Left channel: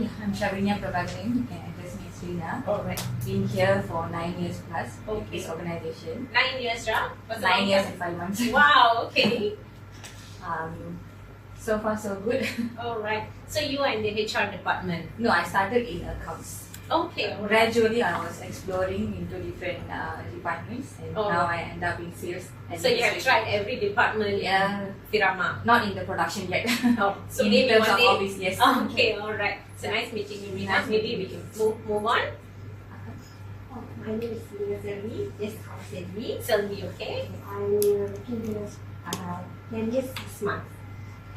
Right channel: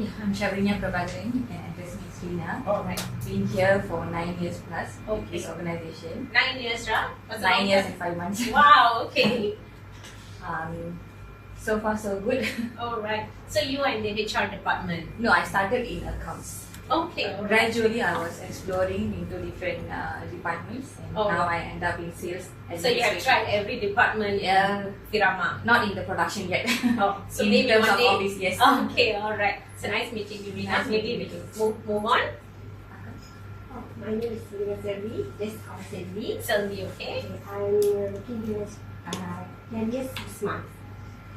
Okay, I'm Shavanya Prabhakaran. You can address me as Rina. Alright. Been here for 9 years plus with Okay. this organization. 9 years, right? 9 years and 5 months. Wow, okay. So far so good. Alright. So you are in the HR department. No, I started in accounts. Okay, alright. Gradually, I was exploring into different departments, and Oh. now I end up in sales. So you have tried every department Yeah, in Firama. not in the production yet. Oh, so in maybe terms one of day. office, yes. Okay, alright. So nice meeting you, Rina. Nice Maybe meeting we you. move on. Oh, my name is Selvi. This is Selvi. Selvi, okay? I'm working here 10 years, 6 months.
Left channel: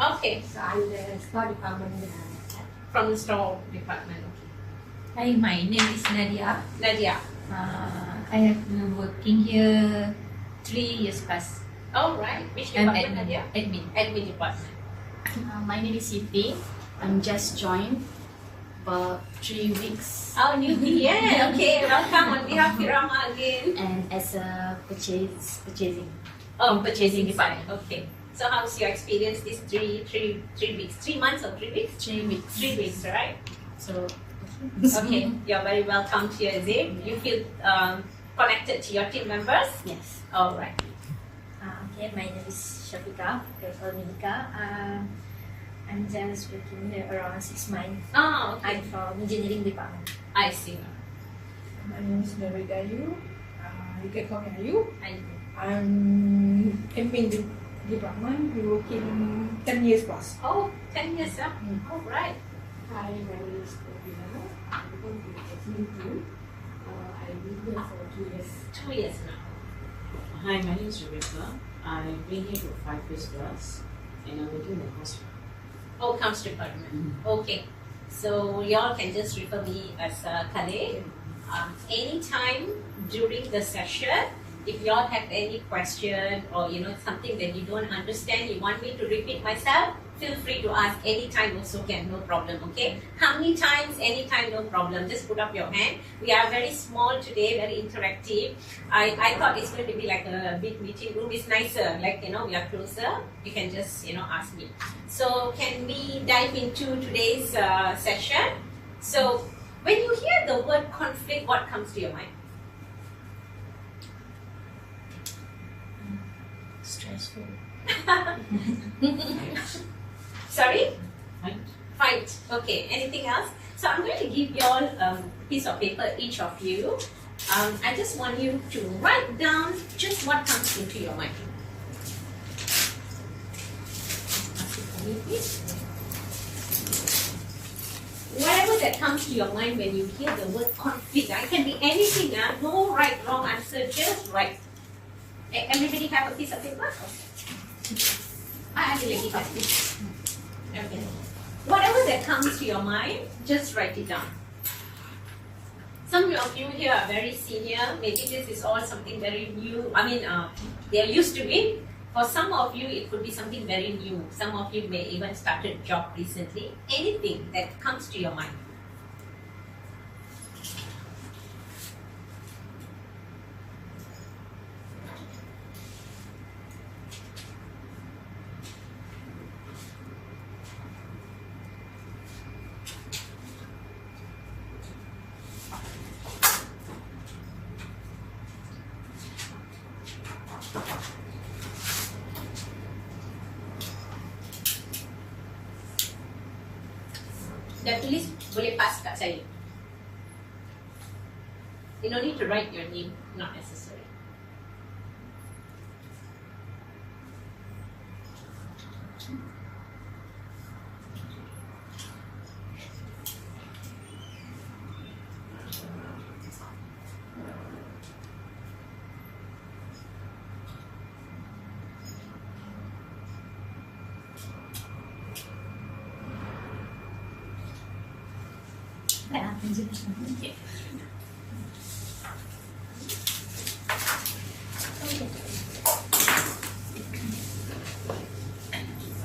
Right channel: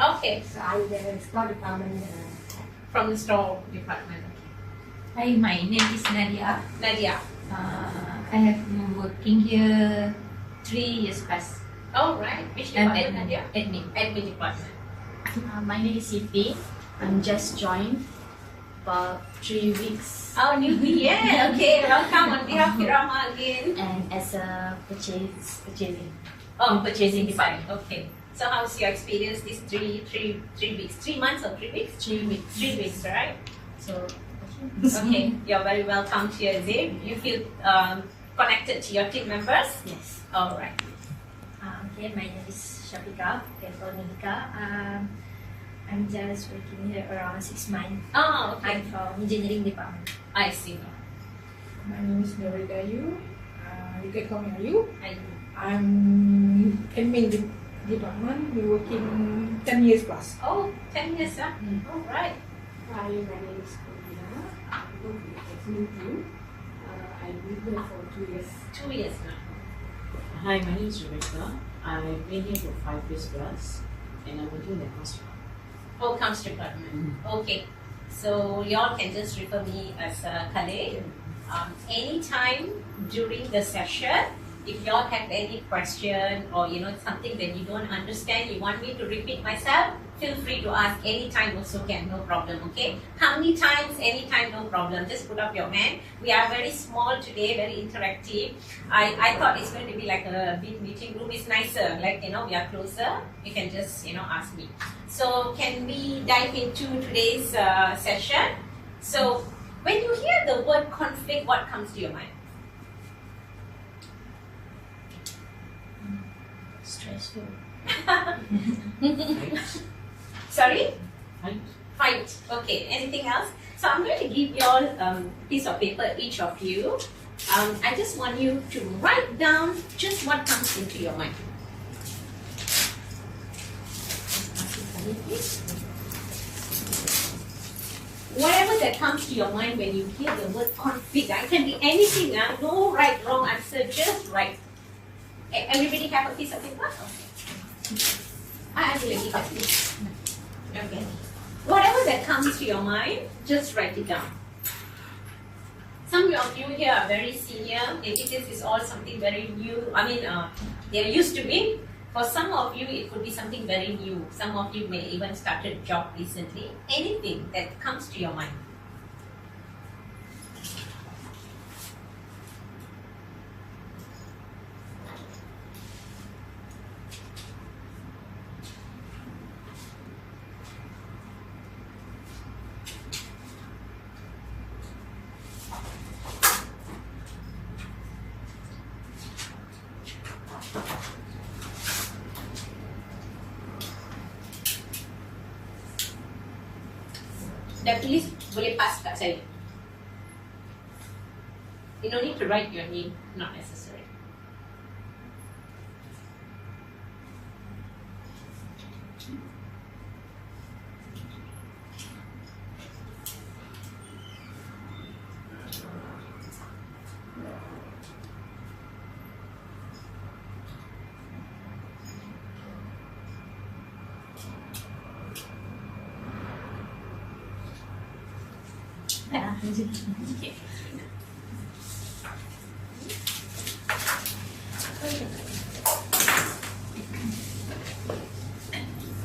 Okay, So I'm the store department. from the store department. Hi, my name is Nadia. Nadia. I have been working here 3 years past. Alright. Which I'm department, admin. Nadia? Admin. Admin department. My name is Siti. I'm just joined for 3 weeks Oh, newbie, yeah. Okay, welcome on behalf of Firama again. and as a purchasing. Oh, purchasing department. Okay. So how's your experience these three weeks? 3 months or 3 weeks? 3 weeks. 3 weeks, right? So Okay. You're very welcome here, Zib. You feel connected to your team members? yes. All right. Okay, my name is Shafika, Medika. I'm just working here around 6 months. Oh, okay. I'm from engineering department. I see. My name is Mary Dayu. You can call me Ayu. And I'm admin department. We're working 10 years plus. oh, 10 years, huh? All right. Hi, my name is Corina. I'm from the admin team. I've been here for 2 years. 2 years now. Hi, my name is Rebecca. I've been here for 5 years plus, and I'm working in the customer. Oh, comes department. Okay. So y'all can just refer me as Kalai. Anytime during the session, if y'all have any question or something that you don't understand, you want me to repeat myself, feel free to ask anytime also can, no problem, okay? How many times, anytime, no problem. Just put up your hand. We are very small today, very interactive. I thought it's going to be like a big meeting room. It's nicer, like, we are closer. You can just, ask me. So can we dive into today's session? So when you hear the word conflict, what comes to your mind? Stressful. Sorry? Right? Fight. Okay. Anything else? So I'm going to give you all a piece of paper, each of you. I just want you to write down just what comes into your mind. Whatever that comes to your mind when you hear the word conflict, it can be anything. No right, wrong answer, just right. Everybody have a piece of paper? Okay. I will give it this. Okay. Whatever that comes to your mind, just write it down. Some of you here are very senior. Maybe this is all something very new. They are used to it. For some of you, it could be something very new. Some of you may even started a job recently. Anything that comes to your mind. Dah tulis, boleh pass kat saya. You don't need to write your name, not necessary. Okay.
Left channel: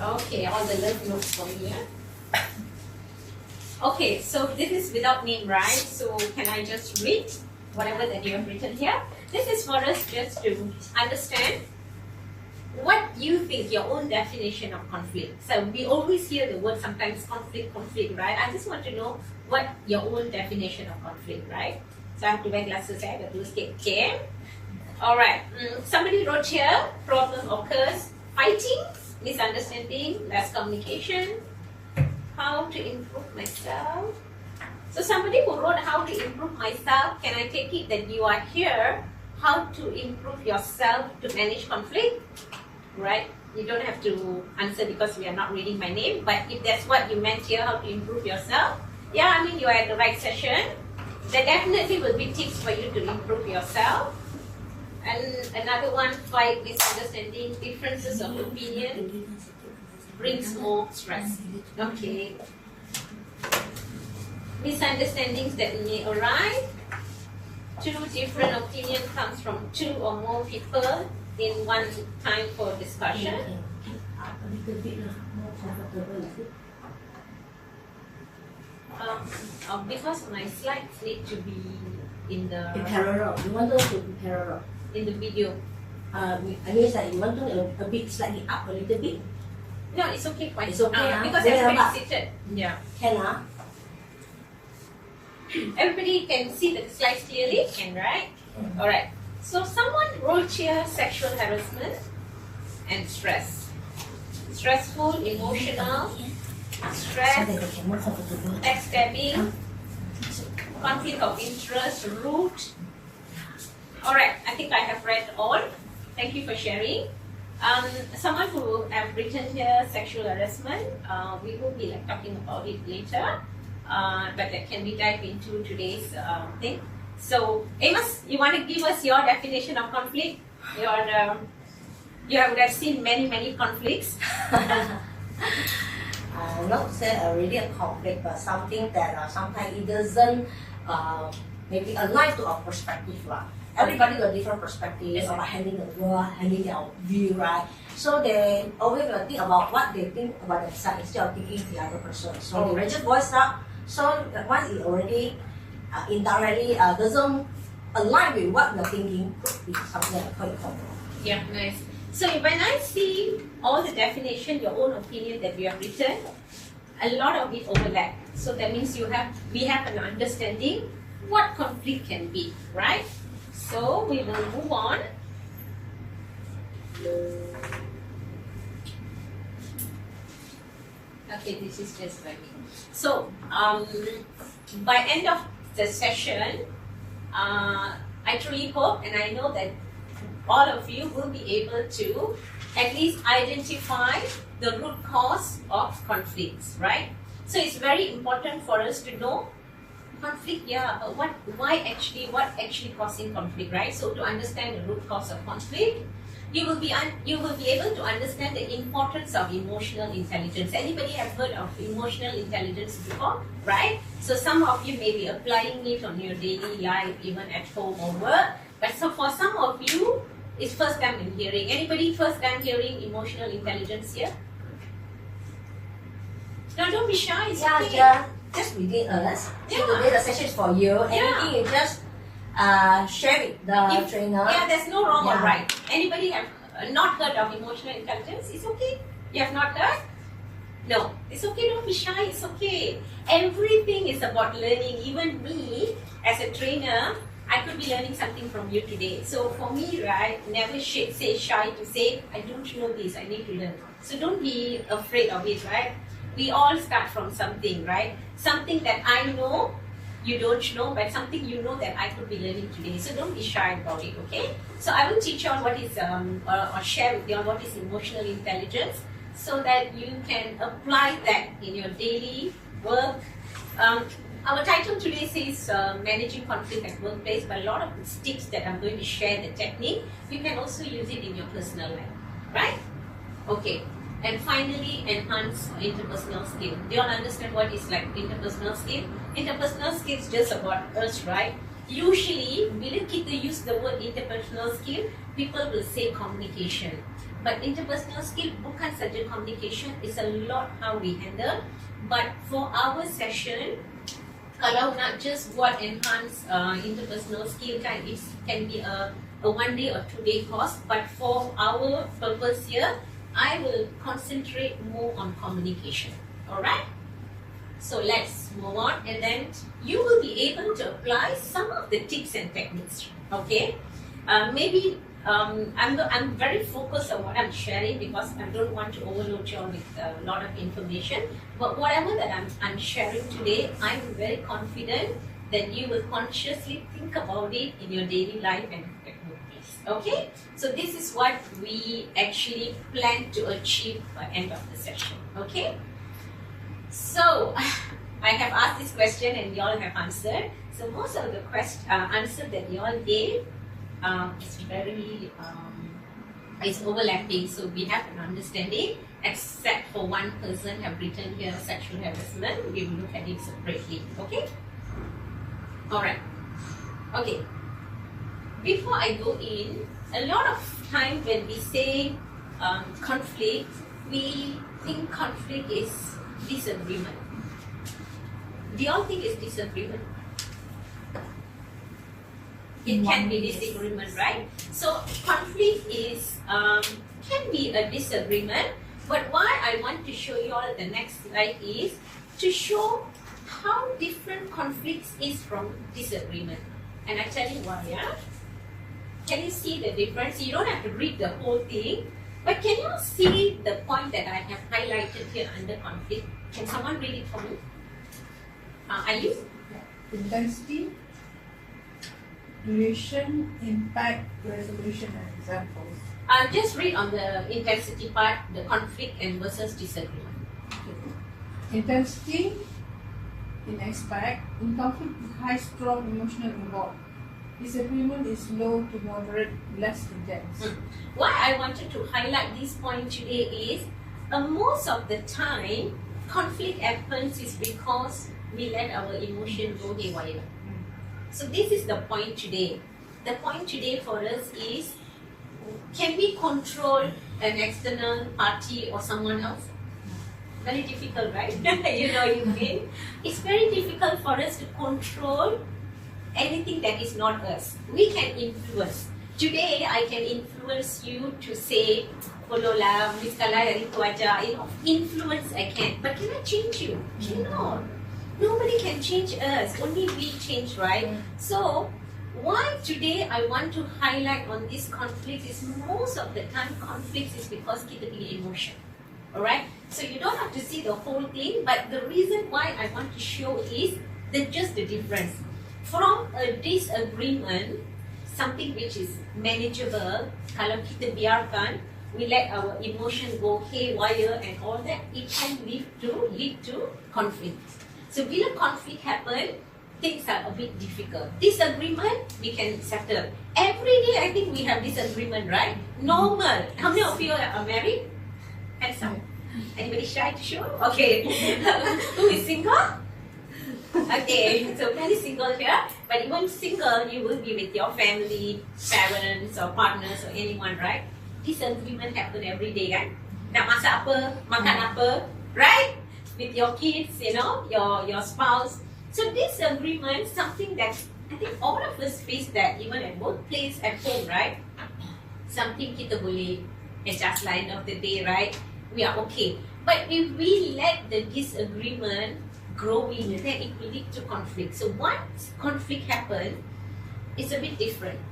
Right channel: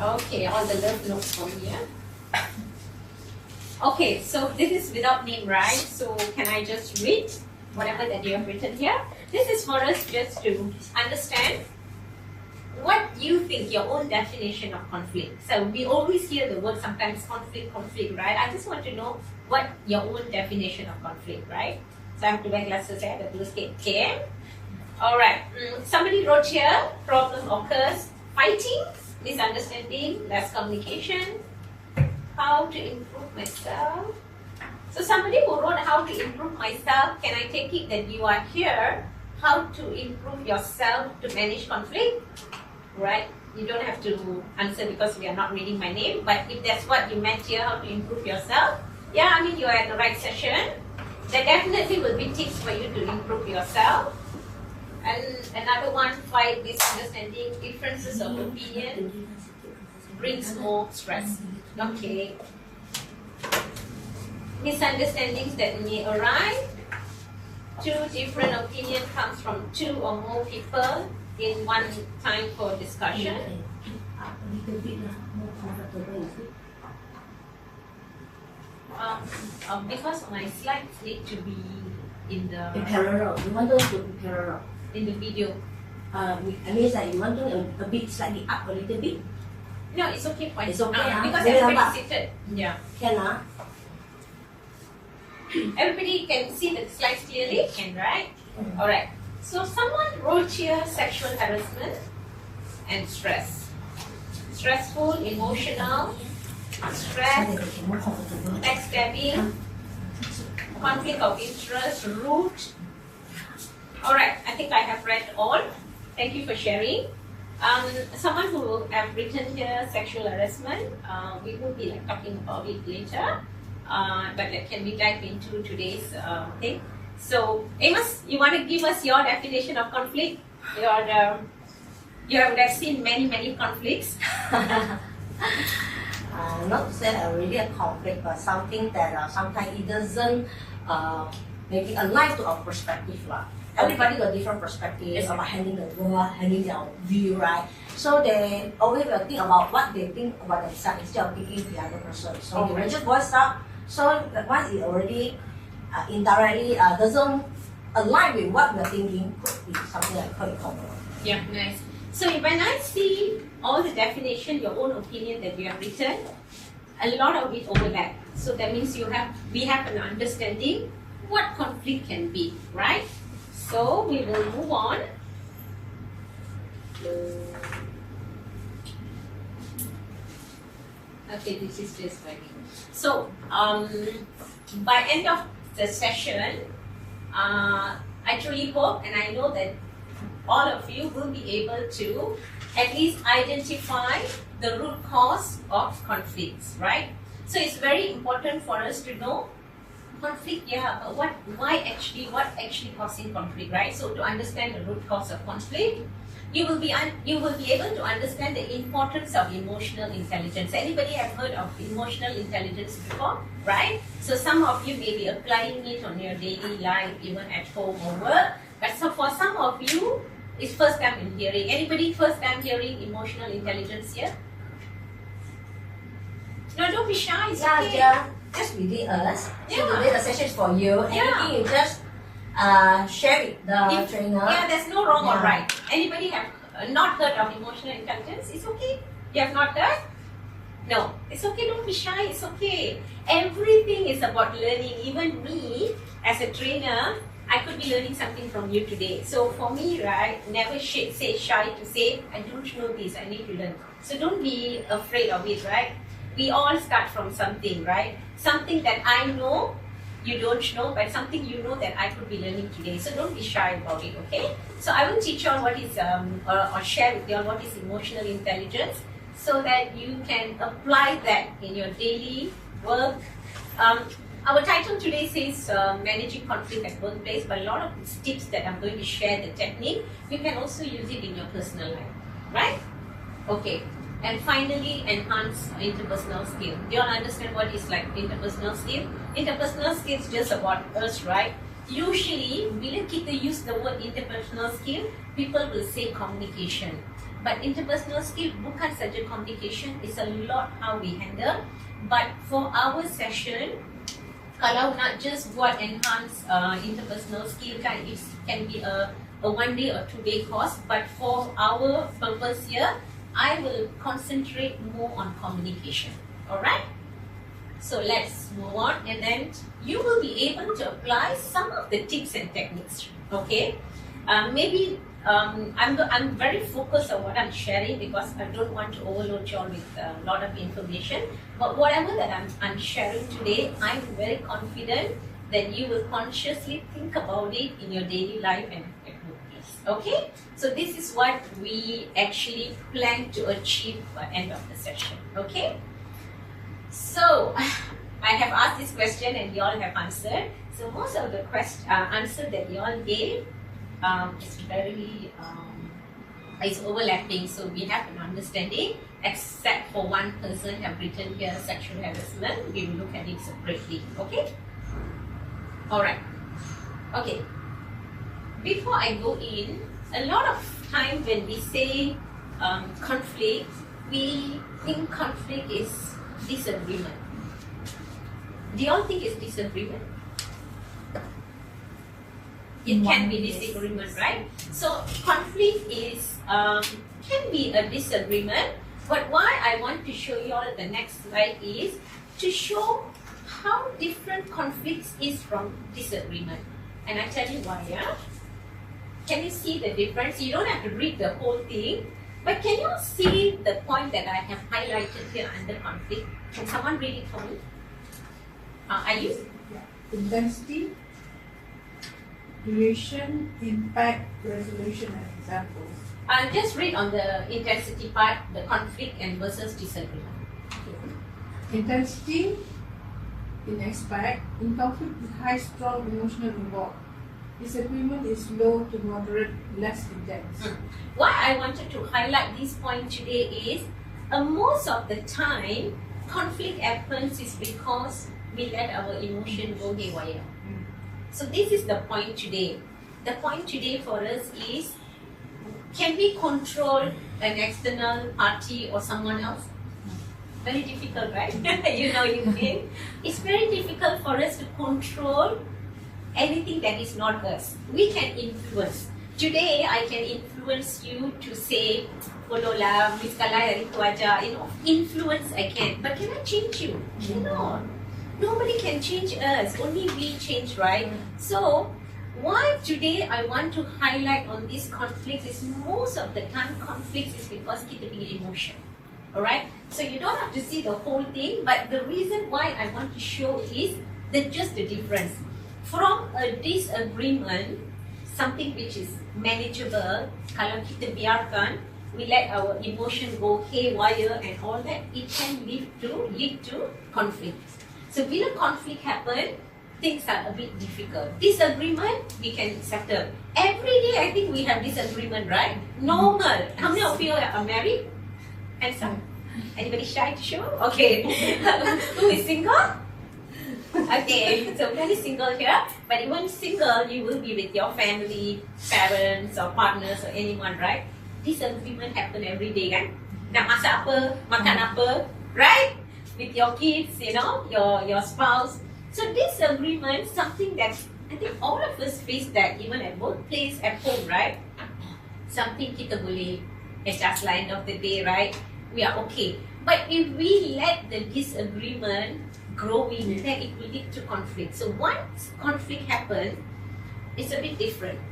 Okay, all the love notes for me. Okay, so this is without name, right? So can I just read whatever that you have written here? This is for us just to understand what you think your own definition of conflict. So we always hear the word sometimes conflict, right? I just want to know what your own definition of conflict, right? So I have to wear glasses here, the blue skate. Okay. Alright. Somebody wrote here, problem occurs, fighting, misunderstanding, less communication, how to improve myself. So somebody who wrote how to improve myself, can I take it that you are here, how to improve yourself to manage conflict? Right? You don't have to answer because we are not reading my name, but if that's what you meant here, how to improve yourself, yeah, I mean, you're at the right session. There definitely will be tips for you to improve yourself. And another one, fight misunderstanding, differences of opinion brings more stress. Okay. Misunderstandings that may arise. Two different opinions comes from two or more people in one time for discussion. A little bit more comfortable, is it? Because my slides need to be in the In parallel. You want those to be parallel. in the video. I mean, like you want to a bit slightly up a little bit. No, it's okay. Fine. It's okay, because Very everybody's nampak. seated. Yeah. Can Everybody can see the slides clearly. Can, right? All right. So someone wrote here sexual harassment and stress. Stressful, emotional, stress, backstabbing, conflict of interest, root. All right, I think I have read all. Thank you for sharing. Someone who have written here sexual harassment, we will be talking about it later. But can we dive into today's thing? So, Amos, you want to give us your definition of conflict? You would have seen many conflicts. Not say already a conflict, but something that sometimes it doesn't maybe align to our perspective. Everybody got different perspectives about handling the world, handling their view, right? So they always will think about what they think about themselves instead of thinking the other person. So they just voice up. So once it already indirectly doesn't align with what we're thinking, could be something like quite common. Yeah, nice. So when I see all the definition, your own opinion that we have written, a lot of it overlap. So that means we have an understanding what conflict can be, right? So we will move on. Okay, this is just very. So by end of the session, I truly hope and I know that all of you will be able to at least identify the root cause of conflicts, right? So it's very important for us to know conflict, yeah, but what actually causing conflict, right? So to understand the root cause of conflict, you will be able to understand the importance of emotional intelligence. Anybody have heard of emotional intelligence before, right? So some of you may be applying it on your daily life, even at home or work. But so for some of you, it's first time in hearing. Anybody first time hearing emotional intelligence here? No, don't be shy. It's okay. Just within us. Yeah. So today the session is for you. Anything you just share with the trainer. Yeah, there's no wrong or Yeah. right. Anybody have not heard of emotional intelligence? It's okay. You have not heard? No, it's okay. Don't be shy. It's okay. Everything is about learning. Even me, as a trainer, I could be learning something from you today. So for me, right, never say shy to say, I don't know this, I need to learn. So don't be afraid of it, right? We all start from something, right? Something that I know, you don't know, but something you know that I could be learning today. So don't be shy about it, okay? So I will teach you on what is, or share with you on what is emotional intelligence so that you can apply that in your daily work. Our title today says managing conflict at workplace, but a lot of these tips that I'm going to share, the technique, you can also use it in your personal life, right? Okay. And finally, enhance interpersonal skill. Do you all understand what is like interpersonal skill? Interpersonal skill is just about us, right? Usually, bila kita use the word interpersonal skill, people will say communication. But interpersonal skill bukan saja communication, it's a lot how we handle. But for our session, kalau nak just buat enhance interpersonal skill kan, it can be a a 1 day or 2 day course, but for our purpose here, I will concentrate more on communication. Alright? So let's move on, and then you will be able to apply some of the tips and techniques. Okay? Maybe I'm very focused on what I'm sharing because I don't want to overload you all with a lot of information. But whatever that I'm sharing today, I'm very confident that you will consciously think about it in your daily life and activities. Okay? So this is what we actually plan to achieve by end of the session. Okay? So I have asked this question and you all have answered. So most of the answer that you all gave is very it's overlapping, so we have an understanding, except for one person have written here sexual harassment. We will look at it separately. Okay? Alright. Okay. Before I go in, a lot of time when we say conflict, we think conflict is disagreement. Do you all think it's disagreement? It can be disagreement, right? So conflict is can be a disagreement, but why I want to show you all the next slide is to show how different conflicts is from disagreement. And I tell you why, yeah? Can you see the difference? You don't have to read the whole thing, but can you see the point that I have highlighted here under conflict? Can someone read it for me? Are you? Intensity, duration, impact, resolution, and examples. Just read on the intensity part, the conflict and versus disagreement. Intensity, in expect, in conflict with high strong emotional involved. Disagreement is low to moderate, less intense. Why I wanted to highlight this point today is most of the time conflict happens is because we let our emotion go haywire. So this is the point today. The point today for us is, can we control an external party or someone else? Very difficult, right? You know, you mean? It's very difficult for us to control anything that is not us. We can influence. Today, I can influence you to say, follow lah, Miss Kalai hari tu aja. You know, influence I can. But can I change you? Cannot. Nobody can change us. Only we change, right? So, why today I want to highlight on this conflict is most of the time conflicts is because kita punya emotion. Alright? So you don't have to see the whole thing, but the reason why I want to show is just the difference. From a disagreement, something which is manageable, kalau kita biarkan, we let our emotion go haywire and all that, it can lead to conflict. So bila conflict happen, things are a bit difficult. Disagreement, we can settle. Every day I think we have disagreement, right? Normal. How many of you are married? Handsome. Anybody shy to show? Okay. Who is single? Okay, so many single here. But even single, you will be with your family, parents or partners or anyone, right? Disagreement happen every day, kan? Nak masak apa, makan apa, right? With your kids, you know, your spouse. So disagreement, something that I think all of us face that even at workplace, at home, right? Something kita boleh adjust lah end of the day, right? We are okay. But if we let the disagreement growing, then it will lead to conflict. So once conflict happens, it's a bit different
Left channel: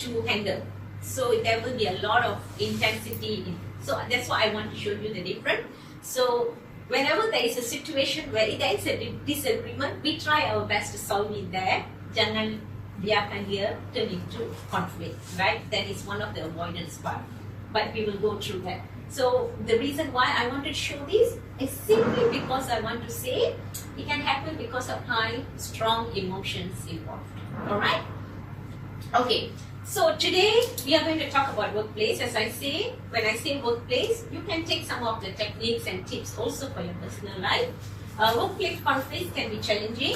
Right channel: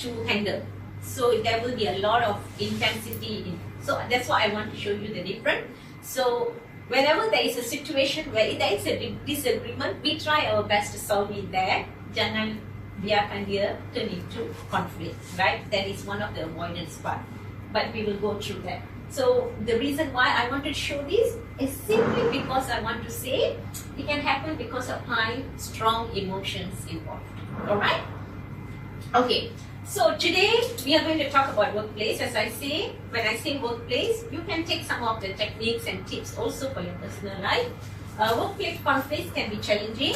to handle. So there will be a lot of intensity. So that's why I want to show you the difference. So whenever there is a situation where there is a disagreement, we try our best to solve it there. Jangan biarkan dia turn into conflict, right? That is one of the avoidance part. But we will go through that. So the reason why I want to show this is simply because I want to say it can happen because of high, strong emotions involved. Alright? Okay. So today we are going to talk about workplace. As I say, when I say workplace, you can take some of the techniques and tips also for your personal life. Workplace conflicts can be challenging,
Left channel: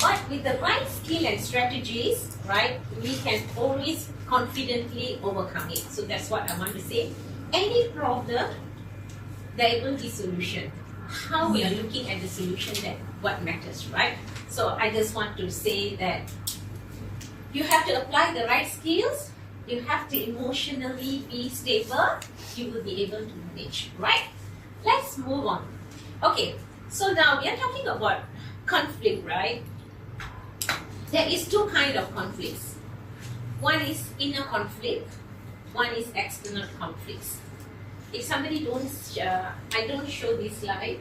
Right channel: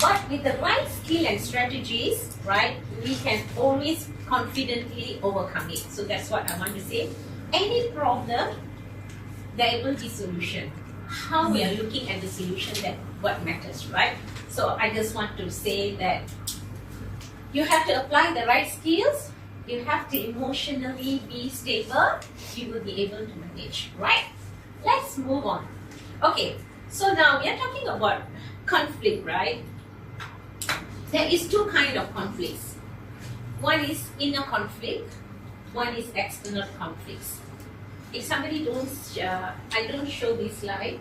but with the right skill and strategies, right, we can always confidently overcome it. So that's what I want to say. Any problem, there will be solution. How we are looking at the solution, that what matters, right? So I just want to say that you have to apply the right skills You have to emotionally be stable. You will be able to manage, right? Let's move on. Okay, so now we are talking about conflict, right? There is two kind of conflicts. One is inner conflict. One is external conflicts. If somebody I don't show this slide.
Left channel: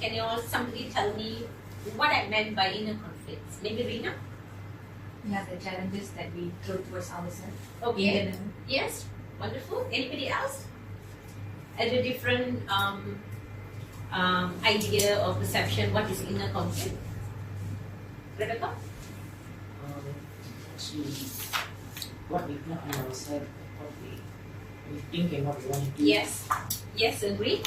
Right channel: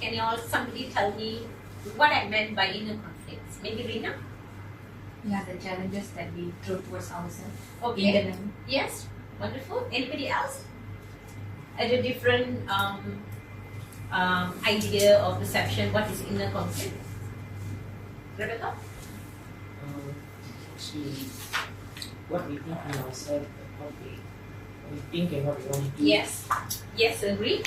Can you all somebody tell me what I meant by inner conflicts? Maybe Rina? Yeah, the challenges that we throw towards ourselves. Okay. Internally. Yes. Wonderful. Anybody else? At a different idea or perception, what is inner conflict? Rebecca? Actually, what we think in ourselves, what we think and what we want to do. Yes. Yes, agree.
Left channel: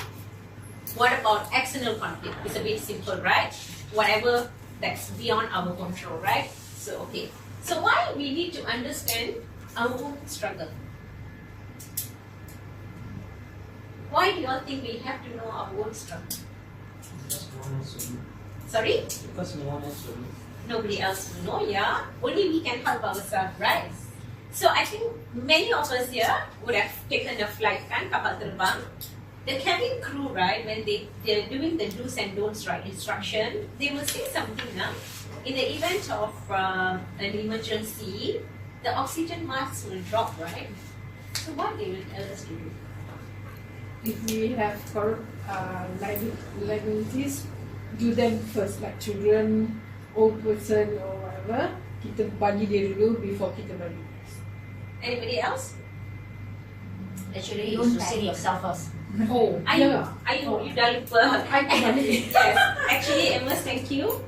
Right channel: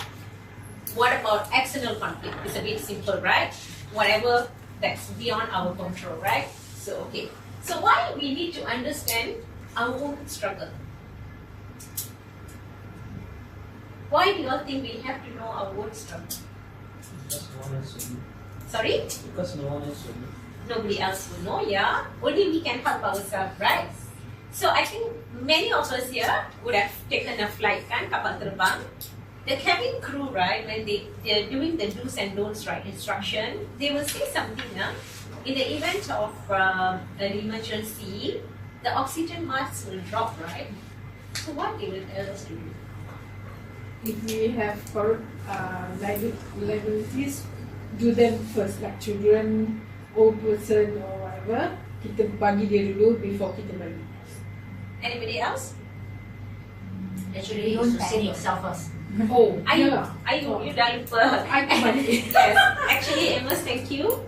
What about external conflict? It's a bit simple, right? Whatever that's beyond our control, right? So, okay. So, why we need to understand our own struggle? Why do you all think we have to know our own struggle? Because no one else will know. Sorry? Because no one else will know. Nobody else will know, yeah? Only we can help ourselves, right? So I think many of us here would have taken a flight, kan, kapal terbang. The cabin crew, right, when they're doing the do's and don'ts, right, instruction, they will say something, in the event of an emergency, the oxygen mask will drop, right? So what they will tell us to do? If we have liabilities, do them first, like children, old person or whatever. Kita bagi dia dulu before kita bagi. Anybody else? Actually, you should save yourself first. Oh, I know you dah lupa. Yes, actually, Emma, thank you.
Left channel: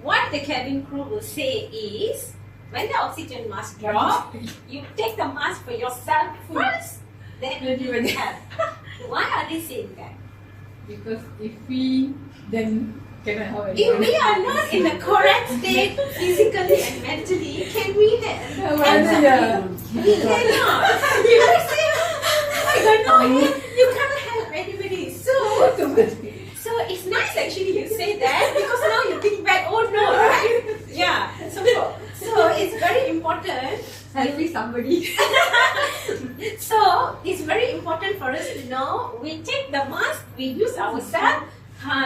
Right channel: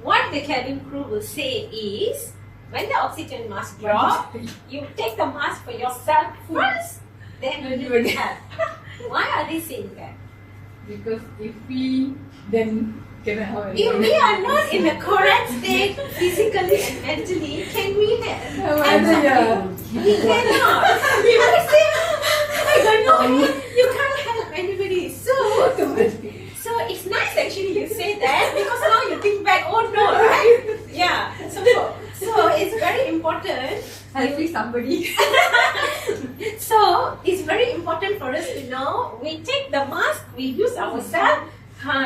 What the cabin crew will say is, when the oxygen mask drop, you take the mask for yourself first, then you give it help. Why are they saying that? Because if we then cannot help If we are not in the correct state, physically and mentally, can we help somebody? We cannot. You say, I don't know. You can't help anybody. So it's nice actually you say that, because now you think back, oh no, right? Yeah. So it's very important. Helping somebody. So it's very important for us to know, we take the mask, we use ourselves,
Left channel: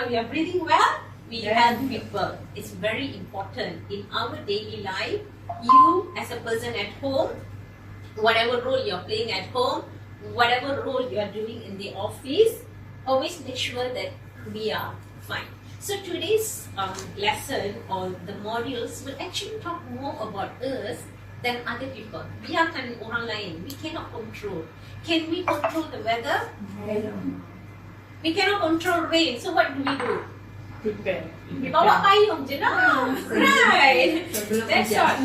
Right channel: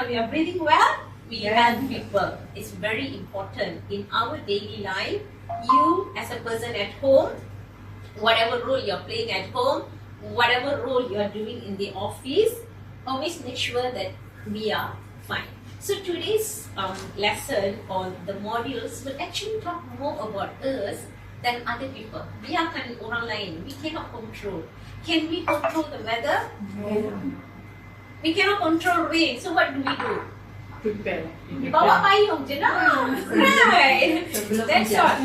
we are breathing well, we help people. It's very important in our daily life. You as a person at home, whatever role you're playing at home, whatever role you are doing in the office, always make sure that we are fine. So today's lesson or the modules will actually talk more about us than other people. Biarkan orang lain. We cannot control. Can we control the weather? We cannot control rain. So what do we do? Prepare. Bawa payung je lah. Right. That's all.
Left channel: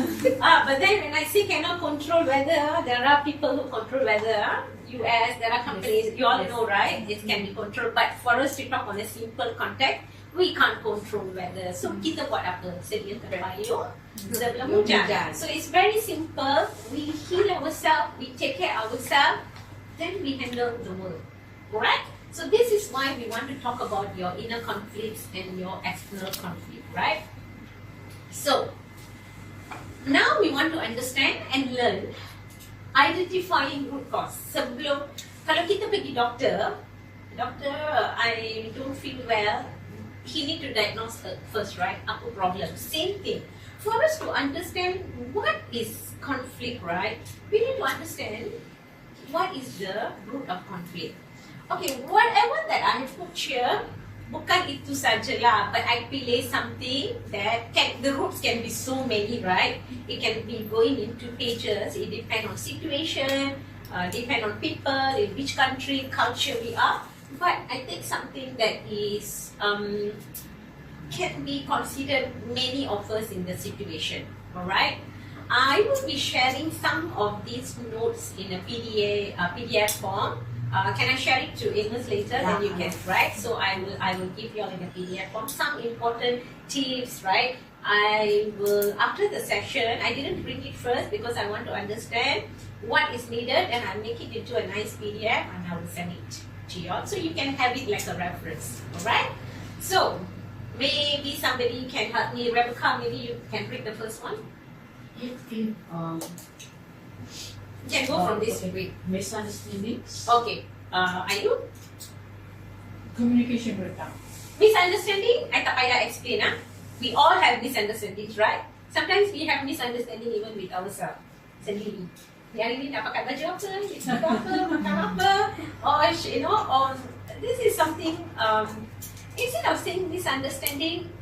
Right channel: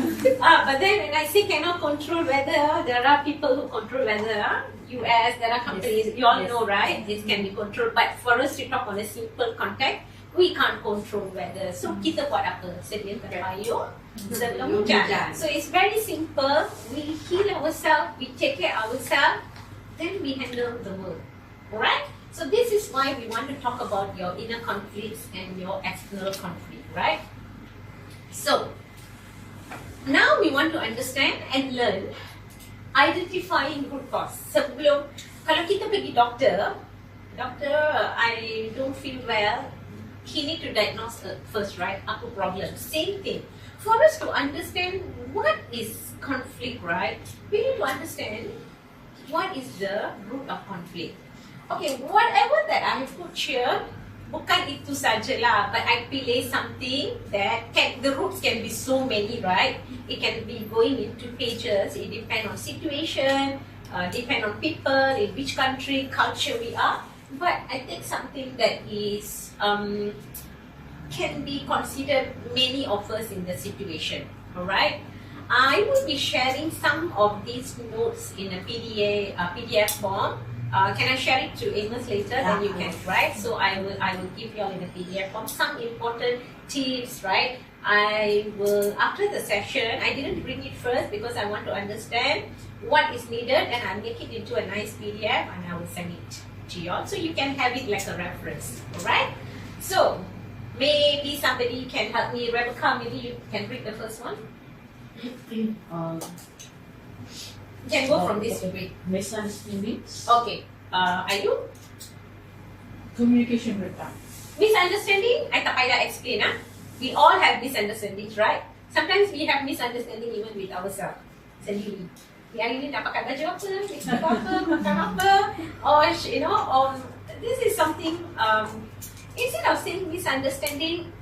But then when I say cannot control weather, there are people who control weather. US, there are companies, you all know, right? It can be controlled. But for us to talk on a simple context, we can't control weather. So kita buat apa? Sediakan payung sebelum hujan. So it's very simple. We heal ourselves, we take care of ourselves, then we handle the world. Alright? So this is why we want to talk about your inner conflicts and your external conflict, right? So now we want to understand and learn identifying root cause. Sebelum, kalau kita pergi doctor, I don't feel well, he need to diagnose first, right? Apa problem? Same thing. For us to understand what is conflict, right? We need to understand what is the root of conflict. Okay, whatever that I have put here, bukan itu sajalah, but I pilih something that the roots can be so many, right? It can be going into pages. It depends on situation, depend on people, in which country, culture we are. But I think something that is can be considered many of us in the situation. Alright, I will be sharing some of these notes in a PDF form. Can I share it to Amos later? Then you can, right? So I will give you all in a PDF form some important tips, right? I will, after the session, I didn't bring it first because I want to understand what is needed, and I'll make it into a nice PDF and I will send it to you all so you can have it like a reference. Alright? So maybe somebody can help me. Rebecca, maybe you can read the first one. You can go from this Okay. way. Misunderstandings. Okay. Are you? Communication breakdown. Misunderstanding, I tak payah explain. We all have misunderstandings, right? Sometimes we have misunderstanding even with ourselves sendiri. Yang ini nak pakai baju apa, nak apa, makan apa, or this is something. Instead of saying misunderstanding,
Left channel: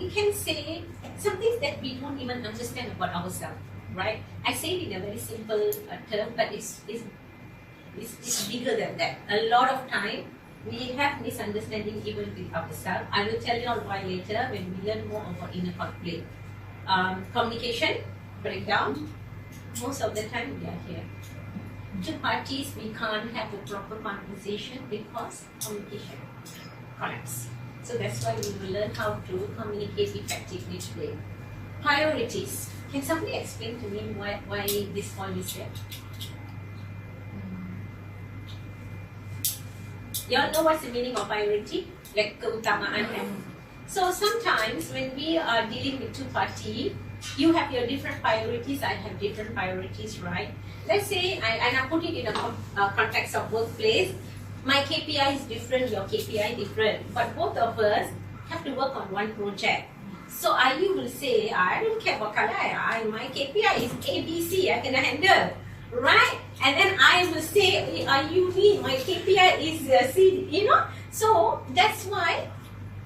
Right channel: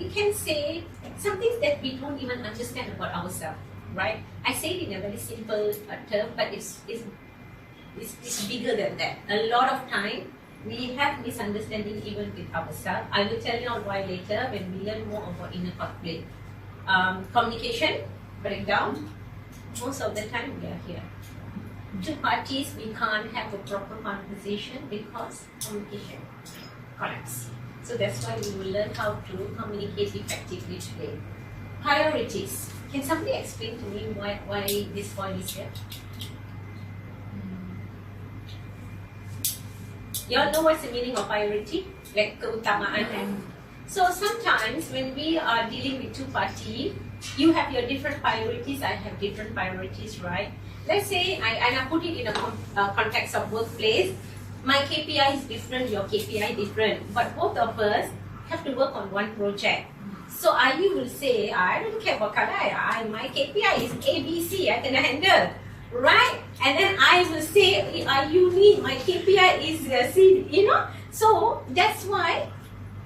we can say some things that we don't even understand about ourselves, right? I say it in a very simple term, but it's bigger than that. A lot of time we have misunderstanding even with ourselves. I will tell you all why later when we learn more about inner conflict. Communication breakdown. Most of the time we are here. Two parties, we can't have a proper conversation because communication collapse. So that's why we will learn how to communicate effectively today. Priorities. Can somebody explain to me why this point is here? Y'all know what's the meaning of priority? Like keutamaan. So sometimes when we are dealing with two parties, you have your different priorities, I have different priorities, right? Let's say I put it in a context of workplace. My KPI is different, your KPI different, but both of us have to work on one project. So I will say, I don't care about Kalai, my KPI is ABC, I can handle, right? And then I will say, you need, my KPI is C, So that's why,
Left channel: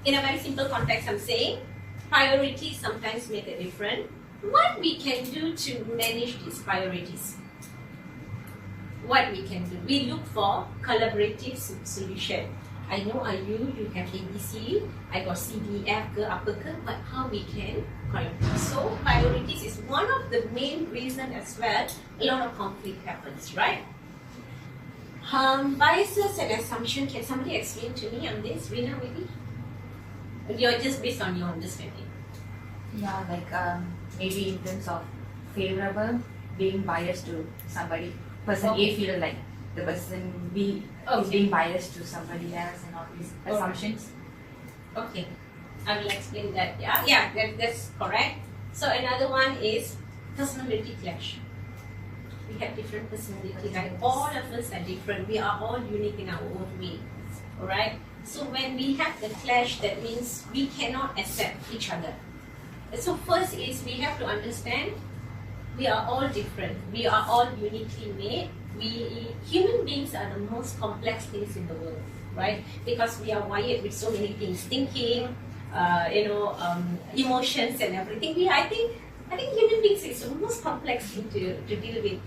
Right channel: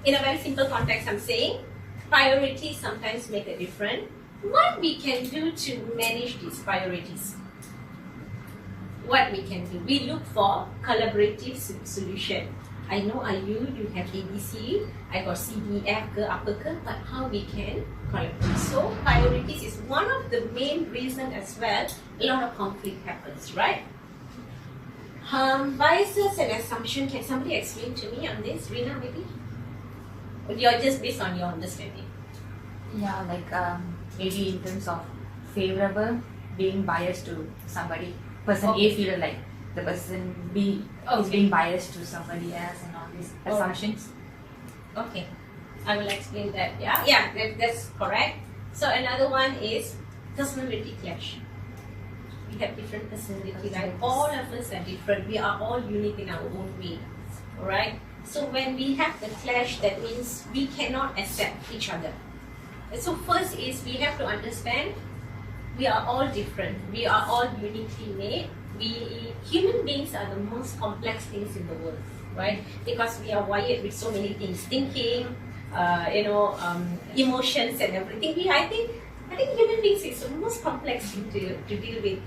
in a very simple context, I'm saying, priorities sometimes make a difference. What we can do to manage these priorities? What we can do? We look for collaborative solution. I know you have ABC, I got CDF ke apa ke, but how we can collaborate? So priorities is one of the main reasons as well. A lot of conflict happens, right? Biases and assumption. Can somebody explain to me on this, Rina, maybe? You're just based on your understanding. Yeah, like maybe in terms of favorable, being biased to somebody. Person A feel like the person B is being biased to somebody else and all these assumptions. Okay, I will explain that. Yeah, that's correct. So another one is personality clash. We have different personality, right? All of us are different. We are all unique in our own way, alright? So when we have the clash, that means we cannot accept each other. So first is we have to understand we are all different. We are all uniquely made. Human beings are the most complex things in the world, right? Because we are wired with so many things, thinking, emotions and everything. I think human beings is the most complex thing to deal with.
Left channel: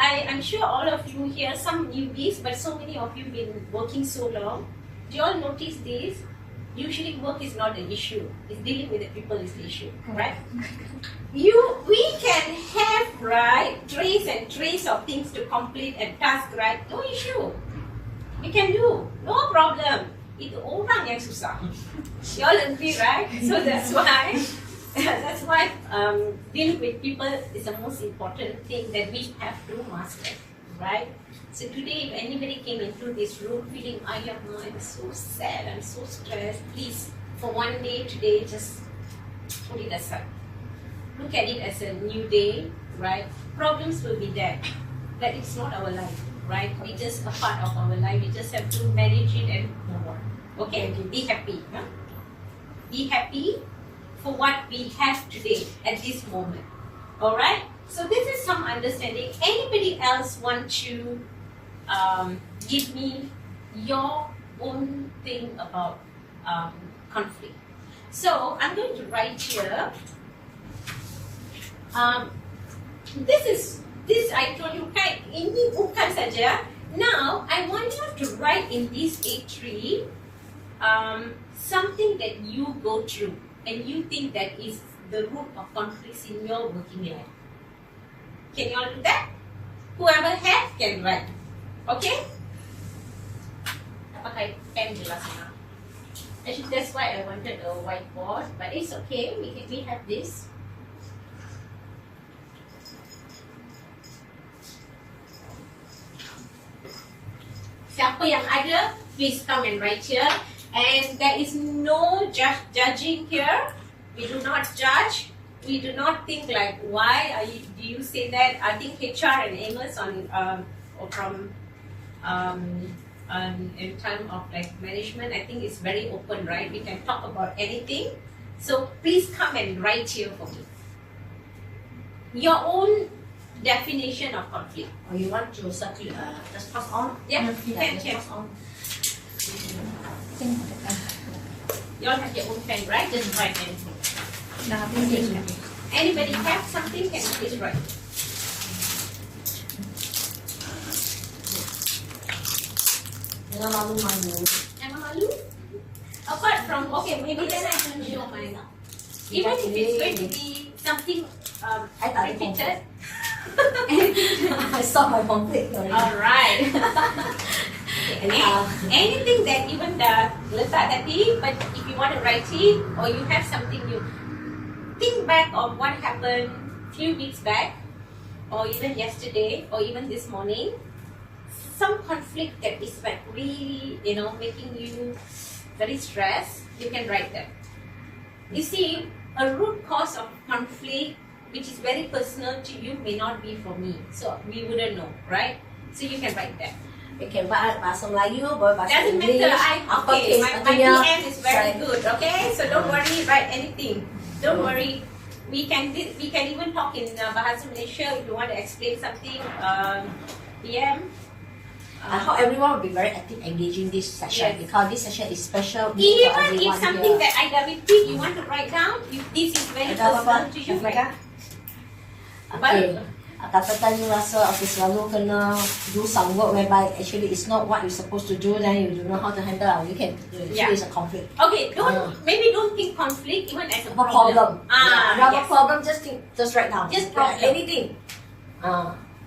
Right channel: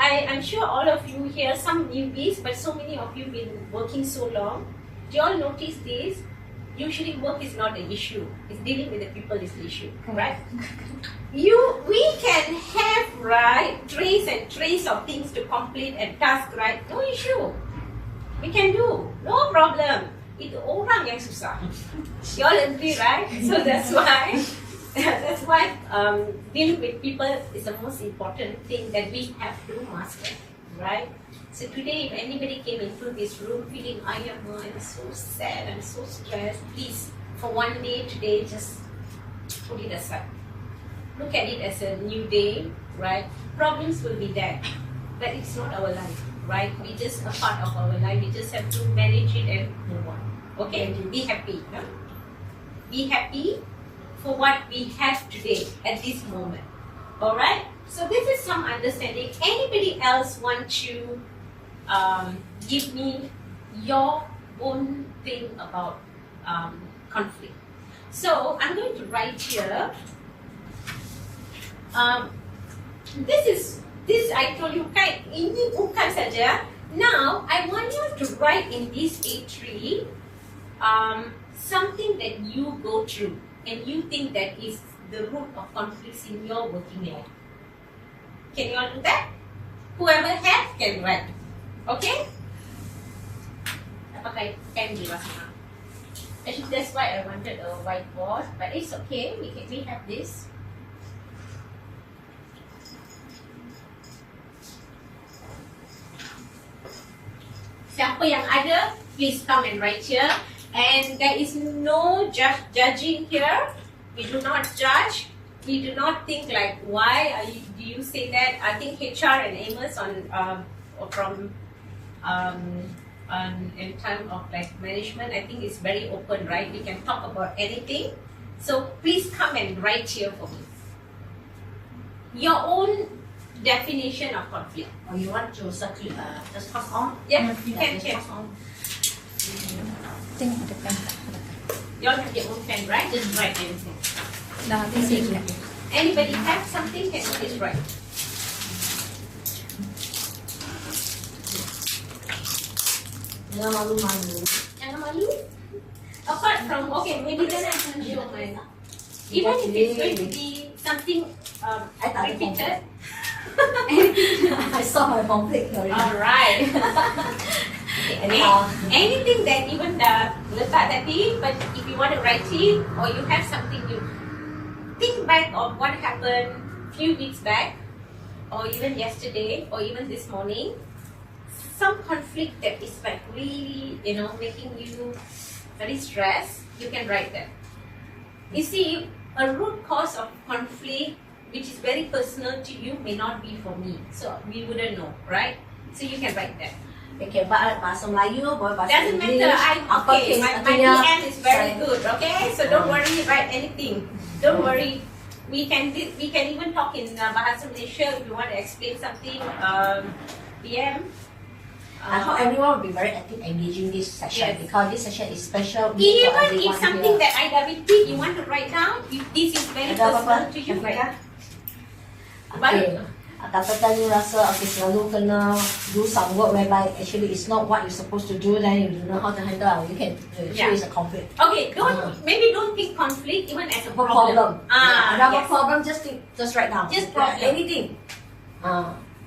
I'm sure all of you here, some newbies, but so many of you been working so long. Do you all notice this? Usually work is not an issue. It's dealing with the people is the issue, right? We can have, right, trays and trays of things to complete and task, right? No issue. We can do, no problem. Itu orang yang susah. You all agree, right? So that's why dealing with people is the most important thing that we have to master, right? So today, if anybody came into this room feeling, I'm so sad, I'm so stressed, please, for one day today, just put it aside. Look at it as a new day, right? Problems will be there, but it's not our life, right? It's just a part of our life. We just have to manage it and move on. Okay? Be happy. Huh? Be happy for what we have today at this moment. Alright? So this is some understanding. Anybody else want to give me your own thing about conflict? So I'm going to write here. This I told you, ini bukan saja. Now I want you to write in this A3 something that you go through and you think that is the root of conflicts in your working life. Can you all do that? Whoever has can write. Okay? Pakai pen je lah sekarang. Actually, that's why I wanted a whiteboard, but it's okay. We have this. Siapa yang ada, please come and write here. And there is no judging here. We do not judge. we do not think like, why do you say that? I think HR and Amos in time of like management, I think it's very open, right? We can talk about anything. So please come and write here for me. Your own definition of conflict. Or you want to circulate, just pass on? Yeah, you can just check. pass on. You all have your own pen, right? Just write anything. No, please take it. Anybody have something? Can you please write? Jangan malu-malu. Jangan malu. Apart from, okay, maybe then I can show mine. Even if it's going to be something repeated. I saw my conflict already. Alright. Anything that even letak tadi, but if you want to write it or you have something you think back of what happened few weeks back or even yesterday or even this morning, some conflict that is like really, making you very stressed, you can write that. You see, a root cause of conflict which is very personal to you may not be for me, so we wouldn't know, right? So you can write that. Okay, bahasa Melayu, bahasa Doesn't English, matter. My PM is very good. Okay, so don't worry. Write anything. Don't worry. We can even talk in bahasa Malaysia if you want to explain something. PM. I hope everyone will be very active engaging this session, Yes. because this session is special. Even if something that I repeat, you want to write down. This is very personal to you, right? Okay. Katakan you rasa selalu kena do some work whereby actually it's not what you're supposed to do, then you don't know how to handle. You can face a conflict. Okay, maybe don't think conflict even as a problem. Yes. Problem, just write down. Just problem. Anything.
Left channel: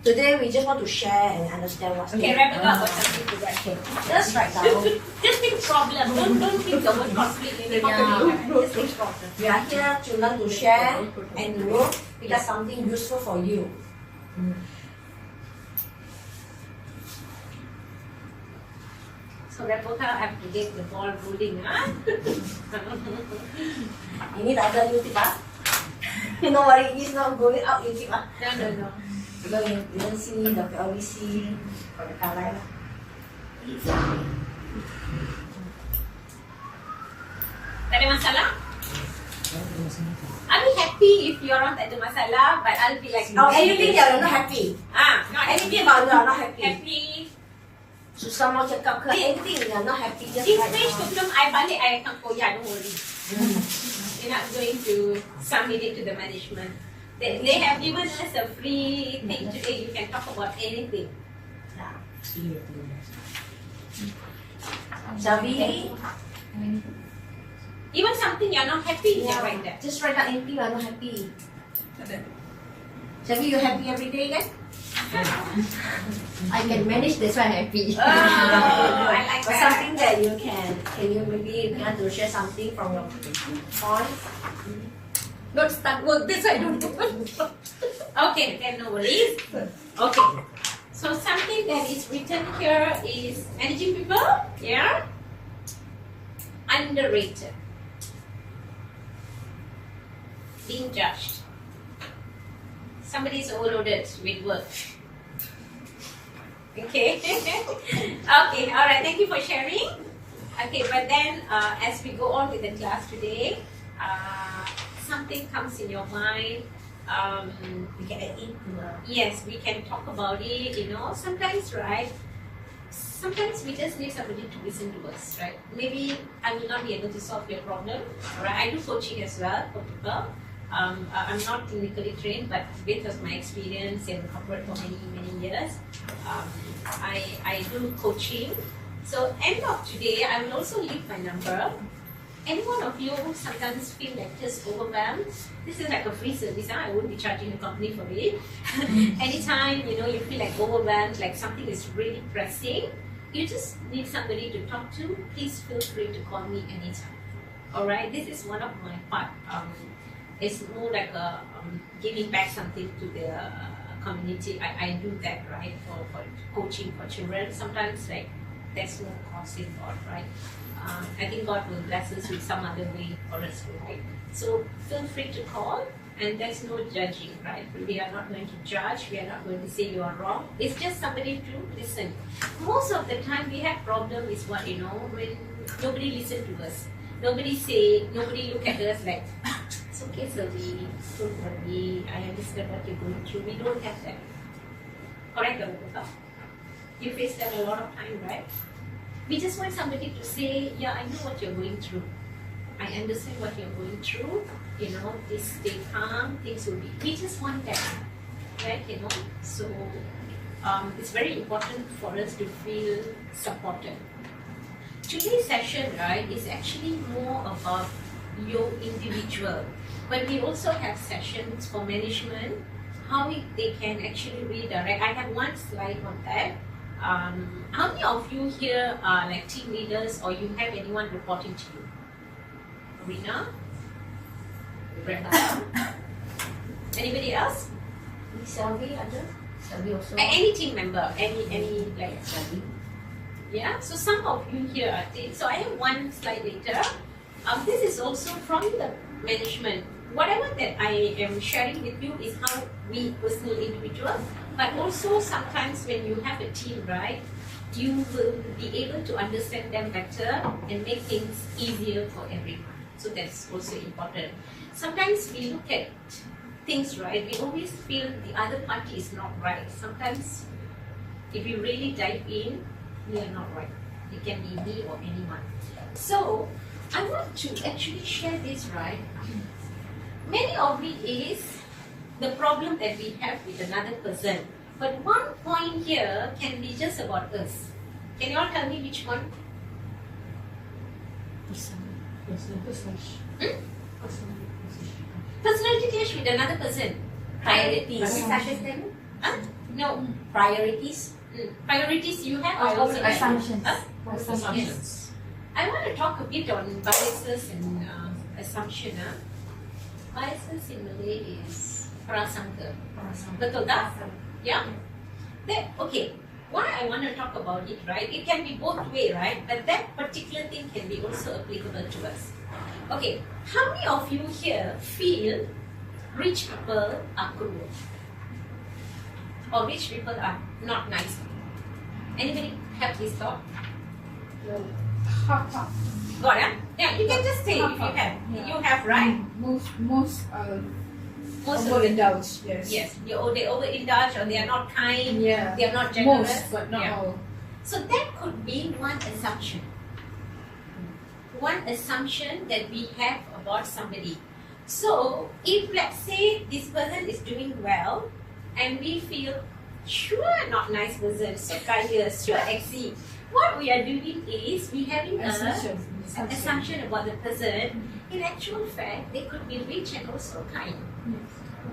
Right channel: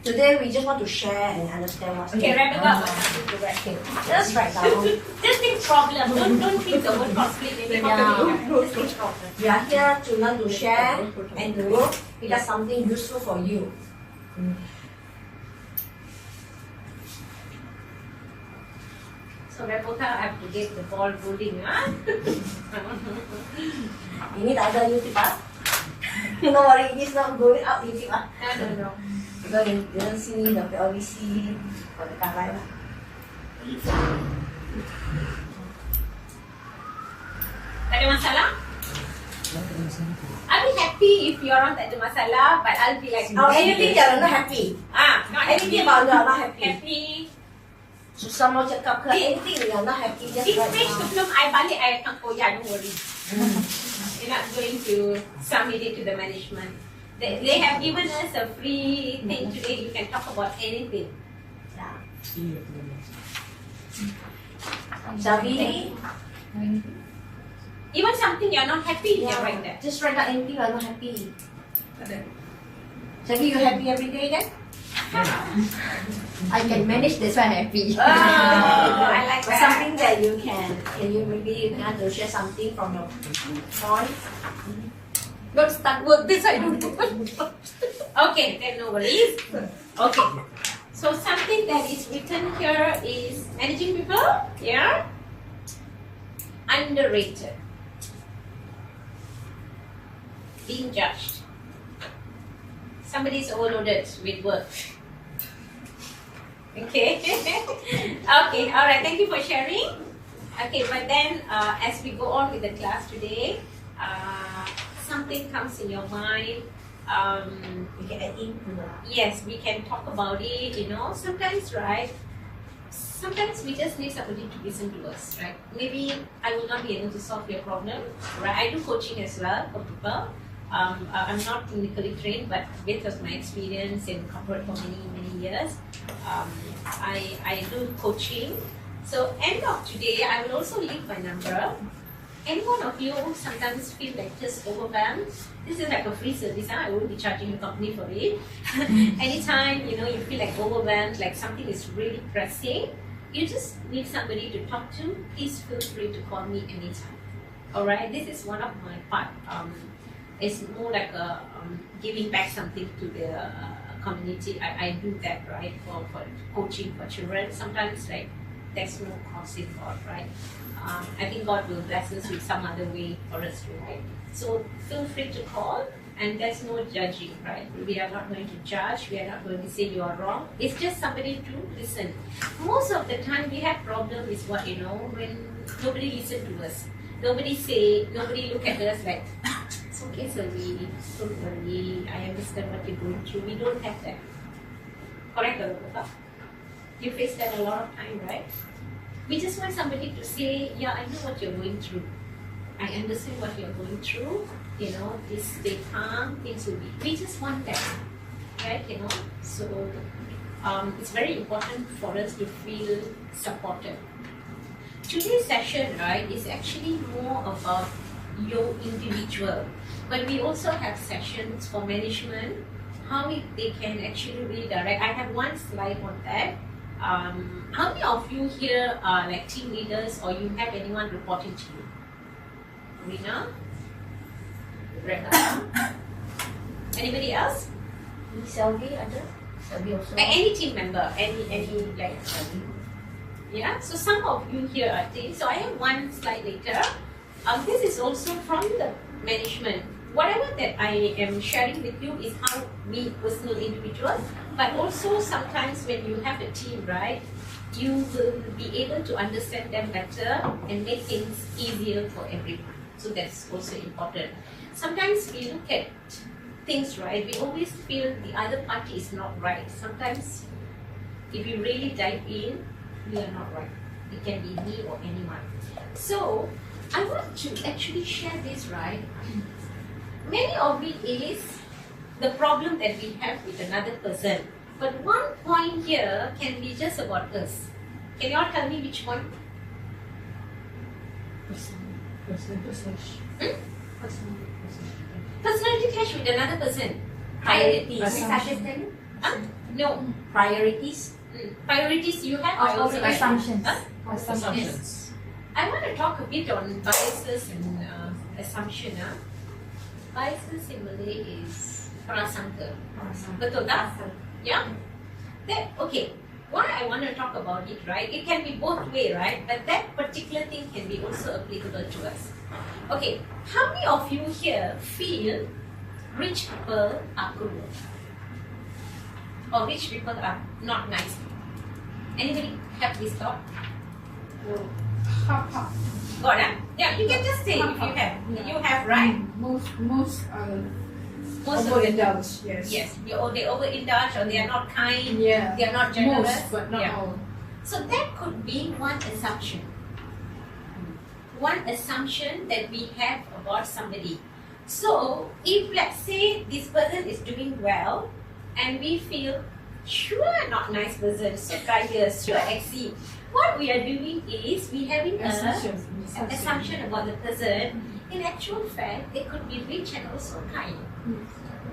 Today we just want to share and understand what's Okay, wrap it up or something to that. Just write down. Just think problem. Don't think the word conflict. Maybe just think problem. We are here to learn to share and to pick up something useful for you. So Rebecca, I have to get the ball rolling, huh? Ini tak ada YouTube ah. No worry, it's not going up YouTube ah. No. So you don't see the PLVC for the Kalai lah. Tak ada masalah? I'll be happy if you orang tak ada masalah, but I'll be like, Anything you're not happy. not Anything about you're not happy. happy. Susah mau cakap ke anything you're not happy, just This write stage down. sebelum I balik, I akan koyak, don't worry. You're not going to submit it to the management. They have given us a free thing today. You can talk about anything. Javi, Even something you're not happy, you can write that. just write down anything you're not happy. Javi, you happy every day then? I can manage this one happy. Oh, I like that. Something that you can you maybe want to share something from your point? Don't start work this I don't do. Okay, then no worries. Okay. So something that is written here is managing people, yeah? Underrated. Being judged. Somebody is overloaded with work. Okay. Okay, alright, thank you for sharing. Okay, but then as we go on with the class today, something comes in your mind. We can add in to the Yes, we can talk about it, sometimes, right? Sometimes we just need somebody to listen to us, right? Maybe I will not be able to solve your problem, right? I do coaching as well for people. I'm not clinically trained, but based on my experience in corporate for many years, I do coaching. So end of today, I will also leave my number. Any one of you sometimes feel like just overwhelmed, this is like a free service. I won't be charging the company for it. Anytime you feel like overwhelmed, like something is really pressing, you just need somebody to talk to, please feel free to call me anytime. Alright, this is one of my part. It's more like a giving back something to the community. I do that, right, for coaching for children. Sometimes like there's no cost involved, right? I think God will bless us with some other way for us to, right? So feel free to call. and there's no judging, right? We are not going to judge, we are not going to say you are wrong. It's just somebody to listen. Most of the time we have problem is what, when nobody listen to us. Nobody say, nobody look at us like, it's okay, Selvi, don't worry, I understand what you're going through. We don't have that. Correct, Arupa? You face that a lot of time, right? We just want somebody to say, yeah, I know what you're going through. I understand what you're going through. Just stay calm, things will be. We just want that, right? So it's very important for us to feel supported. Today's session, right, is actually more about your individual, but we also have sessions for management, how they can actually redirect. I have one slide on that. How many of you here are like team leaders, or you have anyone reporting to you? Rina? Rebecca? Anybody else? Selvi ada? Selvi also. Any team member? Any like yeah? So some of you here are team. So I have one slide later. This is also from the management. Whatever that I am sharing with you is how we personal individuals, but also sometimes when you have a team, right, you will be able to understand them better and make things easier for everyone. So that's also important. Sometimes we look at things, right, we always feel the other party is not right. Sometimes if you really dive in, we are not right. It can be me or anyone. So I want to actually share this, right? Many of it is the problem that we have with another person. But one point here can be just about us. Can you all tell me which one? Personality clash with another person. Priorities. No. Priorities. Priorities you have or Assumptions. Yes. I want to talk a bit on biases and assumption. Biases in Malay is prasangka. Betul tak? Yeah? Okay. Why I want to talk about it, right? It can be both way, right? But that particular thing can be also applicable to us. Okay. How many of you here feel rich people are cruel? Or rich people are not nice? Anybody have this thought? No. Got it? Yeah, you can just say if you have. You have, right? Most Most of them. overindulge, yes. Yes, they overindulge or they are not kind, Yeah. they are not generous. Most, but not Yeah. all. So that could be one assumption. One assumption that we have about somebody. So if let's say this person is doing well and we feel sure not nice person, so biased, sure exceed. What we are doing is we having an assumption about the person. In actual fact, they could be rich and also kind.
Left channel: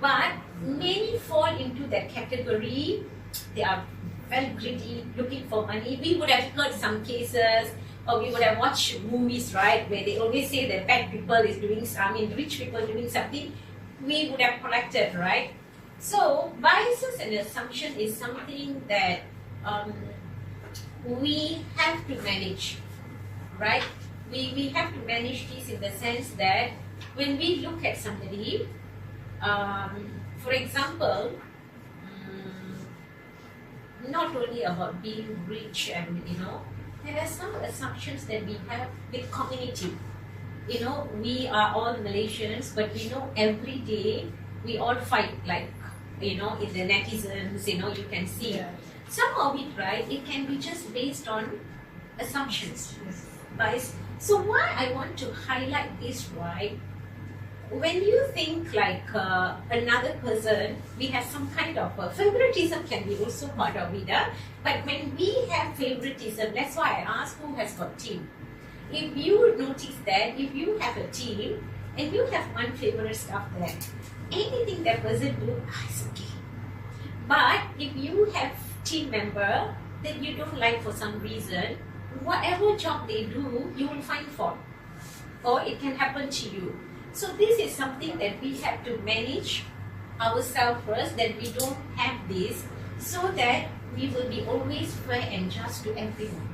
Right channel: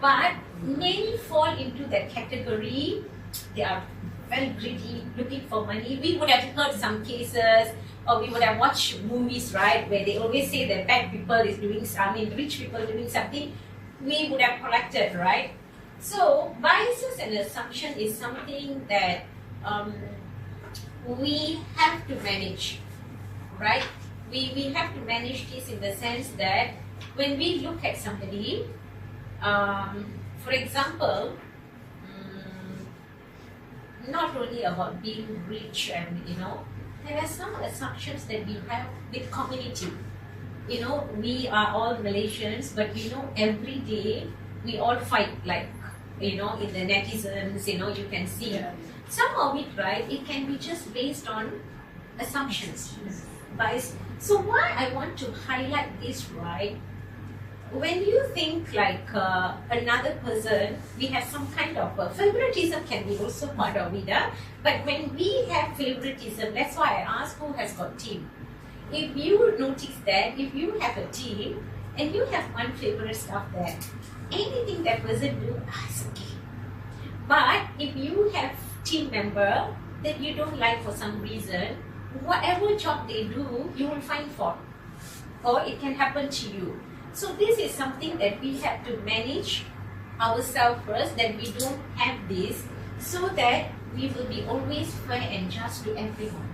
But many fall into that category. They are very greedy, looking for money. We would have heard some cases, or we would have watched movies, right, where they always say that bad people is doing, rich people doing something. We would have corrected, right? So biases and assumption is something that we have to manage, right? We have to manage this in the sense that when we look at somebody, for example, not only about being rich and there are some assumptions that we have with community. We are all Malaysians, but every day we all fight, like in the netizens, you can see. Yeah. Some of it, right, it can be just based on assumptions. Guys, so why I want to highlight this, right? When you think like another person, we have some kind of favoritism can be also part of it. But when we have favoritism, that's why I ask who has got team. If you notice that, if you have a team and you have one favorite stuff there, anything that person do, it's okay. But if you have team member that you don't like for some reason, whatever job they do, you will find fault, or it can happen to you. So this is something that we have to manage ourselves first, that we don't have this, so that we will be always fair and just to everyone.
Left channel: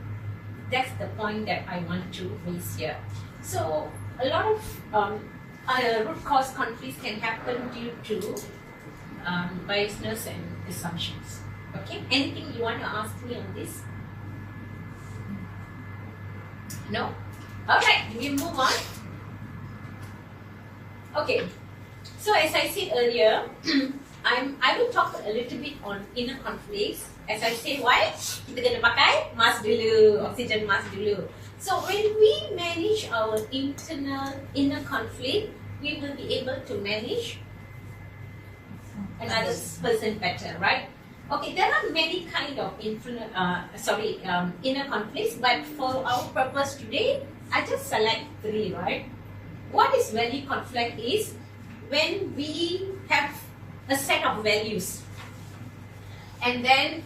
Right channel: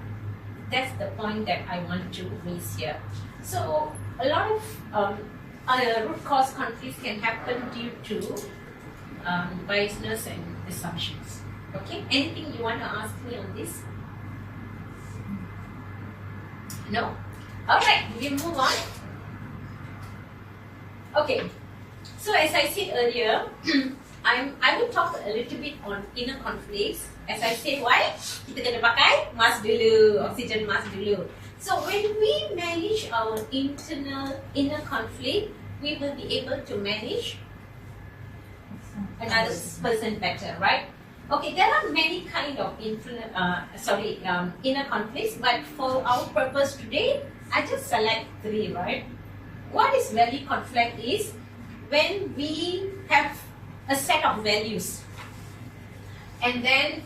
That's the point that I want to raise here. So a lot of root cause conflicts can happen due to biasness and assumptions. Okay, anything you want to ask me on this? No? Alright, we move on. Okay, so as I said earlier, I will talk a little bit on inner conflicts. As I said, why? Kita kena pakai mask dulu, oxygen mask dulu. So when we manage our internal inner conflict, we will be able to manage another person better, right? Okay, there are many kind of inner conflicts, but for our purpose today, I just select 3, right? What is value conflict is when we have a set of values, and then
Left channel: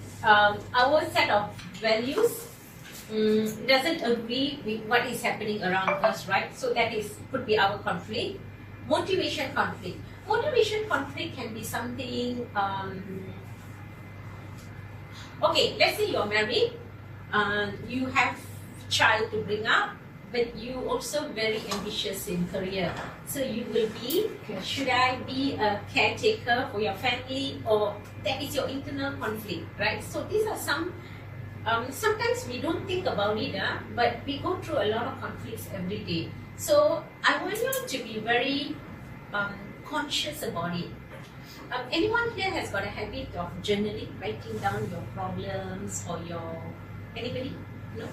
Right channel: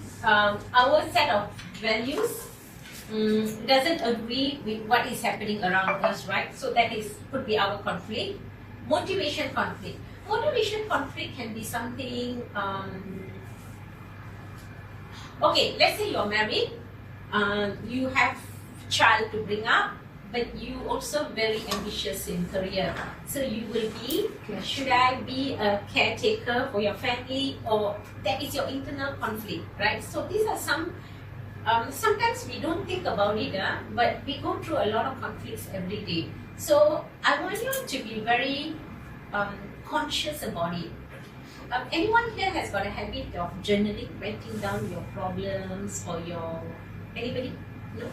our set of values doesn't agree with what is happening around us, right? So that could be our conflict. Motivation conflict. Motivation conflict can be something. Okay, let's say you're married, you have child to bring up, but you also very ambitious in career. So you will be, should I be a caretaker for your family, or that is your internal conflict, right? So these are some, sometimes we don't think about it, but we go through a lot of conflicts every day. So I want you to be very conscious about it. Anyone here has got a habit of journaling, writing down your problems or your, anybody? No?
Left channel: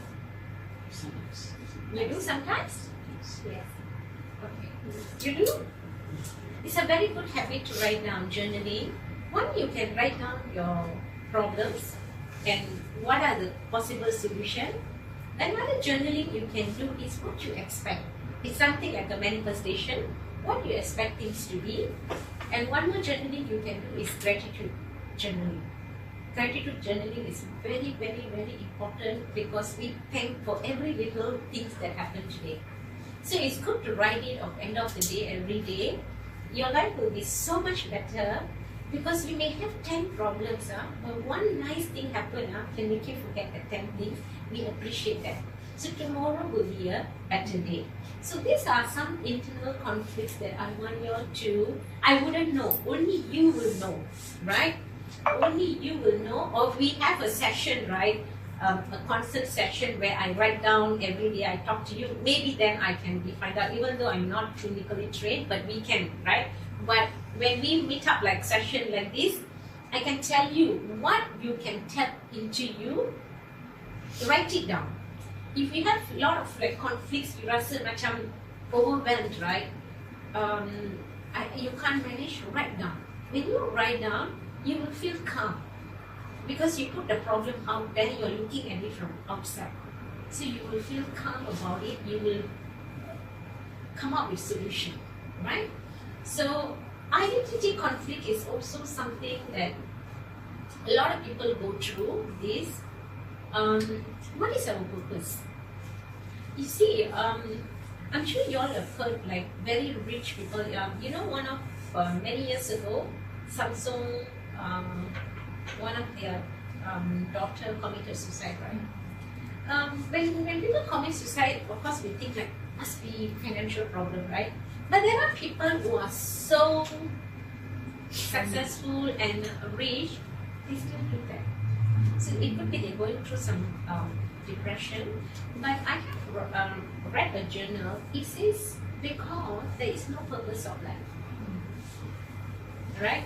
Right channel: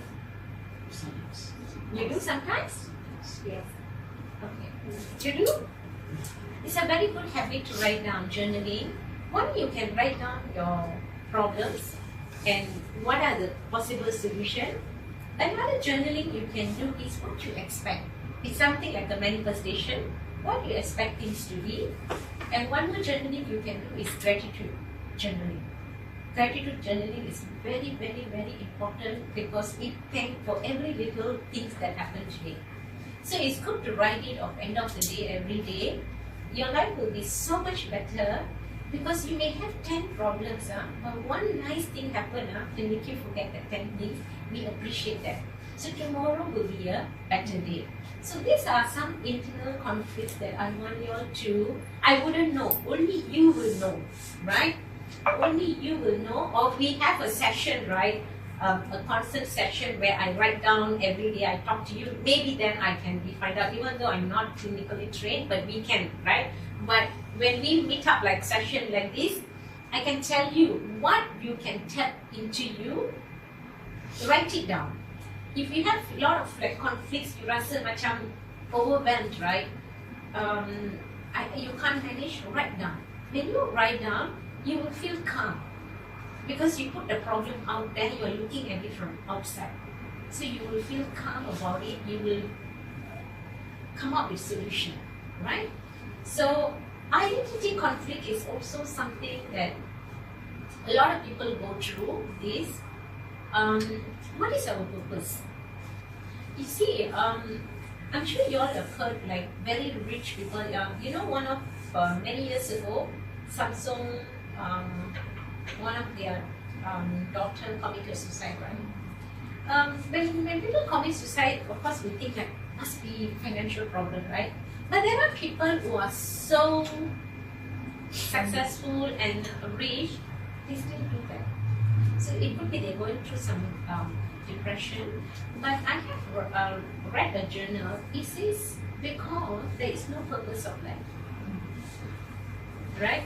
Sometimes. You do sometimes? Yes. Okay. You do? It's a very good habit to write down journaling. One, you can write down your problems and what are the possible solutions. Another journaling you can do is what you expect. It's something like a manifestation, what you expect things to be. And one more journaling you can do is gratitude journaling. Gratitude journaling is very, very, very important because we thank for every little things that happen today. So it's good to write it at the end of the day, every day. Your life will be so much better because you may have 10 problems, but one nice thing happen can make you forget the 10 things. We appreciate that. So tomorrow will be a better day. So these are some internal conflicts that I want you all to, I wouldn't know, only you will know, right? Only you will know. Or we have a session, right? A constant session where I write down every day, I talk to you. Maybe then I can find out, even though I'm not clinically trained, but we can, right? But when we meet up like session like this, I can tell you what you can tap into you. Write it down. If you have a lot of like conflicts, you rasa macam overwhelmed, right? You can't manage, write down. When you write down, you will feel calm because you put the problem out there, you're looking at it from outside. So you will feel calm about it, you will come up with solution, right? So identity conflict is also something that a lot of people go through this. What is our purpose? You see, I'm sure you all have heard like very rich people. You know, one of many years ago, Samsung, one of their daughter committed suicide, right? When people commit suicide, of course we think like must be financial problem, right? But there are people who are so successful and rich, they still do that. So it could be they're going through some depression. But I have read a journal. It says because there is no purpose of life, right?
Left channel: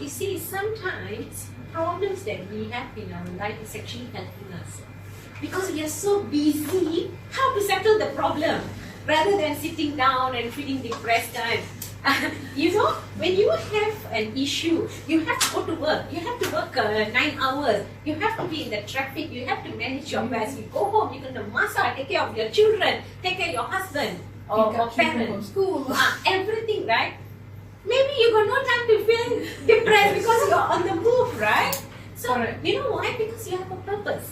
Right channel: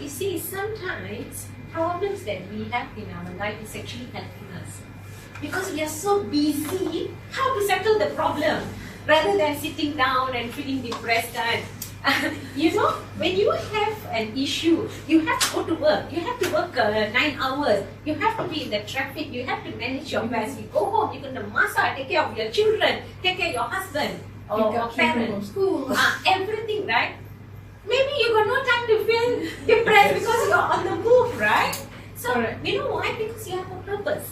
You see, sometimes problems that we have in our life is actually helping us because we are so busy how to settle the problem rather than sitting down and feeling depressed. You know, when you have an issue, you have to go to work. You have to work 9 hours. You have to be in the traffic. You have to manage your affairs. You go home, you're going to massage, take care of your children, take care of your husband or parents. School. Everything, right? Maybe you got no time to feel depressed because you're on the move, right? So, you know why? Because you have a purpose,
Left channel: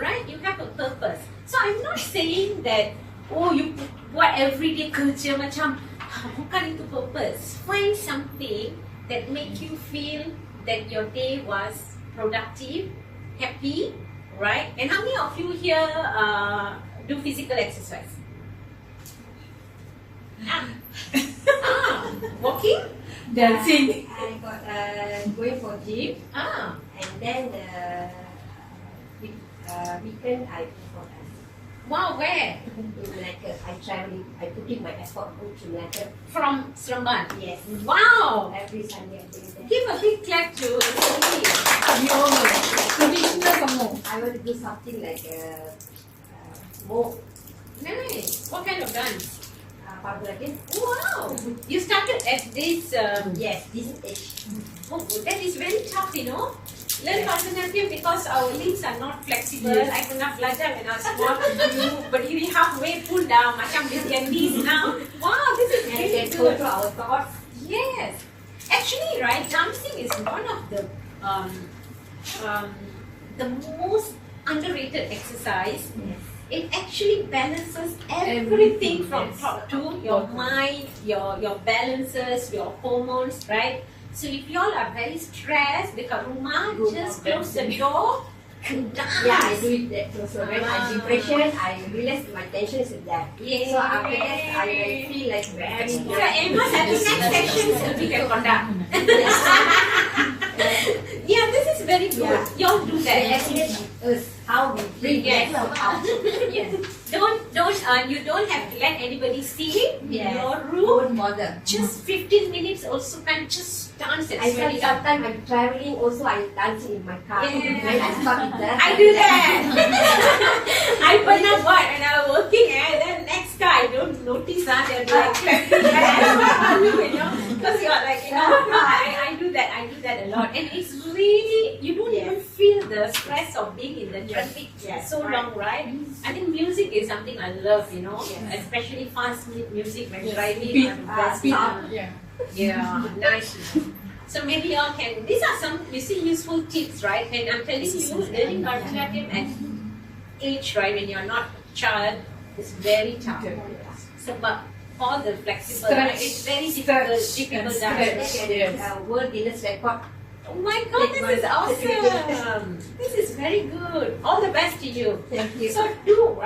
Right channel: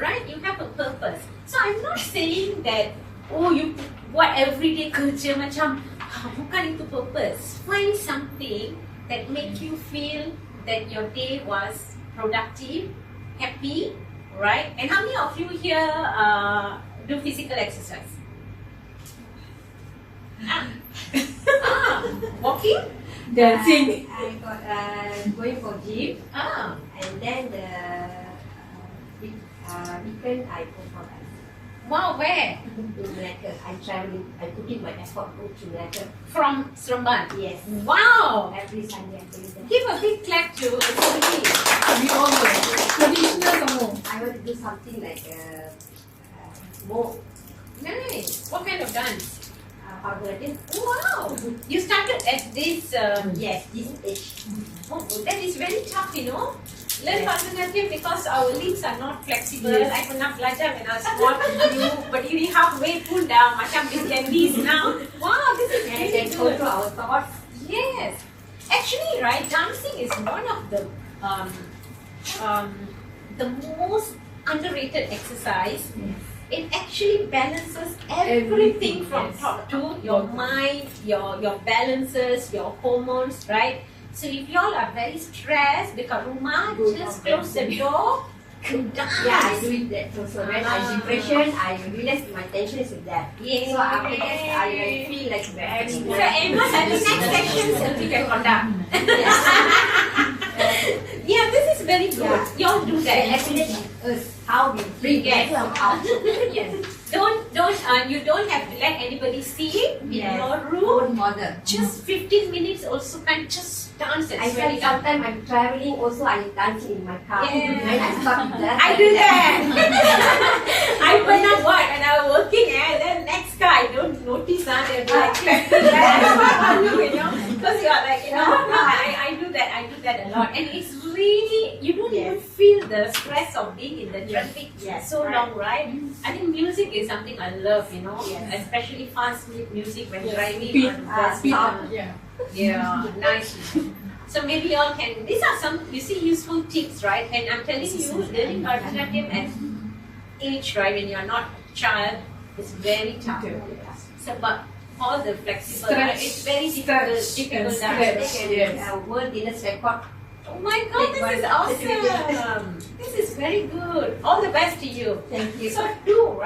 right? You have a purpose. So, I'm not saying that, oh, you buat everyday kerja macam, bukan itu purpose. Find something that make you feel that your day was productive, happy, right? And how many of you here do physical exercise? Walking? Dancing. I got going for gym, Ah, and then the weekend I go for dancing. wow, where? In Malacca, I traveling. I putting my effort go to Malacca. From Seremban? Yes. Wow! Every Sunday I going there. Give a big clap to Sylvie. We all know. Traditional some more. I want to do something like more Nice. What kind of dance? Bangladesh. Wow! You started at this. Yes, this age. Oh, that is very tough, you know. Learn Bharatanatyam because our limbs are not flexible. I pernah belajar when I was small dulu, berdiri halfway pun dah macam Vietnamese now. Wow, this is And really then good. control our thoughts. Yes. Actually, right, dancing is one of the most underrated exercise. It actually balances everything from top to your mind, your balances, your hormones, right? So if y'all are very stressed, dekat rumah, just close the door and dance. Yeah, I do it that also. When I'm depression, I realize my tension is with that. Yeah. So after that, I feel like very So Emma had the next section Sylvie can conduct. Yeah, this is very good. Yeah. Y'all do They that. educate us how we bring Yes. better out. Yes. You don't have to let anybody see in Yes. your room. Don't bother. Just 15 minutes also can just dance and I sweat feel it out. sometimes I'm traveling also I dancing in my car. Yeah. When I stop that. I do that. I pernah buat when I was working and then next car I don't notice they'll be like clapping. You know, because you're like, you know, I do that a lot, and it's really, you don't even feel the stress of being in the traffic so long, right? I think music is something I love, you know, especially fast music when driving on the bus. Yeah. Yeah, nice. So maybe y'all can, these are some, you see, useful tips, right? When I'm telling you, learning Bharatanatyam at age, right, when you're not a child, is very tough. So, but all the flexible, right? It's very difficult dance. Yes. World Guinness record. Oh my God, this is awesome. This is very good. All the best to you. Thank you. So do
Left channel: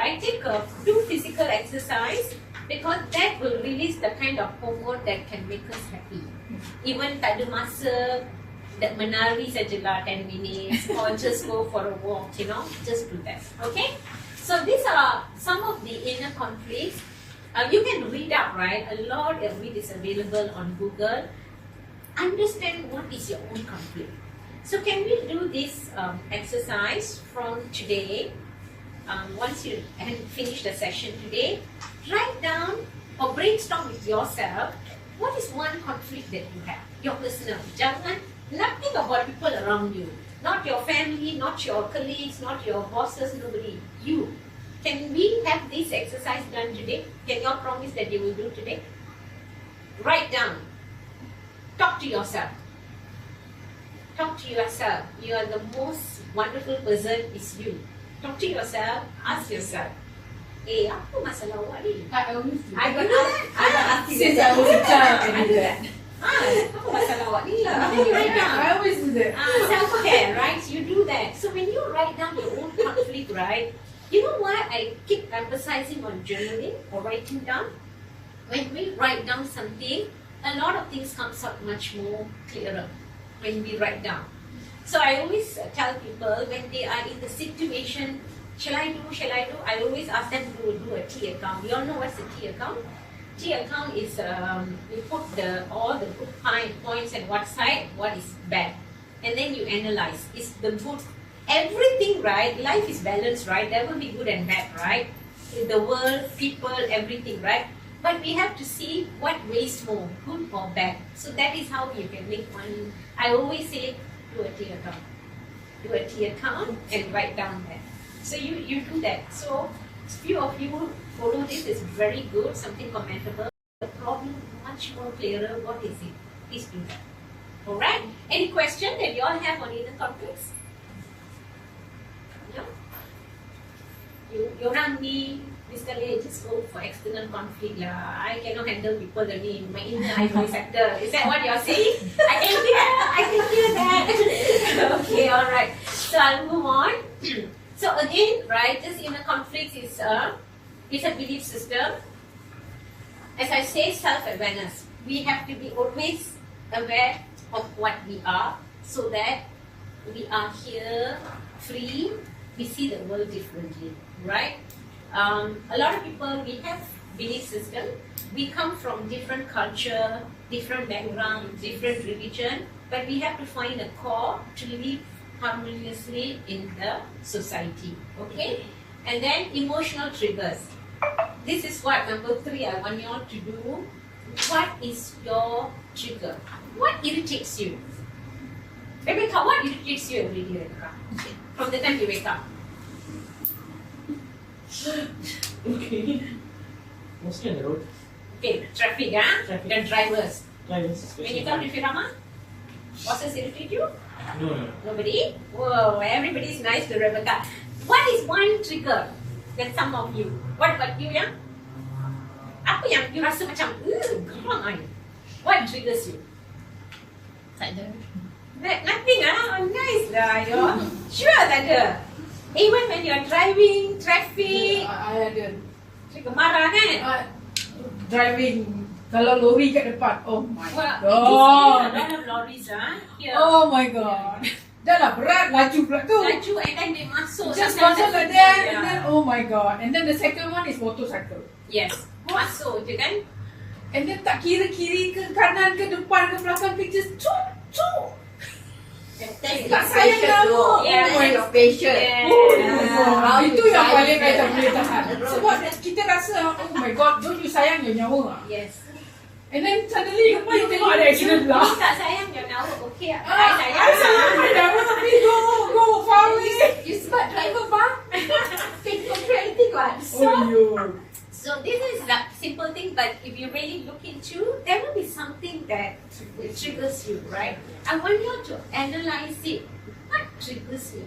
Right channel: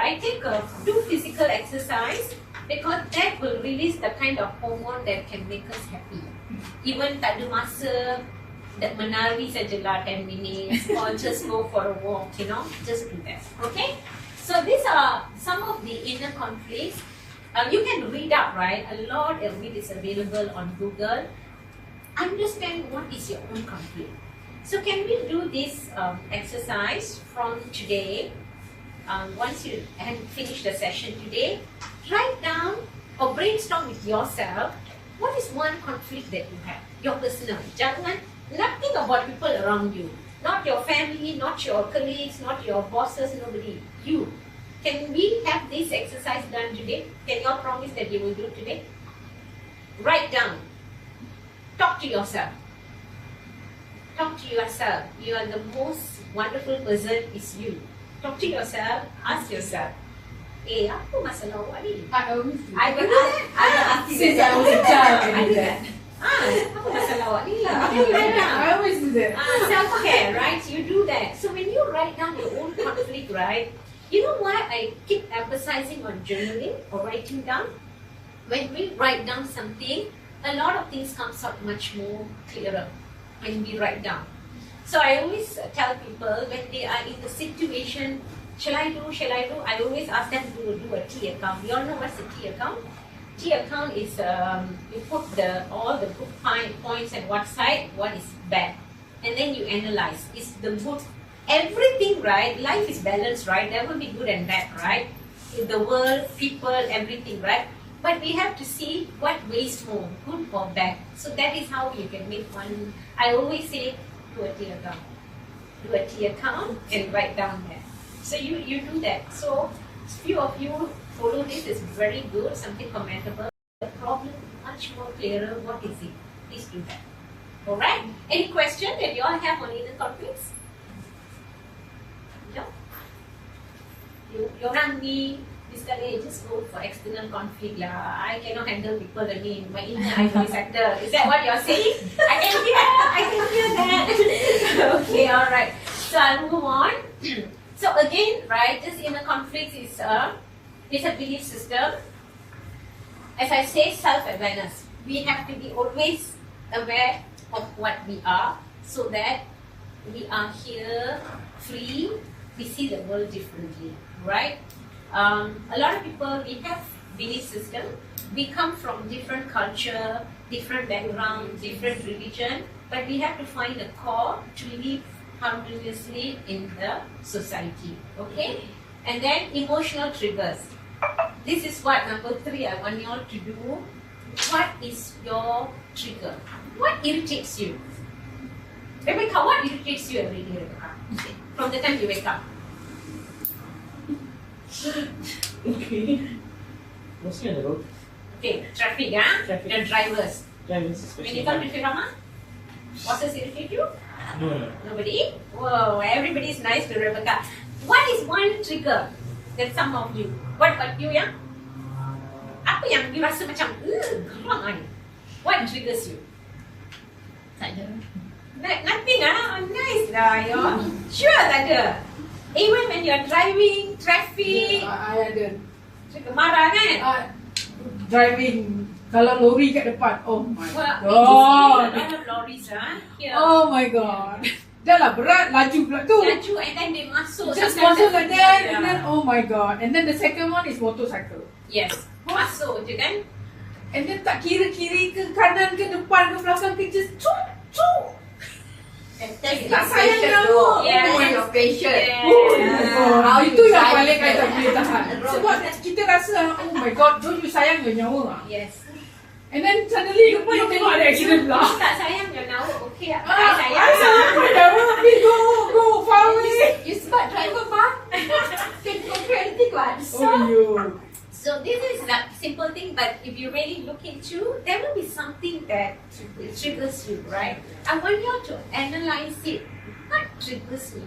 physical exercise because that will release the kind of hormone that can make us happy. Even tak ada masa that menari sajalah 10 minutes or just go for a walk, you know, just do that. Okay? So these are some of the inner conflicts. You can read up, right? A lot of it is available on Google. Understand what is your own conflict. So can we do this exercise from today? Once you finish the session today, write down or brainstorm with yourself what is one conflict that you have, your personal. Jangan nothing about people around you, not your family, not your colleagues, not your bosses, nobody. You. Can we have this exercise done today? Can you all promise that you will do today? Write down. Talk to yourself. Talk to yourself. You are the most wonderful person is you. Talk to yourself. Ask yourself. Apa masalah awak ni? I always do. I do that. Since I was a child, I do that. Apa masalah awak ni? Then you write down. I always do that. Self-care, right? You do that. So when you write down your own conflict, right? You know what? I keep emphasizing on journaling or writing down. When we write down something, a lot of things comes out much more clearer when we write down. So I always tell people when they are in the situation, shall I do? I always ask them to do a T account. You all know what's a T account? T account is you put all the good points and what side, what is bad, and then you analyze. Is the good everything right? Life is balanced, right? There will be good and bad, right? In the world, people, everything, right? But we have to see what weighs more, good or bad. So that is how you can make one. I always say, do a T account. Do a T account and write down that. So you do that. So few of you follow this is very good, something commendable. The problem much more clearer. What is it? Please do that. Alright? Any question that you all have on inner conflicts? No? You run me. This guy just go for external conflict lah. I cannot handle people in my inner I will settle. Is that what you're saying? I can hear that. Okay, alright. So I'll move on. So again, right, this inner conflict is a belief system. as I say, self-awareness. We have to be always aware of what we are, so that we are here free. We see the world differently, right? A lot of people, we have belief system. We come from different culture, different background, different religion, but we have to find a core to live harmoniously in the society. Okay? And then emotional triggers. This is what number 3 I want you all to do. What is your trigger? What irritates you? Rebecca, what irritates you every day, Rebecca? From the time you wake up. Okay. Mostly on the road. Okay, traffic, Traffic. the drivers. Drivers When especially. you come to Firama, bosses irritate you? No, no. Nobody? Whoa, everybody is nice to Rebecca. What is one trigger that some of you? What about you, yeah? Apa yang you rasa macam, come on. What triggers you? Tak ada. Nothing, Oh, nice lah, you. Sure tak ada. Even when you're driving, traffic, I ada. trigger marah kan? Driving, kalau lori kat depan, oh my Well, god. a lot of lorries here. Oh my god. Dah lah berat, laju pula tu. Laju and then they masuk. Just sometimes masuk like they- that, Yeah. and then oh my god. And then the second one is motorcycle. Yes, masuk je kan? And then tak kira kiri ke kanan ke depan ke belakang ke, just cuk. Tak sayang nama. Yeah. Oh my Your patient. Yeah. Oh my god. How Itu you yang drive paling it. I tak boleh tahan. Sebab kita rasa, oh my god, don't you sayang your nyawa. Yes. And then suddenly you tengok ada accident pula. You tak sayang your nyawa, okay? I I sayang. sayang my nyawa, please go far away. You sebab driver bang. Can control anything what? Oh yo. So this is the simple thing, but if you really look into, there will be something that triggers you, right? I want you to analyze it. What triggers me?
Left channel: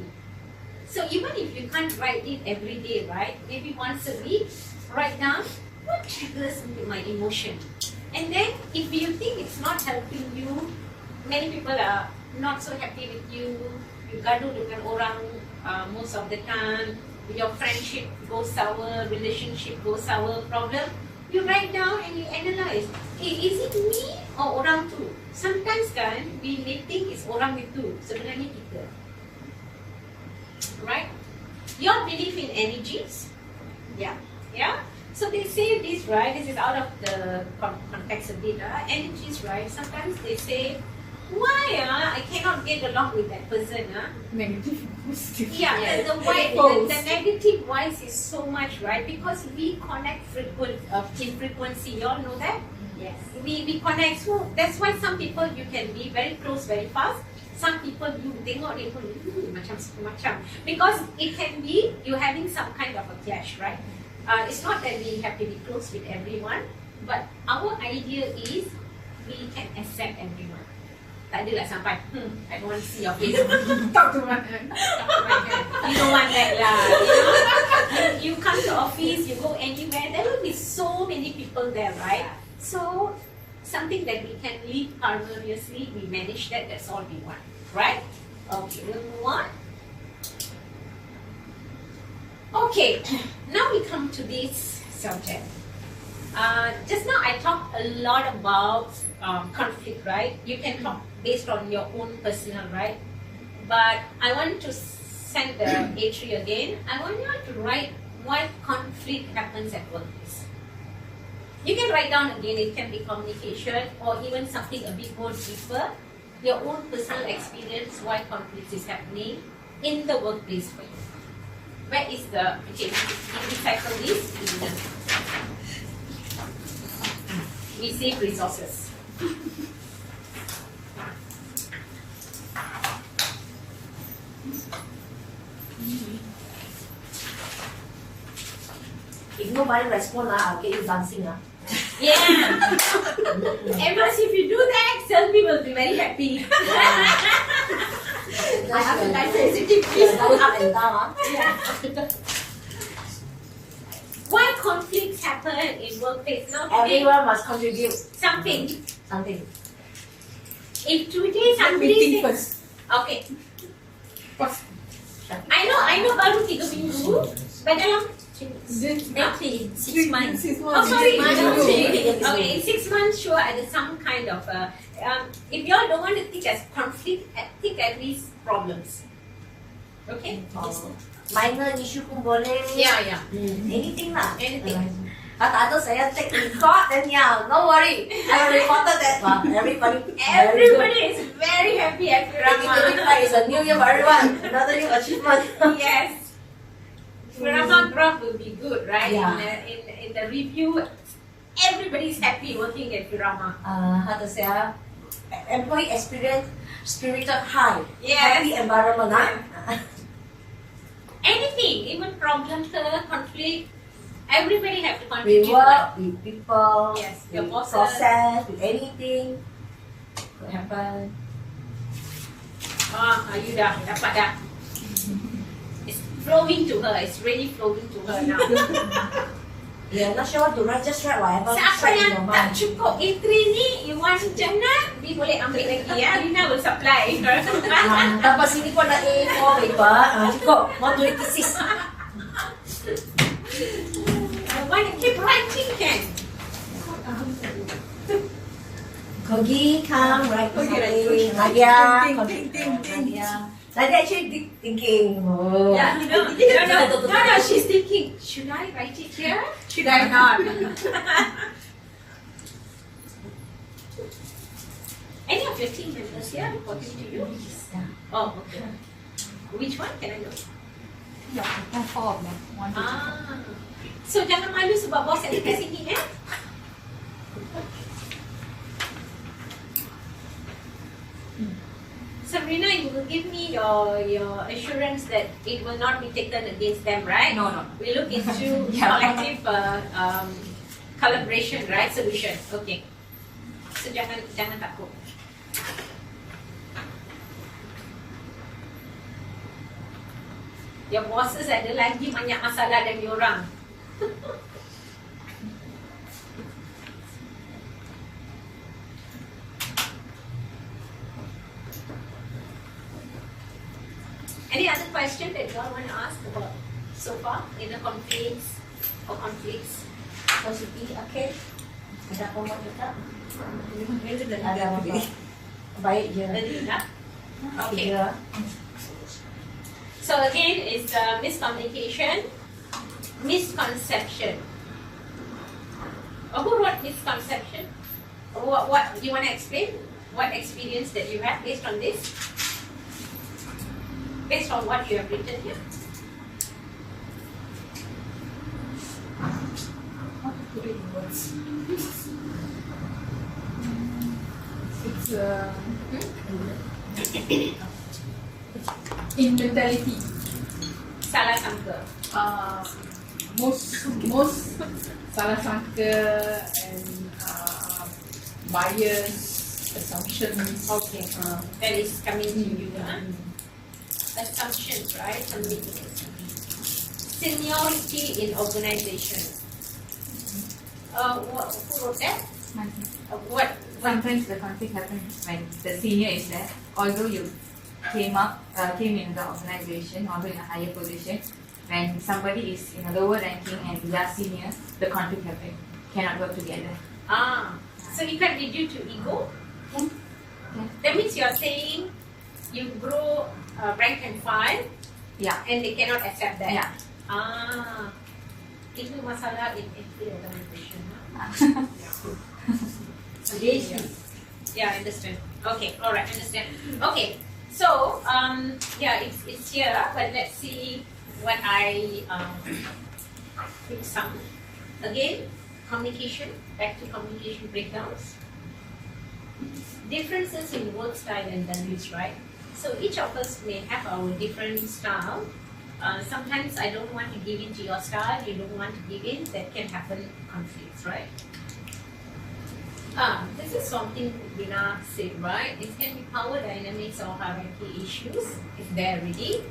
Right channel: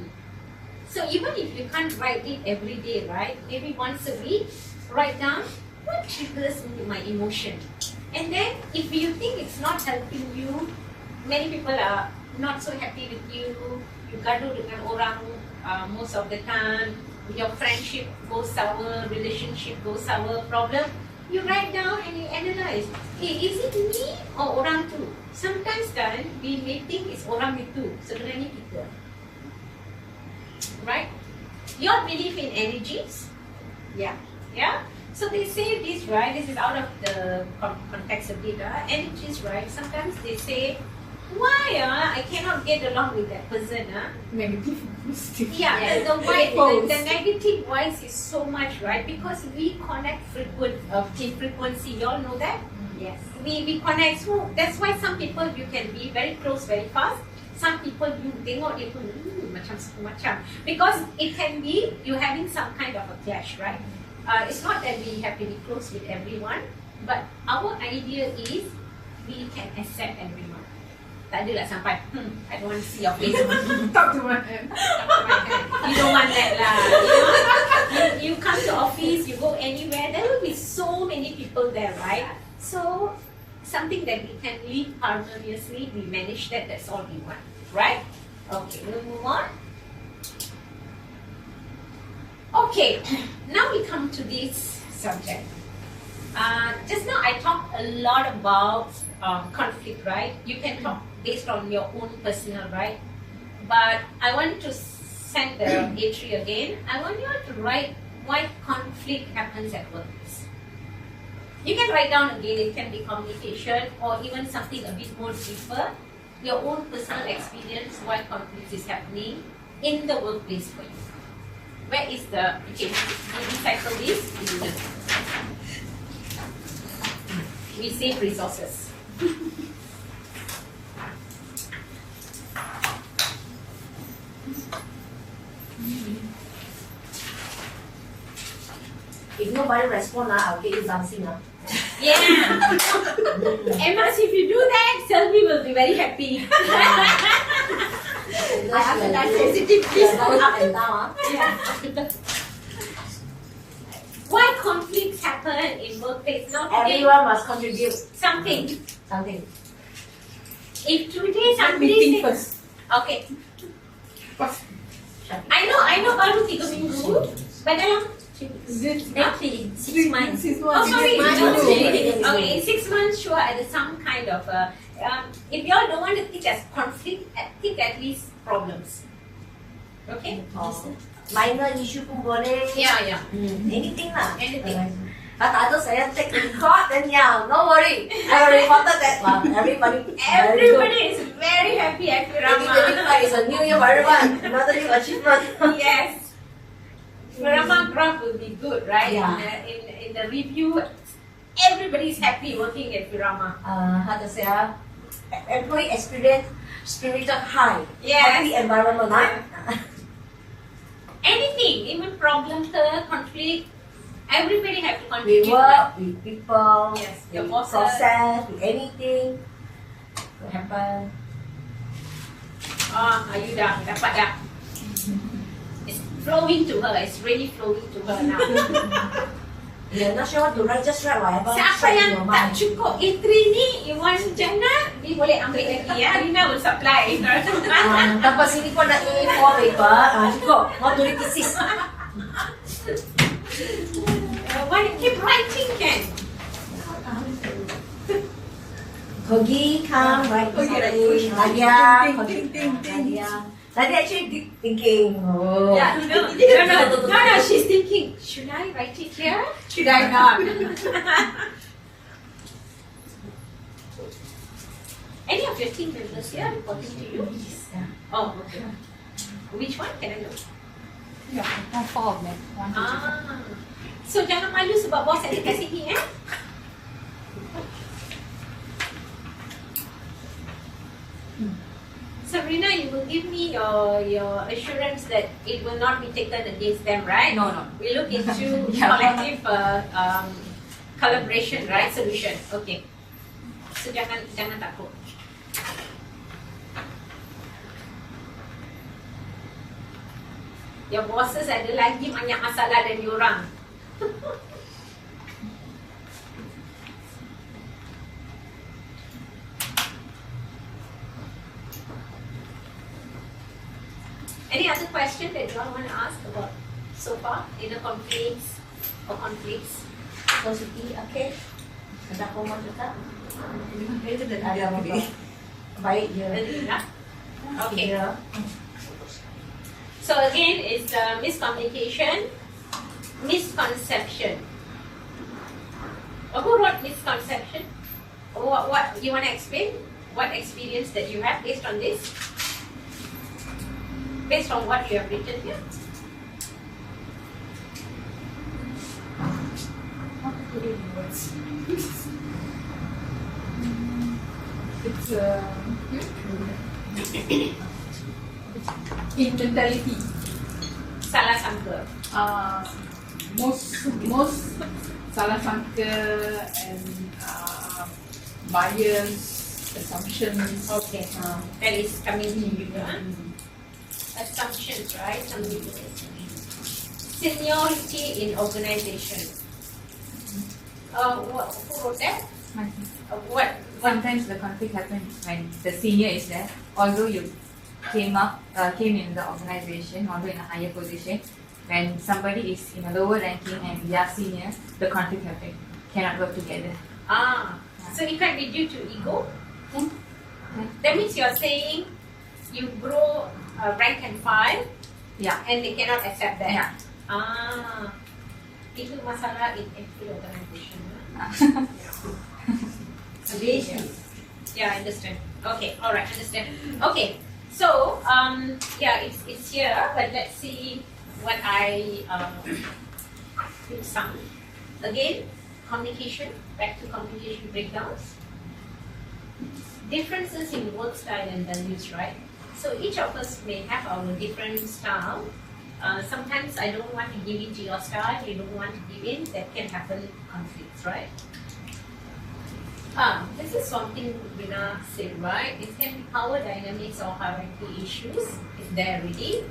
So even if you can't write it every day, right? Maybe once a week, write down what triggers into my emotion. And then if you think it's not helping you, many people are not so happy with you, you gaduh dengan orang most of the time, your friendship goes sour, relationship goes sour, problem, you write down and you analyze. Is it me or orang tu? Sometimes kan, we may think it's orang itu, sebenarnya kita. Right? You all believe in energies? Yeah. Yeah? So they say this, right? This is out of the context of data. Energies, right? Sometimes they say, why I cannot get along with that person? Negative. Yeah, Yes. the negative voice is so much, right? Because we connect frequency. You all know that? Yes. We connect. So that's why some people you can be very close very fast. Some people you tengok dia pun macam. Because it can be you having some kind of a clash, right? It's not that we have to be close with everyone, but our idea is we can accept everyone. Tak adalah sampai, I don't want to see your face. Talk to my hand. You don't want that lah. You know? You come to office, you go anywhere, there will be so many people there, right? So, something that we can live harmoniously, we manage that, that's all we want, right? Okay, we'll move on. Okay, now we come to this subject. Just now I talked a lot about conflict, right? You can talk based on your own personal, right? But I want to send the A3 again. I want you to write why conflict happens at workplace. You can write down again, it can be communication or even something a bit more deeper. Your own personal experience, why conflict is happening in the workplace for you. Where is the, okay, we recycle this. We save resources. If nobody respond, I'll get you dancing. Yeah. Emma, if you do that, Selvi will be very happy. I have to like sensitive, please go up and down. Why conflicts happen in workplace? Now today, Everyone must contribute something. something. If today somebody Meeting says, first. okay, First. I know baru 3 minggu, but dalam Roughly 6 months. 6 Oh, months. sorry. months. Okay, 6 months, sure, at some kind of, if you all don't want to think as conflict, think at least problems. Okay? Minor issue pun boleh. Yeah. Anything lah. Anything. Kata ada saya take in court, then yeah, no worry. I reported that one. Everybody Everybody is very happy at Firama. 2025 is a new year for everyone. Another new achievement. Yes. Firama graph will be good, right? Yeah. In the review, everybody is happy working at Firama. How to say? Employee experience spiritual high. Yes. Happy environment, Anything, even problem, conflict, everybody have to We contribute. work with people. Yes, with your bosses. process, with anything. What happen? You dah dapat dah. It's flowing to her. It's really flowing to her now. Yeah, not sure what to write. Just write whatever. Siapa straight in yang your tak mind. cukup A3 ni, you want jannah, dia boleh ambil lagi ya. Lina will supply. Dapat sini pun ada A4 paper. Cukup. Mau tulis thesis. Why keep writing then? Kogi, come, write something. Nadia. Nadia. Nadia actually deep thinking. Oh. Yeah, no, she's thinking, should I write it here? Should I not? Any of your team members here reporting to you? Oh, okay. Which one can I know? Yeah, 4 of them. 1, 2, 3. So jangan malu sebab bos ada kat sini Sabrina, you will give me your assurance that it will not be taken against them, right? No. We look into Yeah. collective collaboration, right? Solution. Okay. So jangan takut. Your bosses ada lagi banyak masalah dari orang. Any other question that you all want to ask about so far in the conflicts or conflicts? Positif, okay. Ada komen tetap? Ada Ada apa? Baik je. Enough? Okay. Ya. So again, it's miscommunication, misconception. Who wrote misconception? What do you want to explain? What experience that you have based on this? Based on what you have written here? How to put it in words? It's in mentality. Salah sangka. Most salah sangka and bias, assumptions. Okay. That is coming to you. Assumptions, right? Seniority in organization. Who wrote that? What? Sometimes the conflict happens when the senior is there. Although you came in the organization, although in a higher position, when somebody is in a lower ranking and they are senior, the conflict happens. Cannot work together. So it can be due to ego. That means you are saying you grow rank and file, Yeah. and they cannot accept that. Yeah. Itu masalah in every organization. Yeah, I understand. Okay, all right, understand. Okay, so it's here, but let's see what I pick some. Again, communication. Back to communication breakdowns. Differences in work style and values, right? So each of us may have our different style. Sometimes I don't want to give in to your style. You don't want to give in. That can happen conflicts, right? This is something Rina said, right? It can be power dynamics or hierarchy issues. Is there really?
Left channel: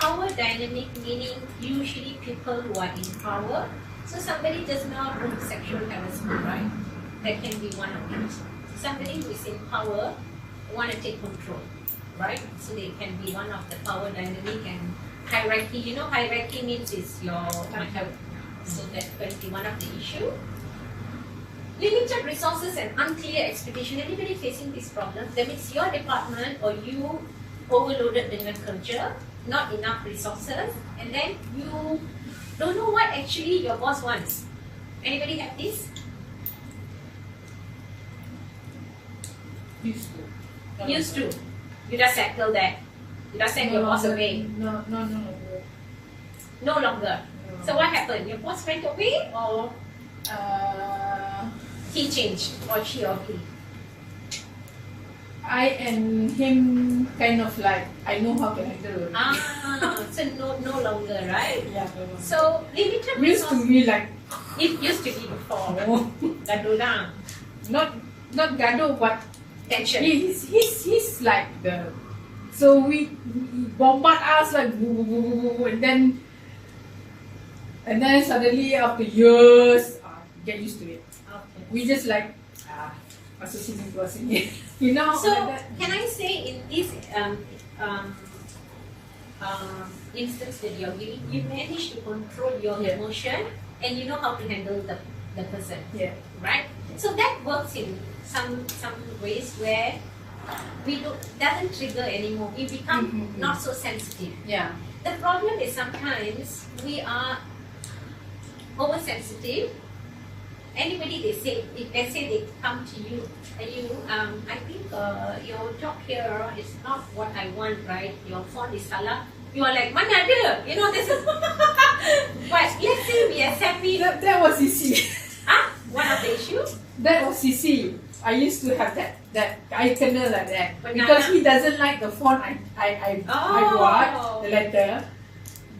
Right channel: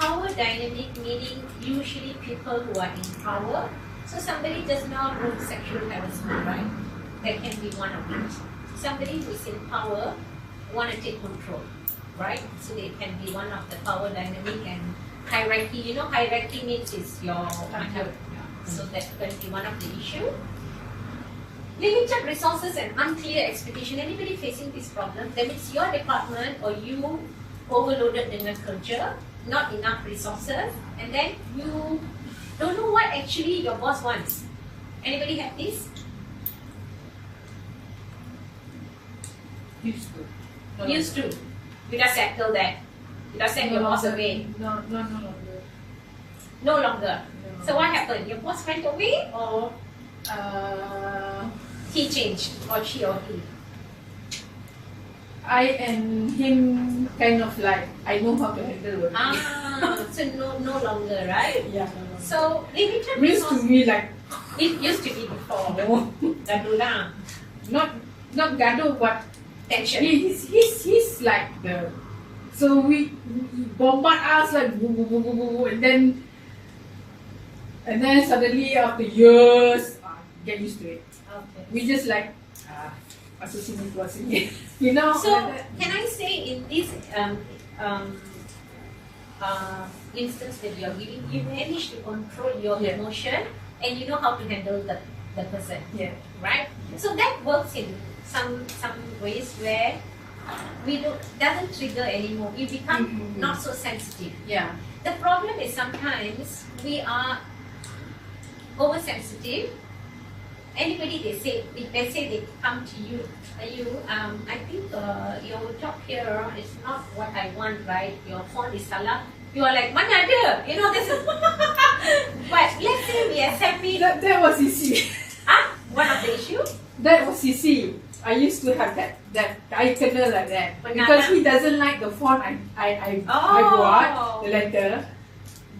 Power dynamic meaning usually people who are in power. So somebody does not want sexual harassment, right? That can be one of it. Somebody who is in power want to take control, right? So they can be one of the power dynamic and hierarchy. You know, hierarchy means is your So that can be one of the issue. Limited resources and unclear expectation. Anybody facing this problem? That means your department or you overloaded dengan kerja, not enough resources, and then you don't know what actually your boss wants. Anybody have this? Used to. Used to. You just settle that. You just send your boss away. No. No longer. So what happened? Your boss went away or he changed or she or he? I and him kind of like, I know how to handle it. So no longer, right? Yeah. So limited Used to resources. be like, It used to be before. Gaduh lah. not gaduh, but Tension. he's like the, so we bombard us like woo, woo, woo, woo, woo, and then suddenly after years get used to it. Okay. We just like masuk sini keluar sini, you know. So like that. can I say in this instance that you're giving, you manage to control your Yeah. emotion and you know how to handle the person, Yeah. right? So that works in some ways where we doesn't trigger anymore. You become Mhm. not so sensitive. Yeah. The problem is sometimes we are oversensitive. Anybody they say, if they say they come to you, I think your job here is not what I want, right? Your phone is salah. You are like, mana ada? You know, this is. But let's say we accept it. That was CC. One of the issue. That was CC. I used to have that I kena like that Banana. because he doesn't like the font I bought the letter.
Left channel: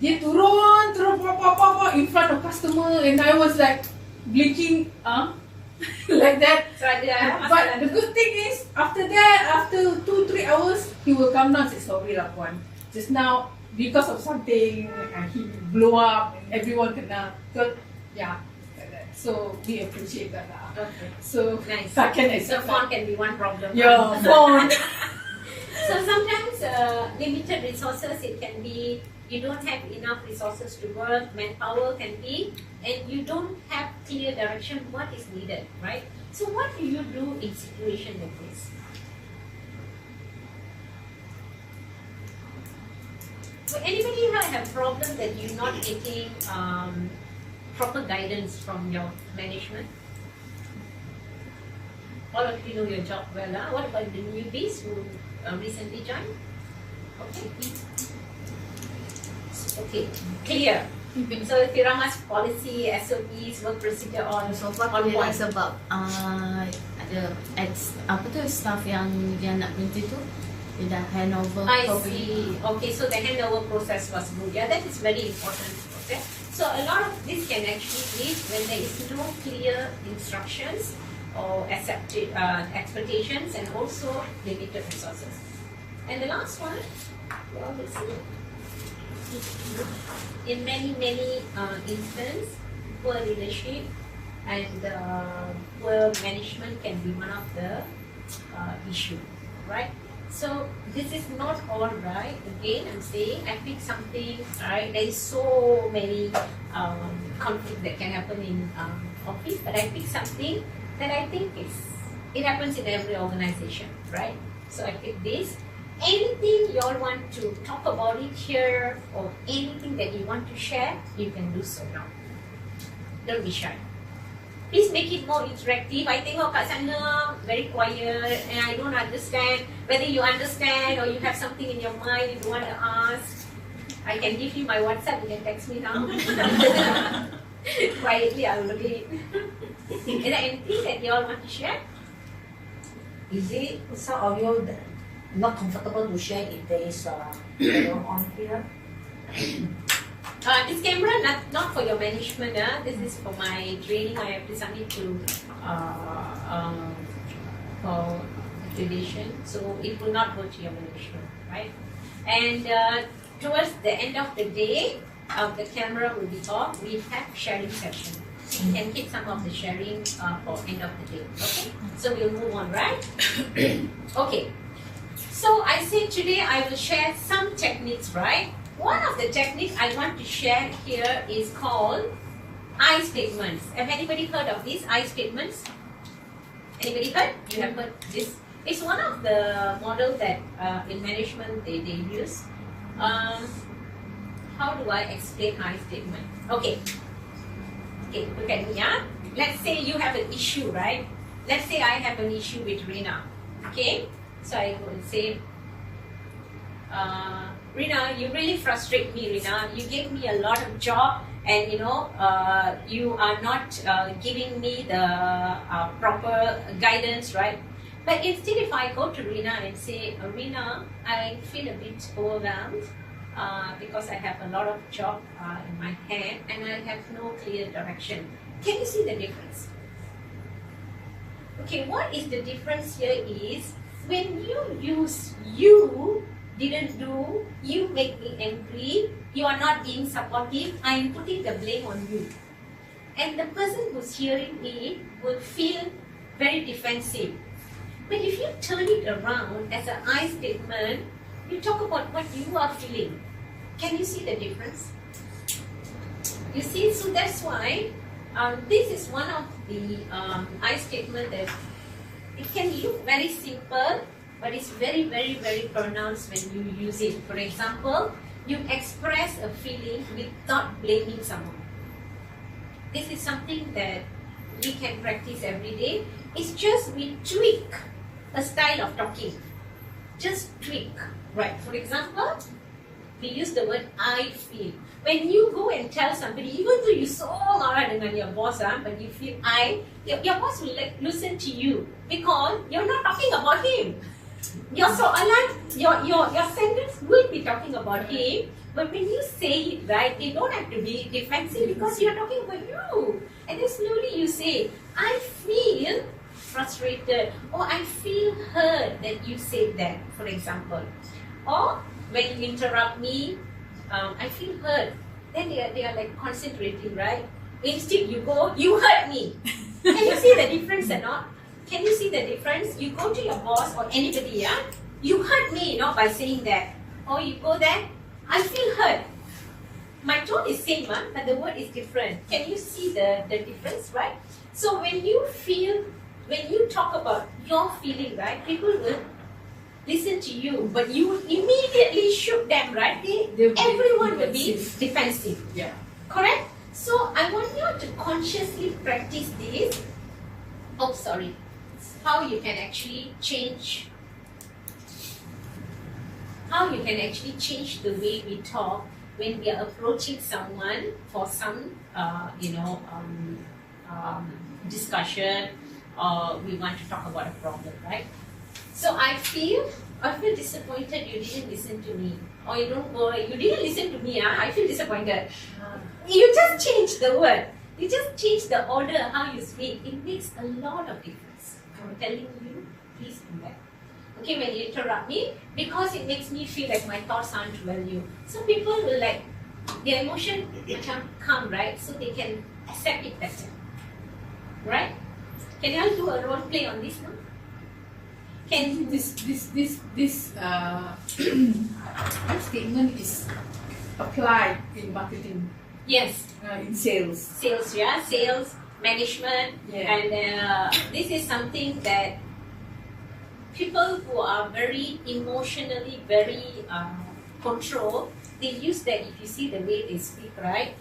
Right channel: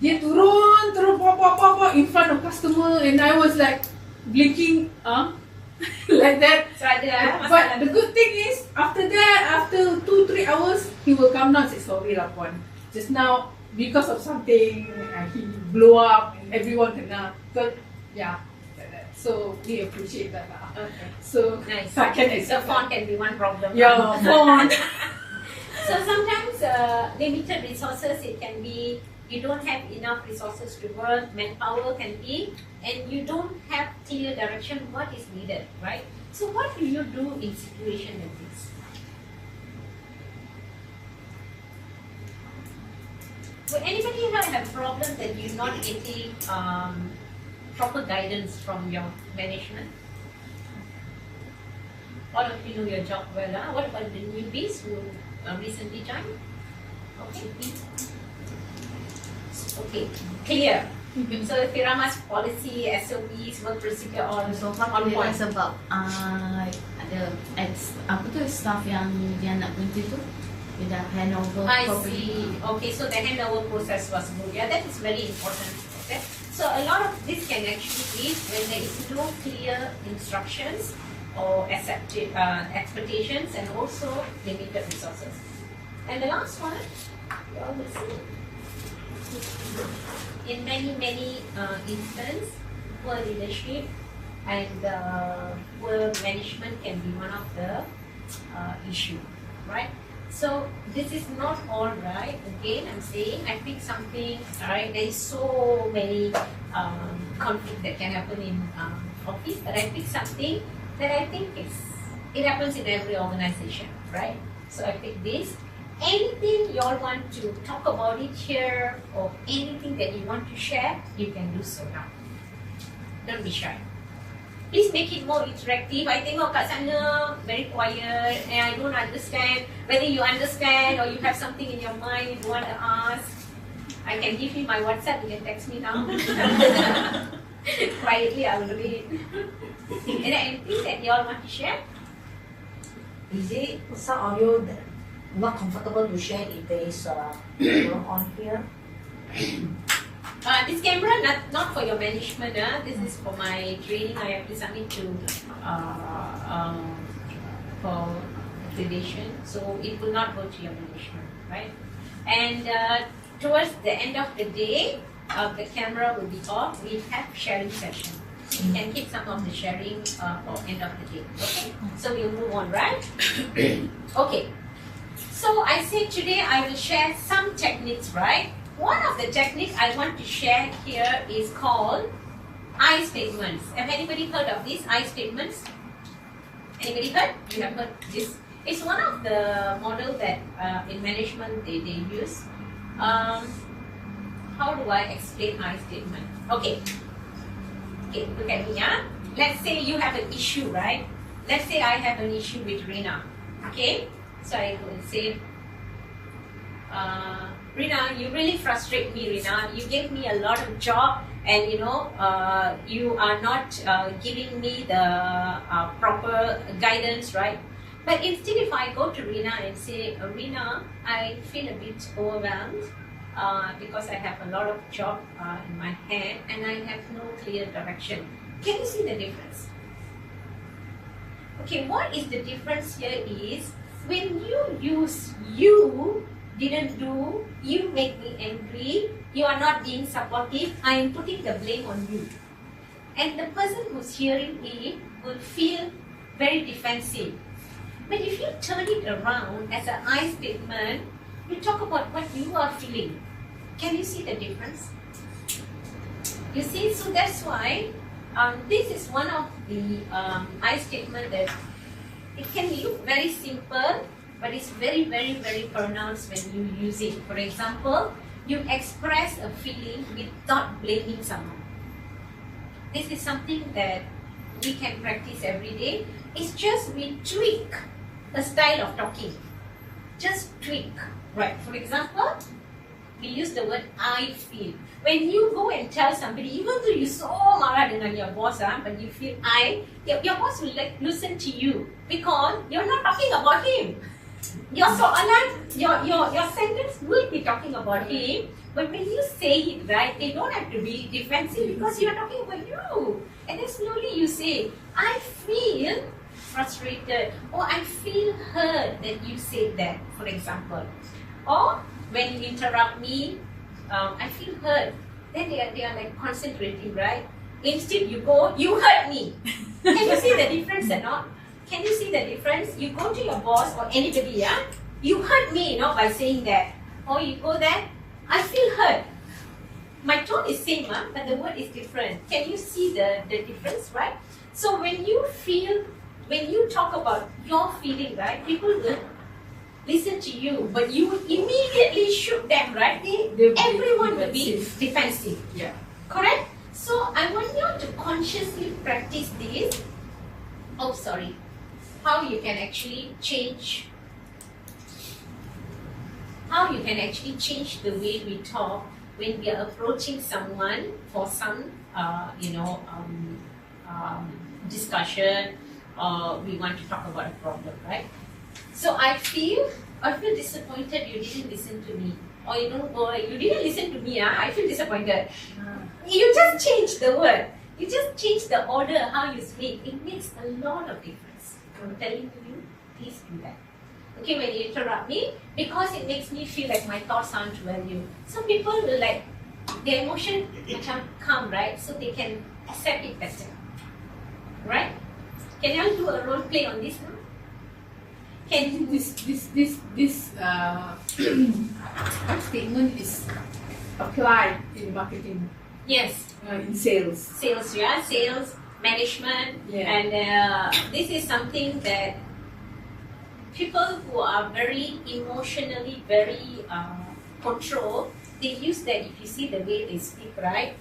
Dia turun pop in front of customer and I was like blinking like that. So ada. But the good thing is after that, after 2-3 hours, he will come down and say sorry lah puan. Just now because of something he blew up and everyone kena. So yeah, like that. So we appreciate that lah. Okay. So Nice. I can The accept phone that. can be one problem. Your phone. So sometimes limited resources, it can be you don't have enough resources to work, manpower can be, and you don't have clear direction what is needed, right? So what do you do in situation like this? Will anybody here have problem that you're not getting proper guidance from your management? All of you know your job well. What about the newbies who recently joined? Okay. Okay, clear. So Firama's policy, SOPs, work procedure on What point. sebab ada staff yang dia nak berhenti tu dia dah handover I properly. see. Okay, so the handover process was good. Yeah, that is very important. Okay, so a lot of this can actually be when there is no clear instructions or expectations and also limited resources. And the last one, well, let's see. In many instances, poor leadership and poor management can be one of the issue, right? So this is not all right. Again, I'm saying I pick something. Right, there is so many conflict that can happen in office, but I pick something that I think it happens in every organization, right? So I pick this. Anything you all want to talk about it here or anything that you want to share, you can do so now. Don't be shy. Please make it more interactive. I tengok kat sana very quiet and I don't understand. Whether you understand or you have something in your mind you want to ask, I can give you my WhatsApp. You can text me now. Quietly, I will read. Is there anything that you all want to share? Is it some audio that not comfortable to share if there is on here? This camera not for your management. This is for my training. I have to submit to for accreditation, so it will not go to your management, right? And towards the end of the day, the camera will be off. We have sharing session. You can keep some of the sharing for end of the day. Okay, so we'll move on, right? Okay. So I say today I will share some techniques, right? One of the techniques I want to share here is called I statements. Have anybody heard of these I statements? Anybody heard? You have heard this? It's one of the models that in management they use. How do I explain I statement? Okay, look at me, yeah? Let's say you have an issue, right? Let's say I have an issue with Rina. Okay? So I go and say, Rina, you really frustrate me, Rina. You gave me a lot of job and you are not giving me the proper guidance, right? But instead if I go to Rina and say, Rina, I feel a bit overwhelmed because I have a lot of job in my hand and I have no clear direction. Can you see the difference? Okay, what is the difference here is when you use you didn't do, you make me angry, you are not being supportive, I am putting the blame on you. And the person who's hearing me will feel very defensive. But if you turn it around as an I statement, you talk about what you are feeling. Can you see the difference? You see, so that's why this is one of the I statement that it can look very simple, but it's very, very, very pronounced when you use it. For example, you express a feeling without blaming someone. This is something that we can practice every day. It's just we tweak a style of talking. Just tweak, right? For example, we use the word I feel. When you go and tell somebody, even though you so marah dengan your boss, but you feel your boss will listen to you because you're not talking about him. Your sentence will be talking about him, but when you say it right, they don't have to be defensive because you're talking about you. And then slowly you say, I feel frustrated, or I feel hurt that you said that, for example. Or when you interrupt me, I feel hurt. Then they are like concentrating, right? Instead you go, you hurt me. Can you see the difference or not? Can you see the difference? You go to your boss or anybody, yeah? You hurt me, by saying that. Or you go there, I feel hurt. My tone is same, but the word is different. Can you see the difference, right? So when you talk about your feeling, right, people will listen to you, but you immediately shoot them, right? Everyone will be defensive. Yeah. Correct? So I want you to consciously practice this. Oh, sorry. How you can actually change the way we talk when we are approaching someone for some discussion, or we want to talk about a problem, right? So I feel disappointed you didn't listen to me, or you didn't listen to me. I feel disappointed. You just change the word. You just change the order how you speak. It makes a lot of difference. I'm telling you, please do that. Okay, when you interrupt me, because it makes me feel like my thoughts aren't value. Some people will their emotion become calm, right? So they can accept it better. Right? Can I do a role play on this now? This statement is applied in marketing. Yes. In sales. Sales, management, and this is something that people who are very emotionally very controlled, they use that. If you see the way they speak, right?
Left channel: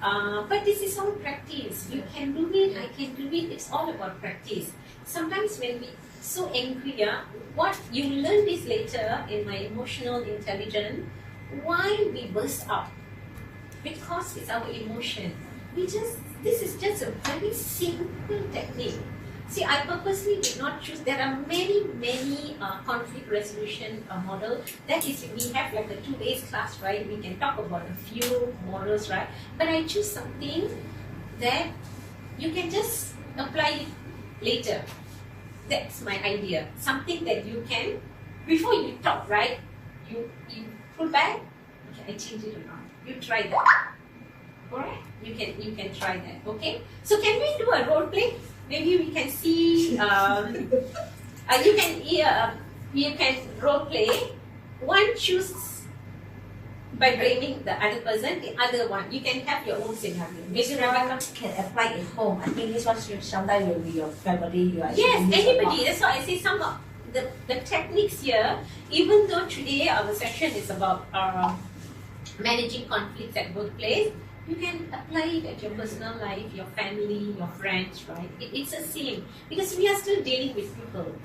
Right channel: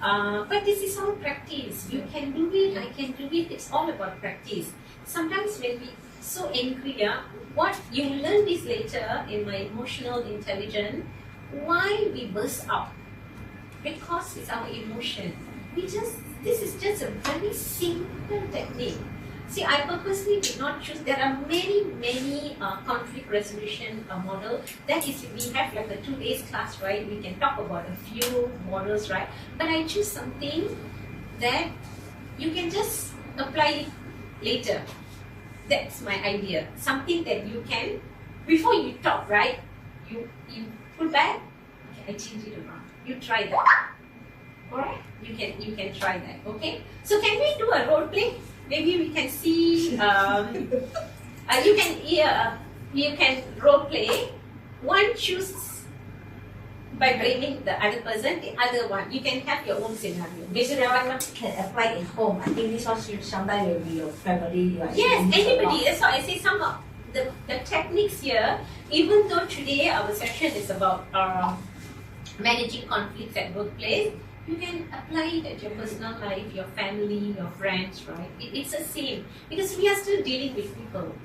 But this is all practice. You can do it, I can do it. It's all about practice. Sometimes when we so angry, what you learn this later in my emotional intelligence, why we burst out. Because it's our emotion. This is just a very simple technique. See, I purposely did not choose. There are many conflict resolution models. That is, we have like a 2 days class, right? We can talk about a few models, right? But I choose something that you can just apply it later. That's my idea. Something that you can, before you talk, right? You pull back. Okay, I change it around. You try that. Alright? You can try that. Okay? So can we do a role play? Maybe we can see you can role play. One choose by blaming the other person, the other one. You can have your own scenario. Maybe that can apply at home. I think this one sometimes will be your family. You are Yes, using anybody. a lot. That's why I say some of the techniques here, even though today our session is about managing conflicts at workplace, you can apply it at your personal life, your family, your friends, right? It's the same because we are still dealing with people.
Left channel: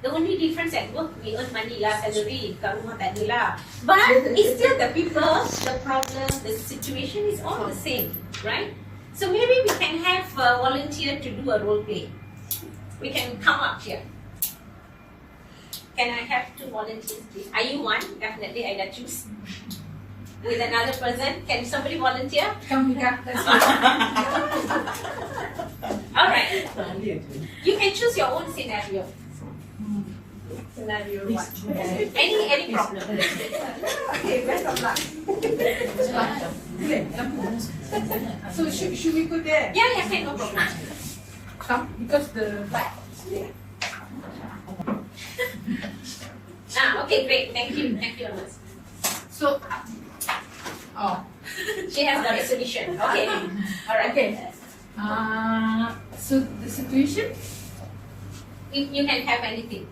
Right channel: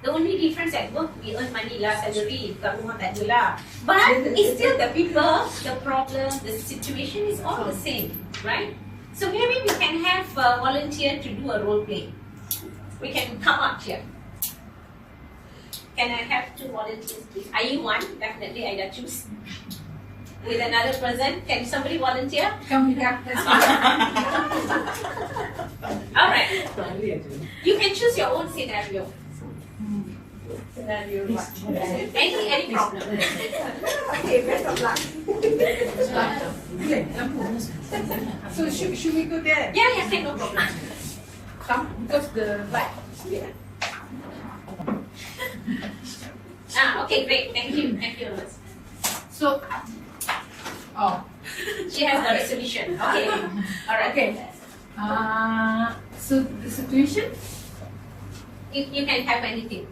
The only difference at work, we earn money lah, salary, kat rumah tak ada lah. But it's still the people, the problem, the situation is all the same, right? So maybe we can have a volunteer to do a role play. We can come up here. Can I have 2 volunteers, please? Are you one? Definitely, I choose. With another person, can somebody volunteer? Come here. All right. You can choose your own scenario. Scenario what? Any problem. Okay, best of luck. So should we go there? Yeah, okay, no problem. Come, because the light is here. Okay, great. Thank you. Thank you, Amos. So, She has got a solution. Okay. All right. okay. So the situation. If you can have anything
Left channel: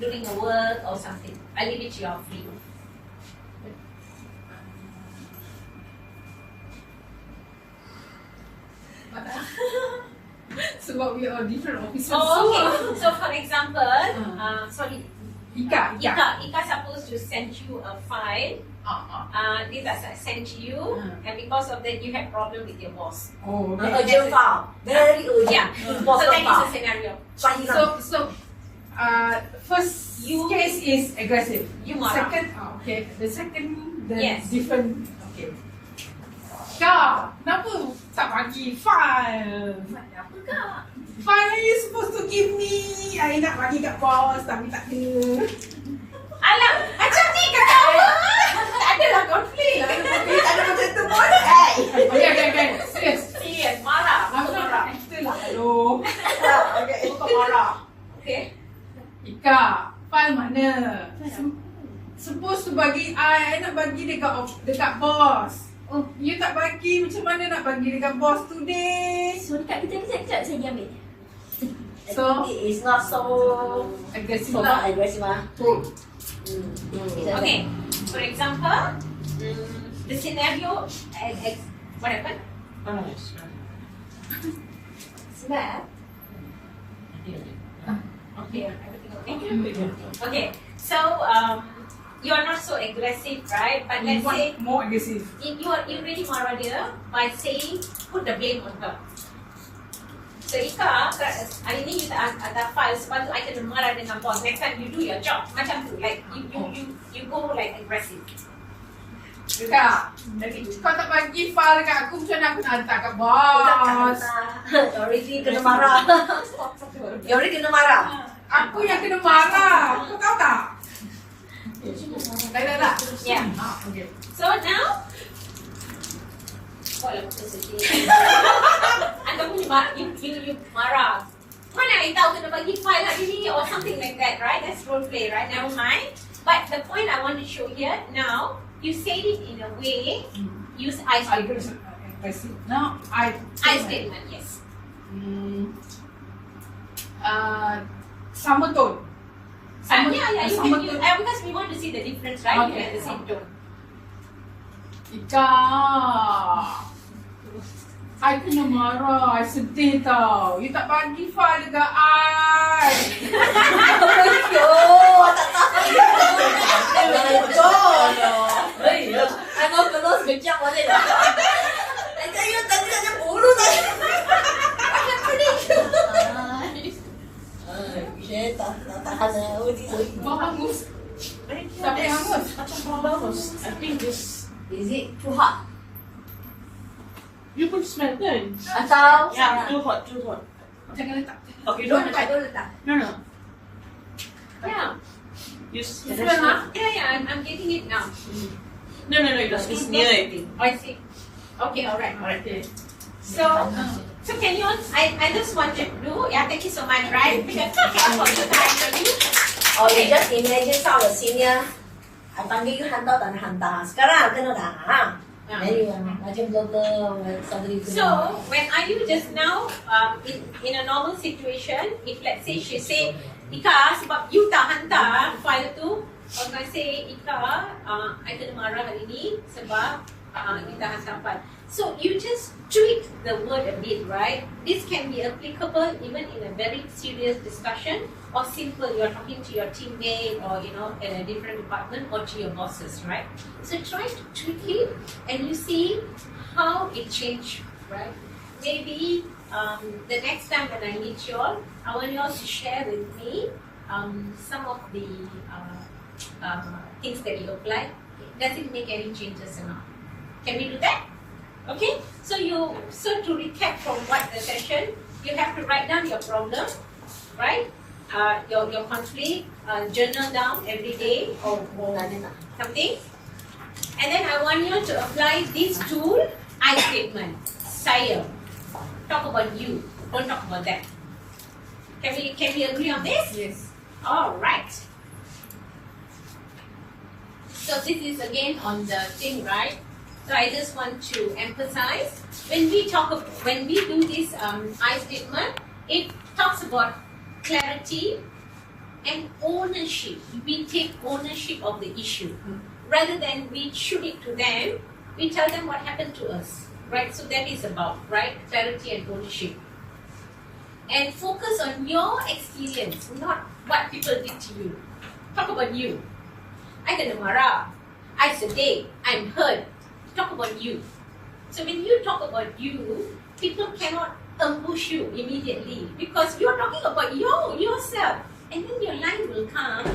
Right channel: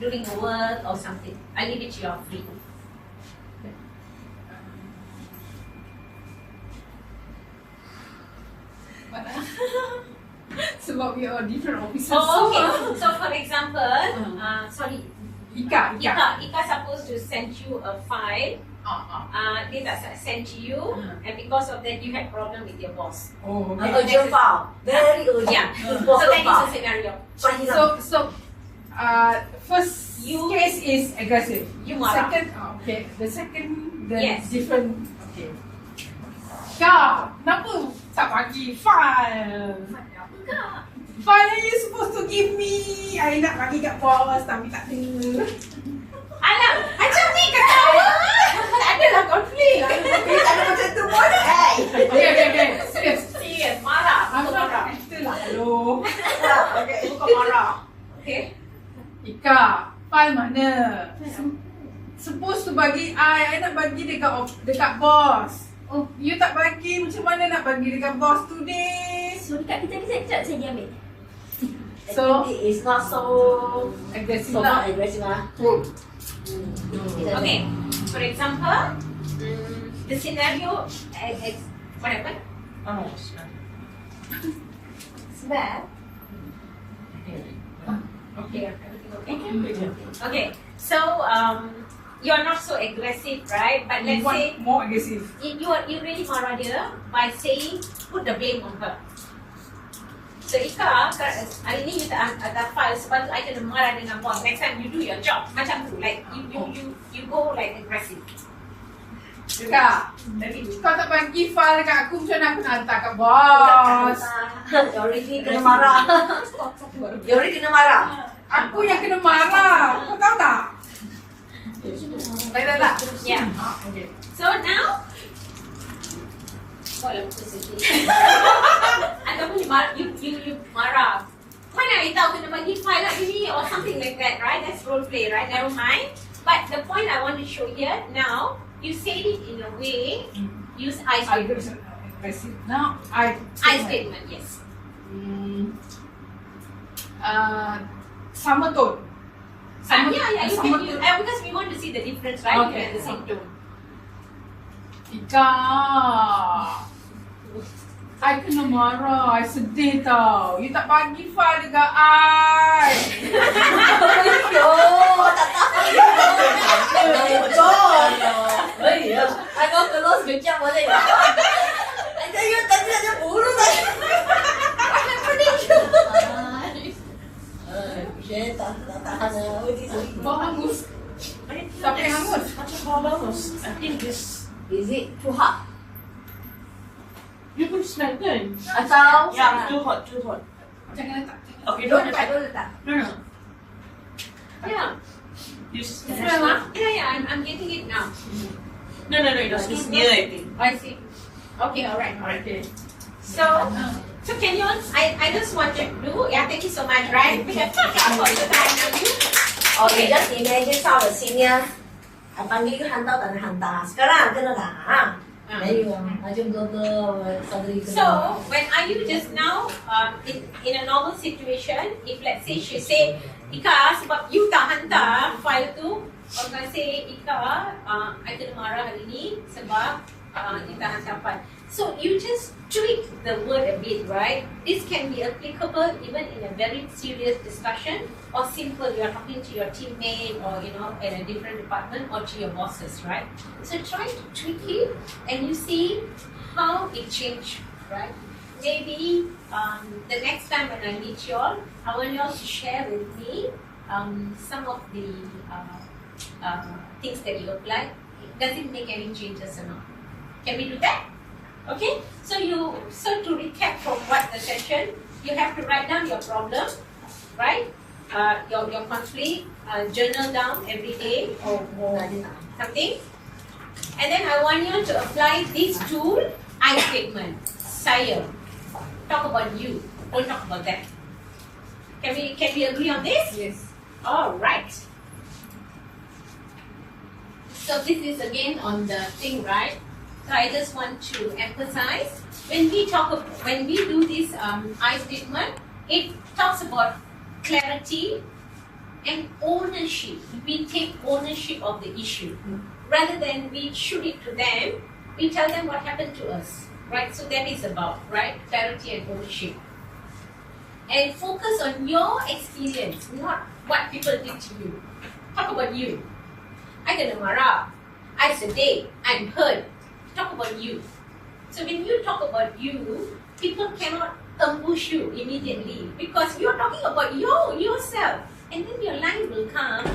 during your work or something, I leave it to your free. Sebab we are different officers. Oh, okay. So for example, sorry, Ika. Ika supposed to send you a file. Dia tak send to you, and because of that you had problem with your boss. Oh, Urgent file. Very urgent. Yeah. So Important that is a file. scenario. So, first case is aggressive. You marah. Second, okay. The second, then Yes. different. Okay. Kak, kenapa tak bagi file? File ni supposed to give me. I nak bagi kat bos tapi tak kena. Alah, macam ni ketawa. Tak adalah konflik. Tak ada macam tu pun. Hey. Okay. Serious. Serius, marah. Aku nak Marah. kita lah. Hello. Okay. Bukan marah. Okay. Ika, file mana? Supposed to bagi I nak bagi dekat bos. Oh, you tak bagi, macam mana nak bagi dekat bos today? So dekat kita sekejap saya dia ambil. So, It is not so aggressive so lah. not aggressive lah. Okay. For example, the scenario what happened? Smell. Okay, everything okay? Okay. So you are not so aggressive, right? But let's say More aggressive. you really marah dia by saying put the blame on her. So Ika, hari ni you tak hantar file, sebab tu I kena marah dengan bos. Next time you do your job macam tu, like you go like aggressive. Ika, kau tak bagi file dekat aku, macam mana aku nak hantar kat bos? You already kena marah. You already kena marah. Aku yang kena marah. Kau tahu tak? Baiklah. Yeah. Okay. So now, kau lah sedih. Anda punya marah, you marah. Mana I tahu kena bagi file lagi ni or something like that, right? That's role play, right? Never mind. But the point I want to show here now, you said it in a way, use I statement. Aggressive. Now, I Statement, yes. Sama tone. Yeah, you sama can use, tone. because we want to see the difference, right? Okay. You have the same tone. Ika, I kena marah. I sedih tau. You tak bagi file dekat I. Oh, tak tahu. Betul. I mau terus kejap boleh tak? Nanti you tadi ada bulu tadi. Tak rasa yang Bau hangus. Siapa yang hangus? Macam bau bagus. I think this. Is it too hot? You pun smell kan? Atau Yeah, too hot. Jangan letak. Okay, don't letak, don't letak. No. Yeah. You Smell lah. Yeah, I'm getting it now. No, it's near it. I see. Okay, alright. Okay. So can you? I just want to do. Yeah, thank you so much. Right? We have to for you time. Or you just imagine some of the senior I panggil you hantar tak nak hantar. Sekarang kena tak? Then you macam girl suddenly kena. So when are you just now in a normal situation, if let's say she say, Ika sebab you tak hantar file tu, orang say Ika, I kena marah hari ni sebab you tak hantar file. So you just tweak the word a bit, right? This can be applicable even in a very serious discussion, or simple, you are talking to your teammate or in a different department, or to your bosses, right? So try to tweak it and you see how it changed, right? Maybe the next time when I meet you all, I want you all to share with me some of the things that you apply. Does it make any changes or not? Can we do that? Okay, so to recap from what the session, you have to write down your problem, right? Your conflict, journal down every day or something. And then I want you to apply this tool, I statement, saya. Talk about you, don't talk about that. Can we agree on this? Yes. All right. So this is again on the thing, right? So I just want to emphasize when we do this I statement, it talks about clarity and ownership. We take ownership of the issue rather than we shoot it to them. We tell them what happened to us, right? So that is about right clarity and ownership. And focus on your experience, not what people did to you. Talk about you. I kena marah. I sedih. I'm hurt. Talk about you. So when you talk about you, people cannot ambush you immediately because you're talking about yourself. And then your line will come.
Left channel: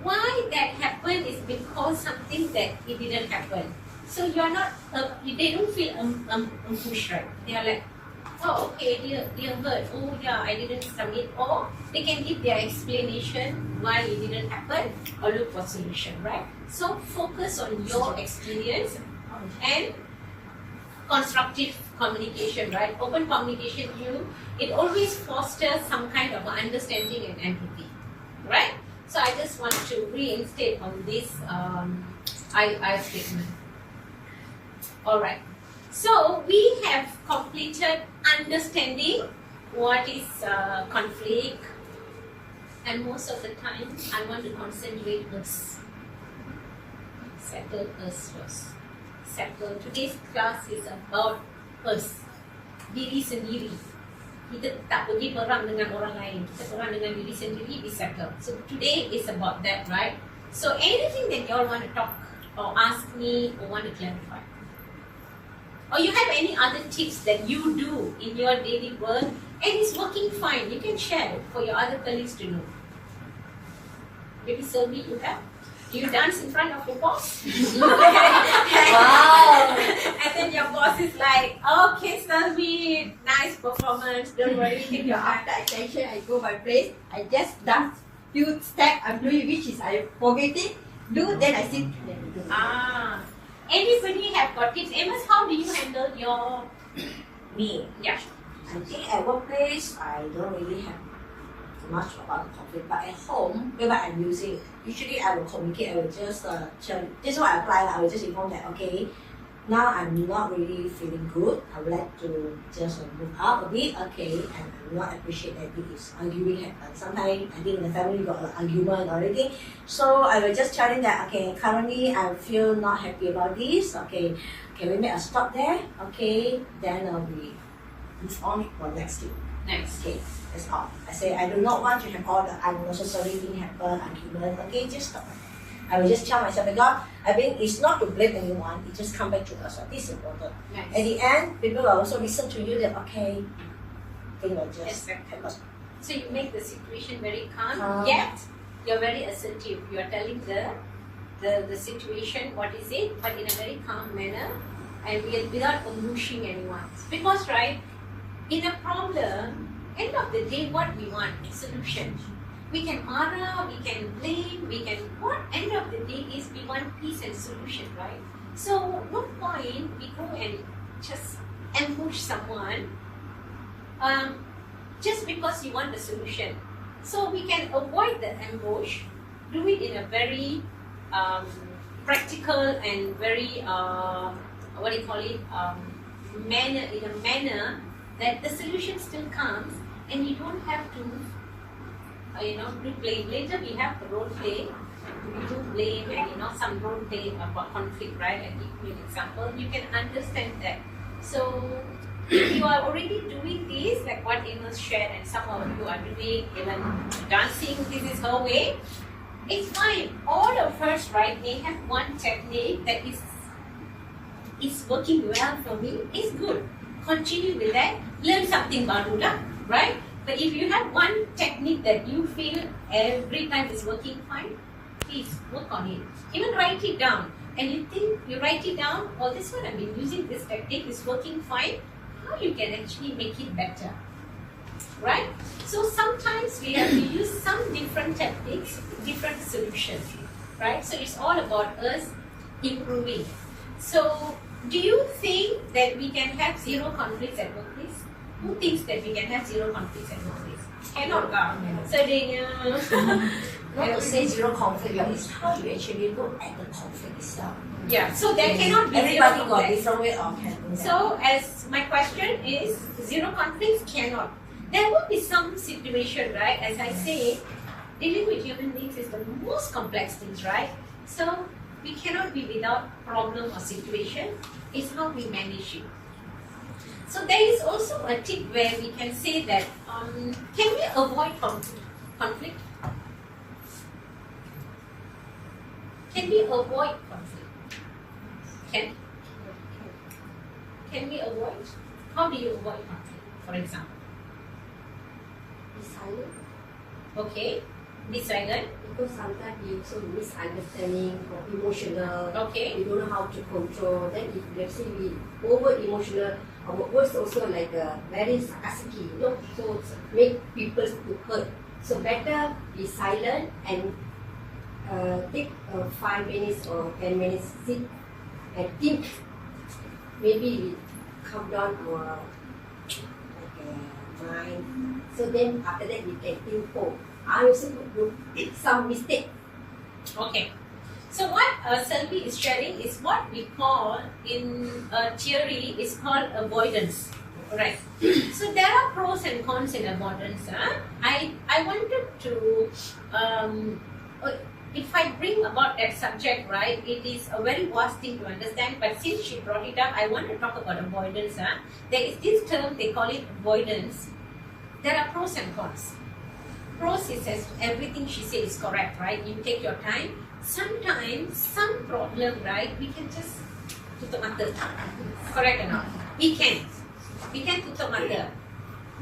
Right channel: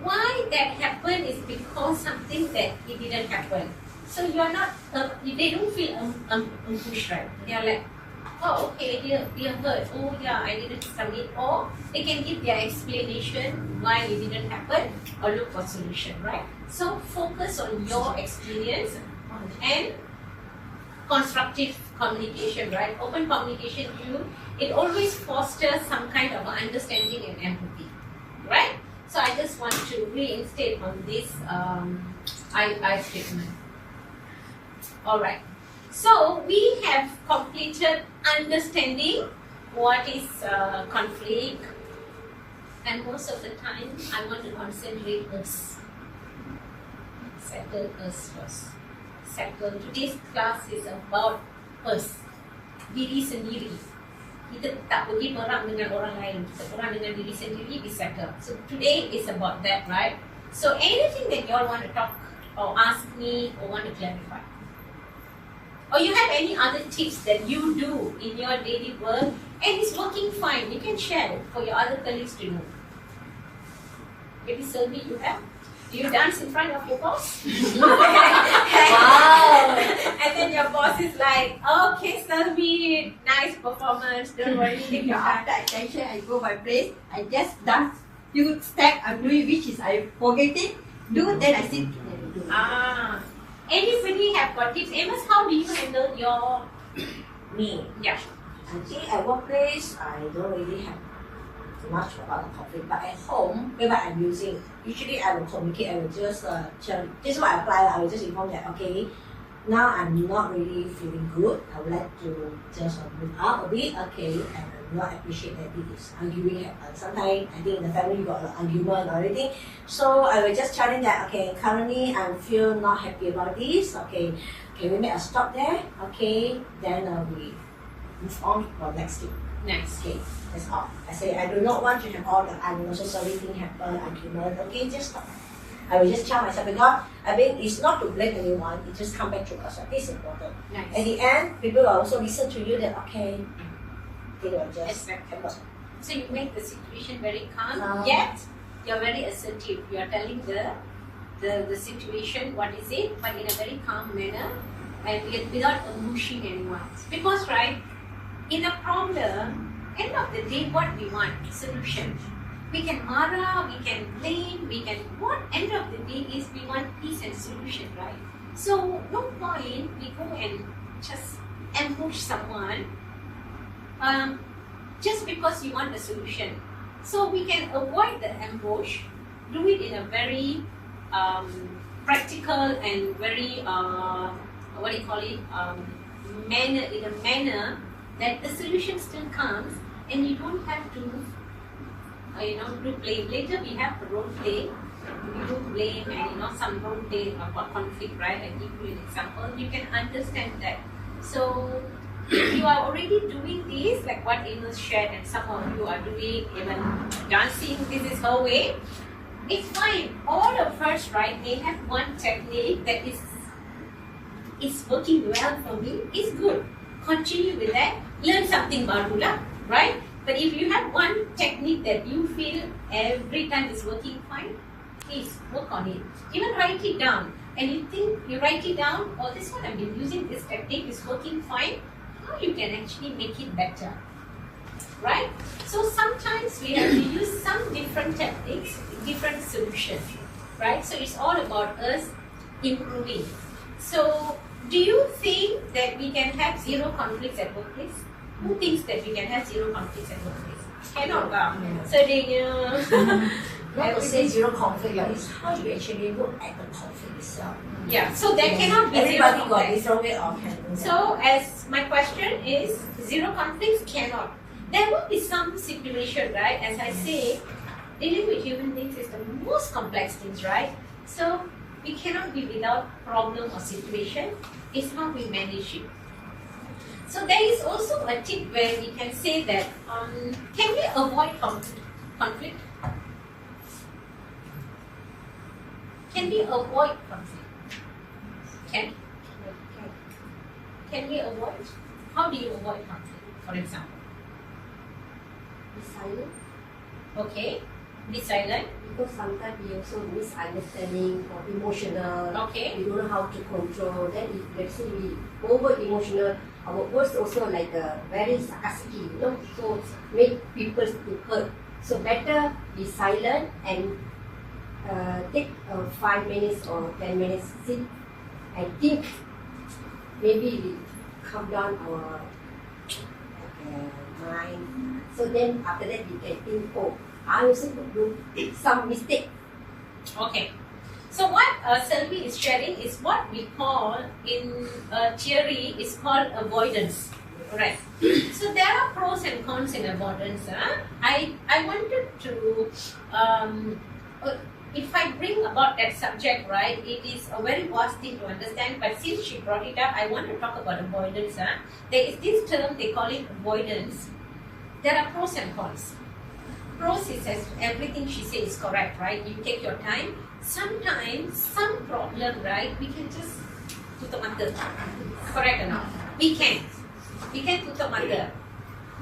Why that happened is because something that it didn't happen. So you are not, they don't feel ambushed, right? They are like, oh, okay, they hurt. Oh, yeah, I didn't submit. Or they can give their explanation why it didn't happen or look for solution, right? So focus on your experience and constructive communication, right? Open communication, it always fosters some kind of understanding and empathy, right? So I just want to reinstate on this I statement. All right. So we have completed understanding what is conflict, and most of the time I want to concentrate us. Settle us first. Settle. Today's class is about us. Diri sendiri. Kita tak pergi perang dengan orang lain. Kita perang dengan diri sendiri, we settle. So today is about that, right? So anything that you all want to talk or ask me or want to clarify, or you have any other tips that you do in your daily work and it's working fine, you can share it for your other colleagues to know. Maybe Sylvie, you have? Do you dance in front of your boss? Wow! And then your boss is like, okay, Sylvie, nice performance, don't worry, take your time. After attention, I go my place, I just dance few steps, I'm doing which is I forget it, then I sit. Anybody have got tips? Amos, how do you handle your... Me? Yeah. I think at workplace, I don't really have much about the conflict, but at home, whenever I'm using, usually I will communicate, I will just tell, this is what I apply, I will just inform that, okay, now I'm not really feeling good, I would like to just move out a bit, okay, and I do not appreciate that this arguing happens. Sometimes I think in the family you got an argument or anything, so I will just tell them that, okay, currently I feel not happy about this, okay, can we make a stop there, okay, then we move on for next thing. Next. Okay, that's all. I say I do not want to have all the unnecessary thing happen, argument. Okay, just stop. I will just tell myself because I think it's not to blame anyone. It just come back to us. This is important. Nice. At the end, people will also listen to you. That okay, they will just happen. So you make the situation very calm. Yet you're very assertive. You are telling the situation what is it, but in a very calm manner and without ambushing anyone. Because right. In a problem, end of the day, what we want? Solution. We can marah, we can blame, what end of the day is we want peace and solution, right? So no point we go and just ambush someone just because you want the solution. So we can avoid the ambush, do it in a very practical and very manner, in a manner that the solution still comes and you don't have to do blame. Later we have the role play. We do blame and some role play about conflict, right? And give you an example, you can understand that. So if you are already doing this, like what Amos shared, and some of you are doing even dancing, this is her way, it's fine. All of us, right, may have one technique that is working well for me, it's good. Continue with that, learn something baru lah, right? But if you have one technique that you feel every time is working fine, please work on it. Even write it down. And you think you write it down, oh, this one I've been using this technique is working fine. How you can actually make it better, right? So sometimes we have to use some different techniques, different solutions, right? So it's all about us improving. So do you think that we can have zero conflicts at workplace? Who thinks that we can have zero conflicts at workplace? Cannot. So they Not to say zero conflict, but it's how you actually look at the conflict itself. Yeah, so there cannot be zero Everybody got conflicts. different way of handling that. So as my question is, zero conflicts cannot. There will be some situation, right? As I say, dealing with human beings is the most complex things, right? So we cannot be without problem or situation. It's how we manage it. So there is also a tip where we can say that, can we avoid conflict? Can we avoid conflict? Can we avoid? How do you avoid conflict, for example? Be silent. Okay, be silent. Because sometimes we also misunderstanding or emotional. Okay. We don't know how to control. Then if let's say we over emotional, our words also like very sarcastic, so make people to hurt. So better be silent and take 5 minutes or 10 minutes, sit and think. Maybe we calm down our mind. So then after that we can think, oh, I also do some mistake. Okay. So what Selvi is sharing is what we call in theory is called avoidance. Right. So there are pros and cons in avoidance. I wanted to if I bring about that subject, right, it is a very vast thing to understand, but since she brought it up, I want to talk about avoidance. There is this term, they call it avoidance. There are pros and cons. Pros is as everything she says is correct, right? You take your time. Sometimes, some problem, right, we can just tutup mata. Correct or not? We can tutup mata.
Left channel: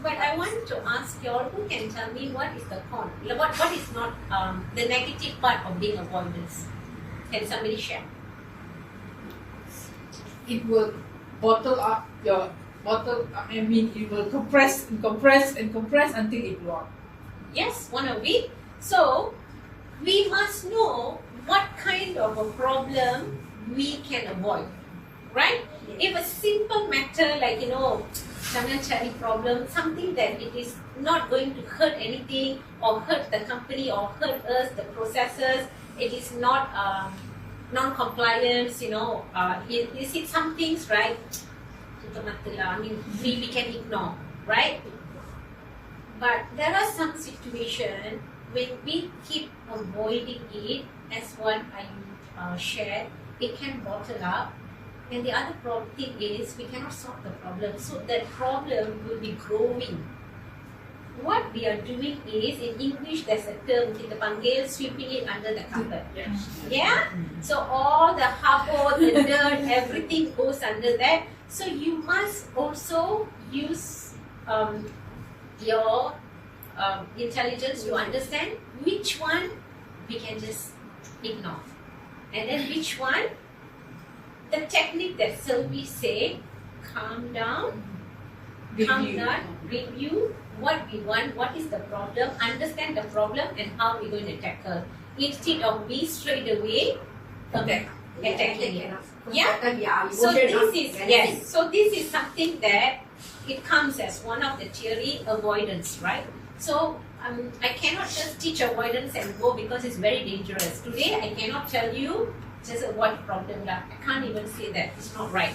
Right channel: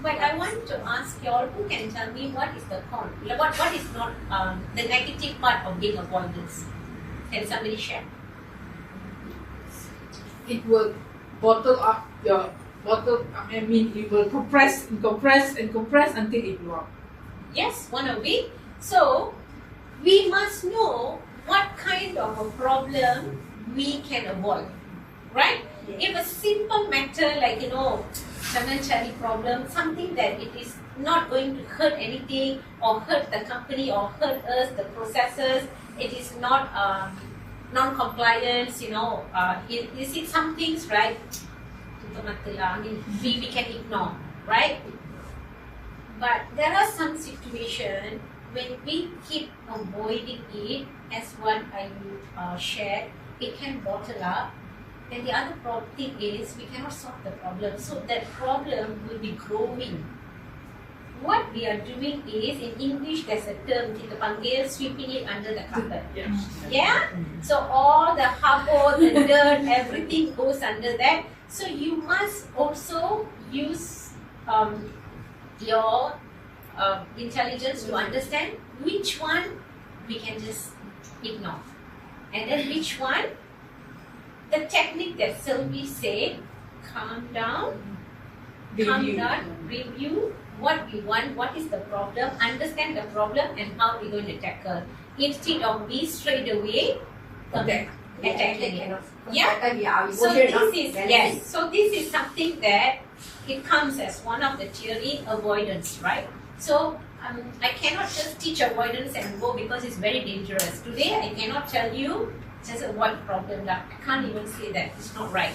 But I want to ask you all, who can tell me what is the con? What is not the negative part of being avoidance? Can somebody share? It will bottle up your it will compress until it blow up. Yes, one of it. So we must know what kind of a problem we can avoid, right? If a simple matter like jangan cari problem, something that it is not going to hurt anything or hurt the company or hurt us, the processes, it is not non-compliance, is it some things, right? I mean, we can ignore, right? But there are some situations when we keep avoiding it, as what I shared, it can bottle up. And the other thing is we cannot solve the problem. So that problem will be growing. What we are doing is, in English there's a term, kita panggil sweeping it under the carpet. Yeah? So all the habor, the dirt, everything goes under that. So you must also use your intelligence to understand which one we can just ignore. And then which one, the technique that Sylvie said, calm down, review what we want, what is the problem, understand the problem and how we're going to tackle. Instead of we straight away attacking it. Yeah. So this is something that it comes as one of the theory, avoidance, right? So I cannot just teach avoidance and go because it's very dangerous. Today, I cannot tell you just avoid problem. I can't even say that. It's not right.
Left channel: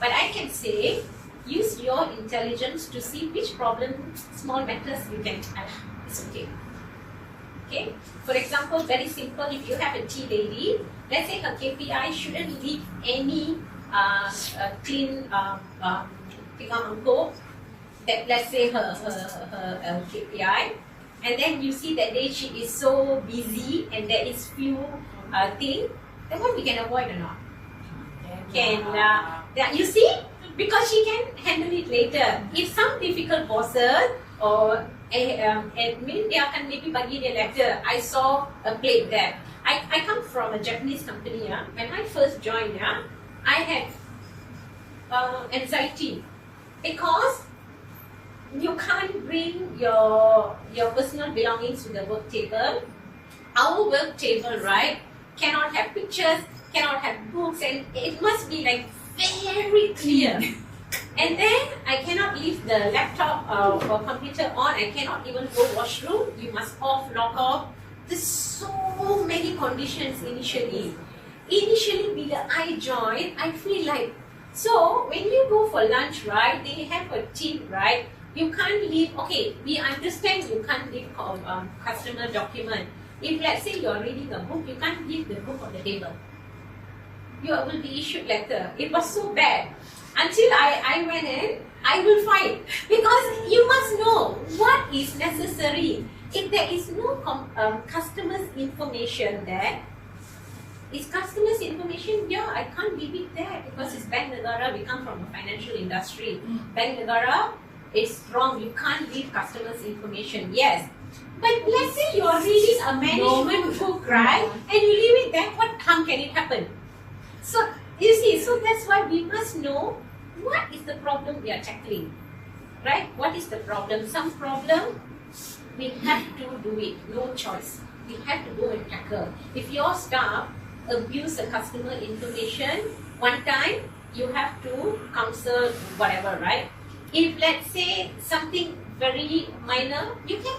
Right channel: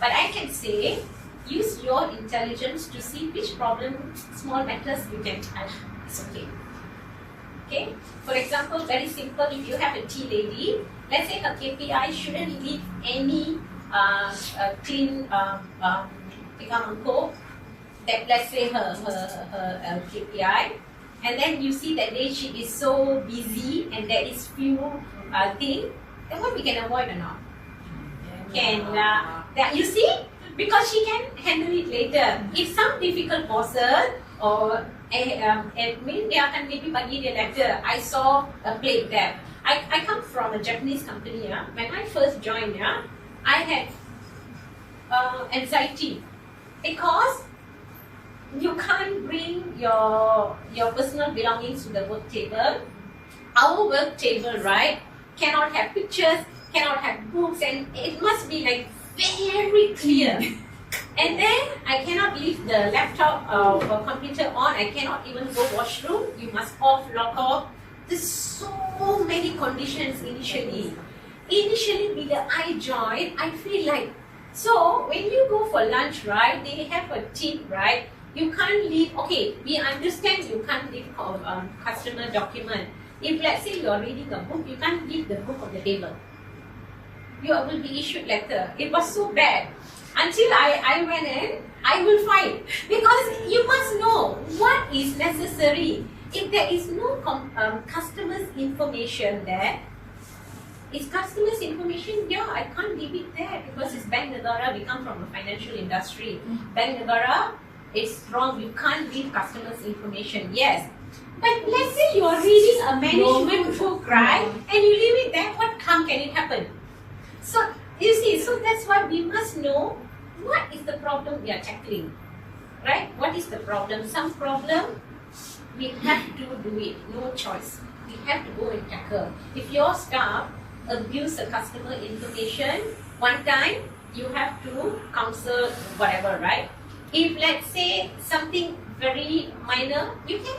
But I can say, use your intelligence to see which problem, small matters you can. It's okay. Okay. For example, very simple. If you have a tea lady, let's say her KPI shouldn't leave any clean pigamangkok. That let's say her KPI, and then you see that day she is so busy and there is few things. Then what we can avoid or not? Can you see, because she can handle it later. If some difficult bosses or admin, they akan maybe bagi dia letter. I saw a plate there. I come from a Japanese company. When I first joined, I had anxiety because you can't bring your personal belongings to the work table. Our work table, right, cannot have pictures, cannot have books, and it must be like very clear. And then I cannot leave the laptop or computer on. I cannot even go washroom. You must log off. There's so many conditions initially. Initially, bila I joined, I feel like, so when you go for lunch, right, they have a tip, right? You can't leave, okay, we understand you can't leave customer document. If let's say you're reading a book, you can't leave the book on the table. You will be issued letter. It was so bad. Until I went in, I will fight. Because you must know what is necessary. If there is no customer's information there, is customer's information, yeah, I can't leave it there because it's Bank Negara, we come from a financial industry. Bank Negara, it's wrong, you can't leave customers' information. Yes. But let's say you're reading a management book, right? And you leave it there, what harm can it happen? So, you see, so that's why we must know what is the problem we are tackling. Right? What is the problem? Some problem, we have to do it, no choice. We have to go and tackle. If your staff abuse the customer information, one time, you have to counsel whatever, right? If let's say something very minor, you can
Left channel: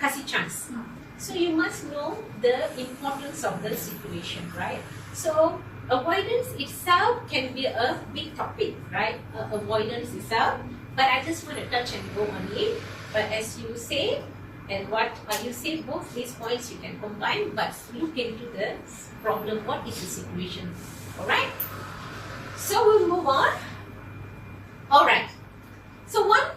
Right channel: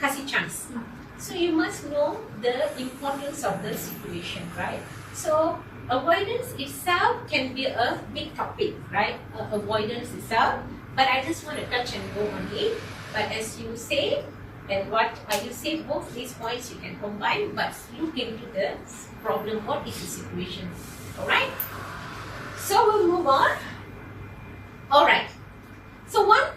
kasih chance. So you must know the importance of the situation, right? So avoidance itself can be a big topic, right? Avoidance itself, but I just want to touch and go on it. But as you say, and what you say, both these points you can combine, but look into the problem. What is the situation? All right. So we'll move on. Alright, so one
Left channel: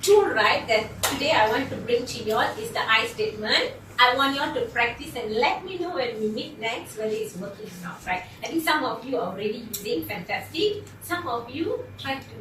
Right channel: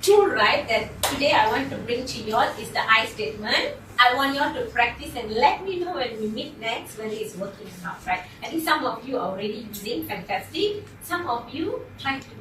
tool, right, that today I want to bring to you all is the I statement. I want you all to practice and let me know when we meet next whether it's working or not, right? I think some of you are already using, fantastic. Some of you try to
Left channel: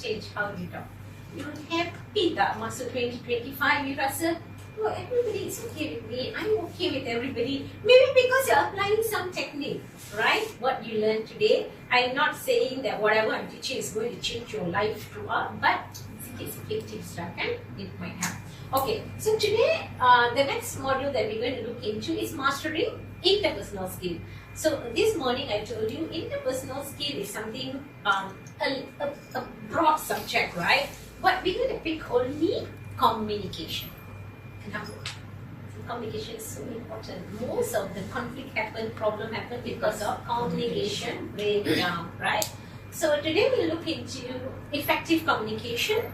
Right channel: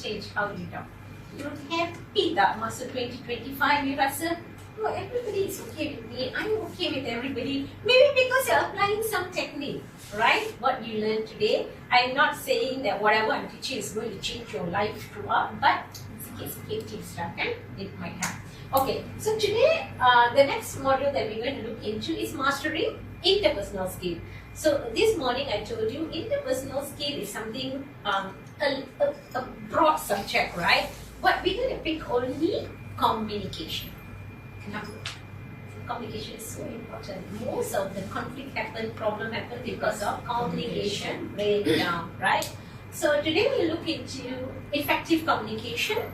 change how you talk. You happy tak masuk 2025, you rasa, oh, everybody is okay with me, I'm okay with everybody. Maybe because you're applying some technique, right? What you learned today. I'm not saying that whatever I'm teaching is going to change your life throughout, but sikit-sikit tips, right? It might happen. Okay, so today, the next module that we're going to look into is mastering interpersonal skill. So this morning I told you interpersonal skill is something, a broad subject, right? But we're going to pick only communication. Communication is so important. Most of the conflict problem happen because of communication breakdown, right? So today we'll look into effective communication.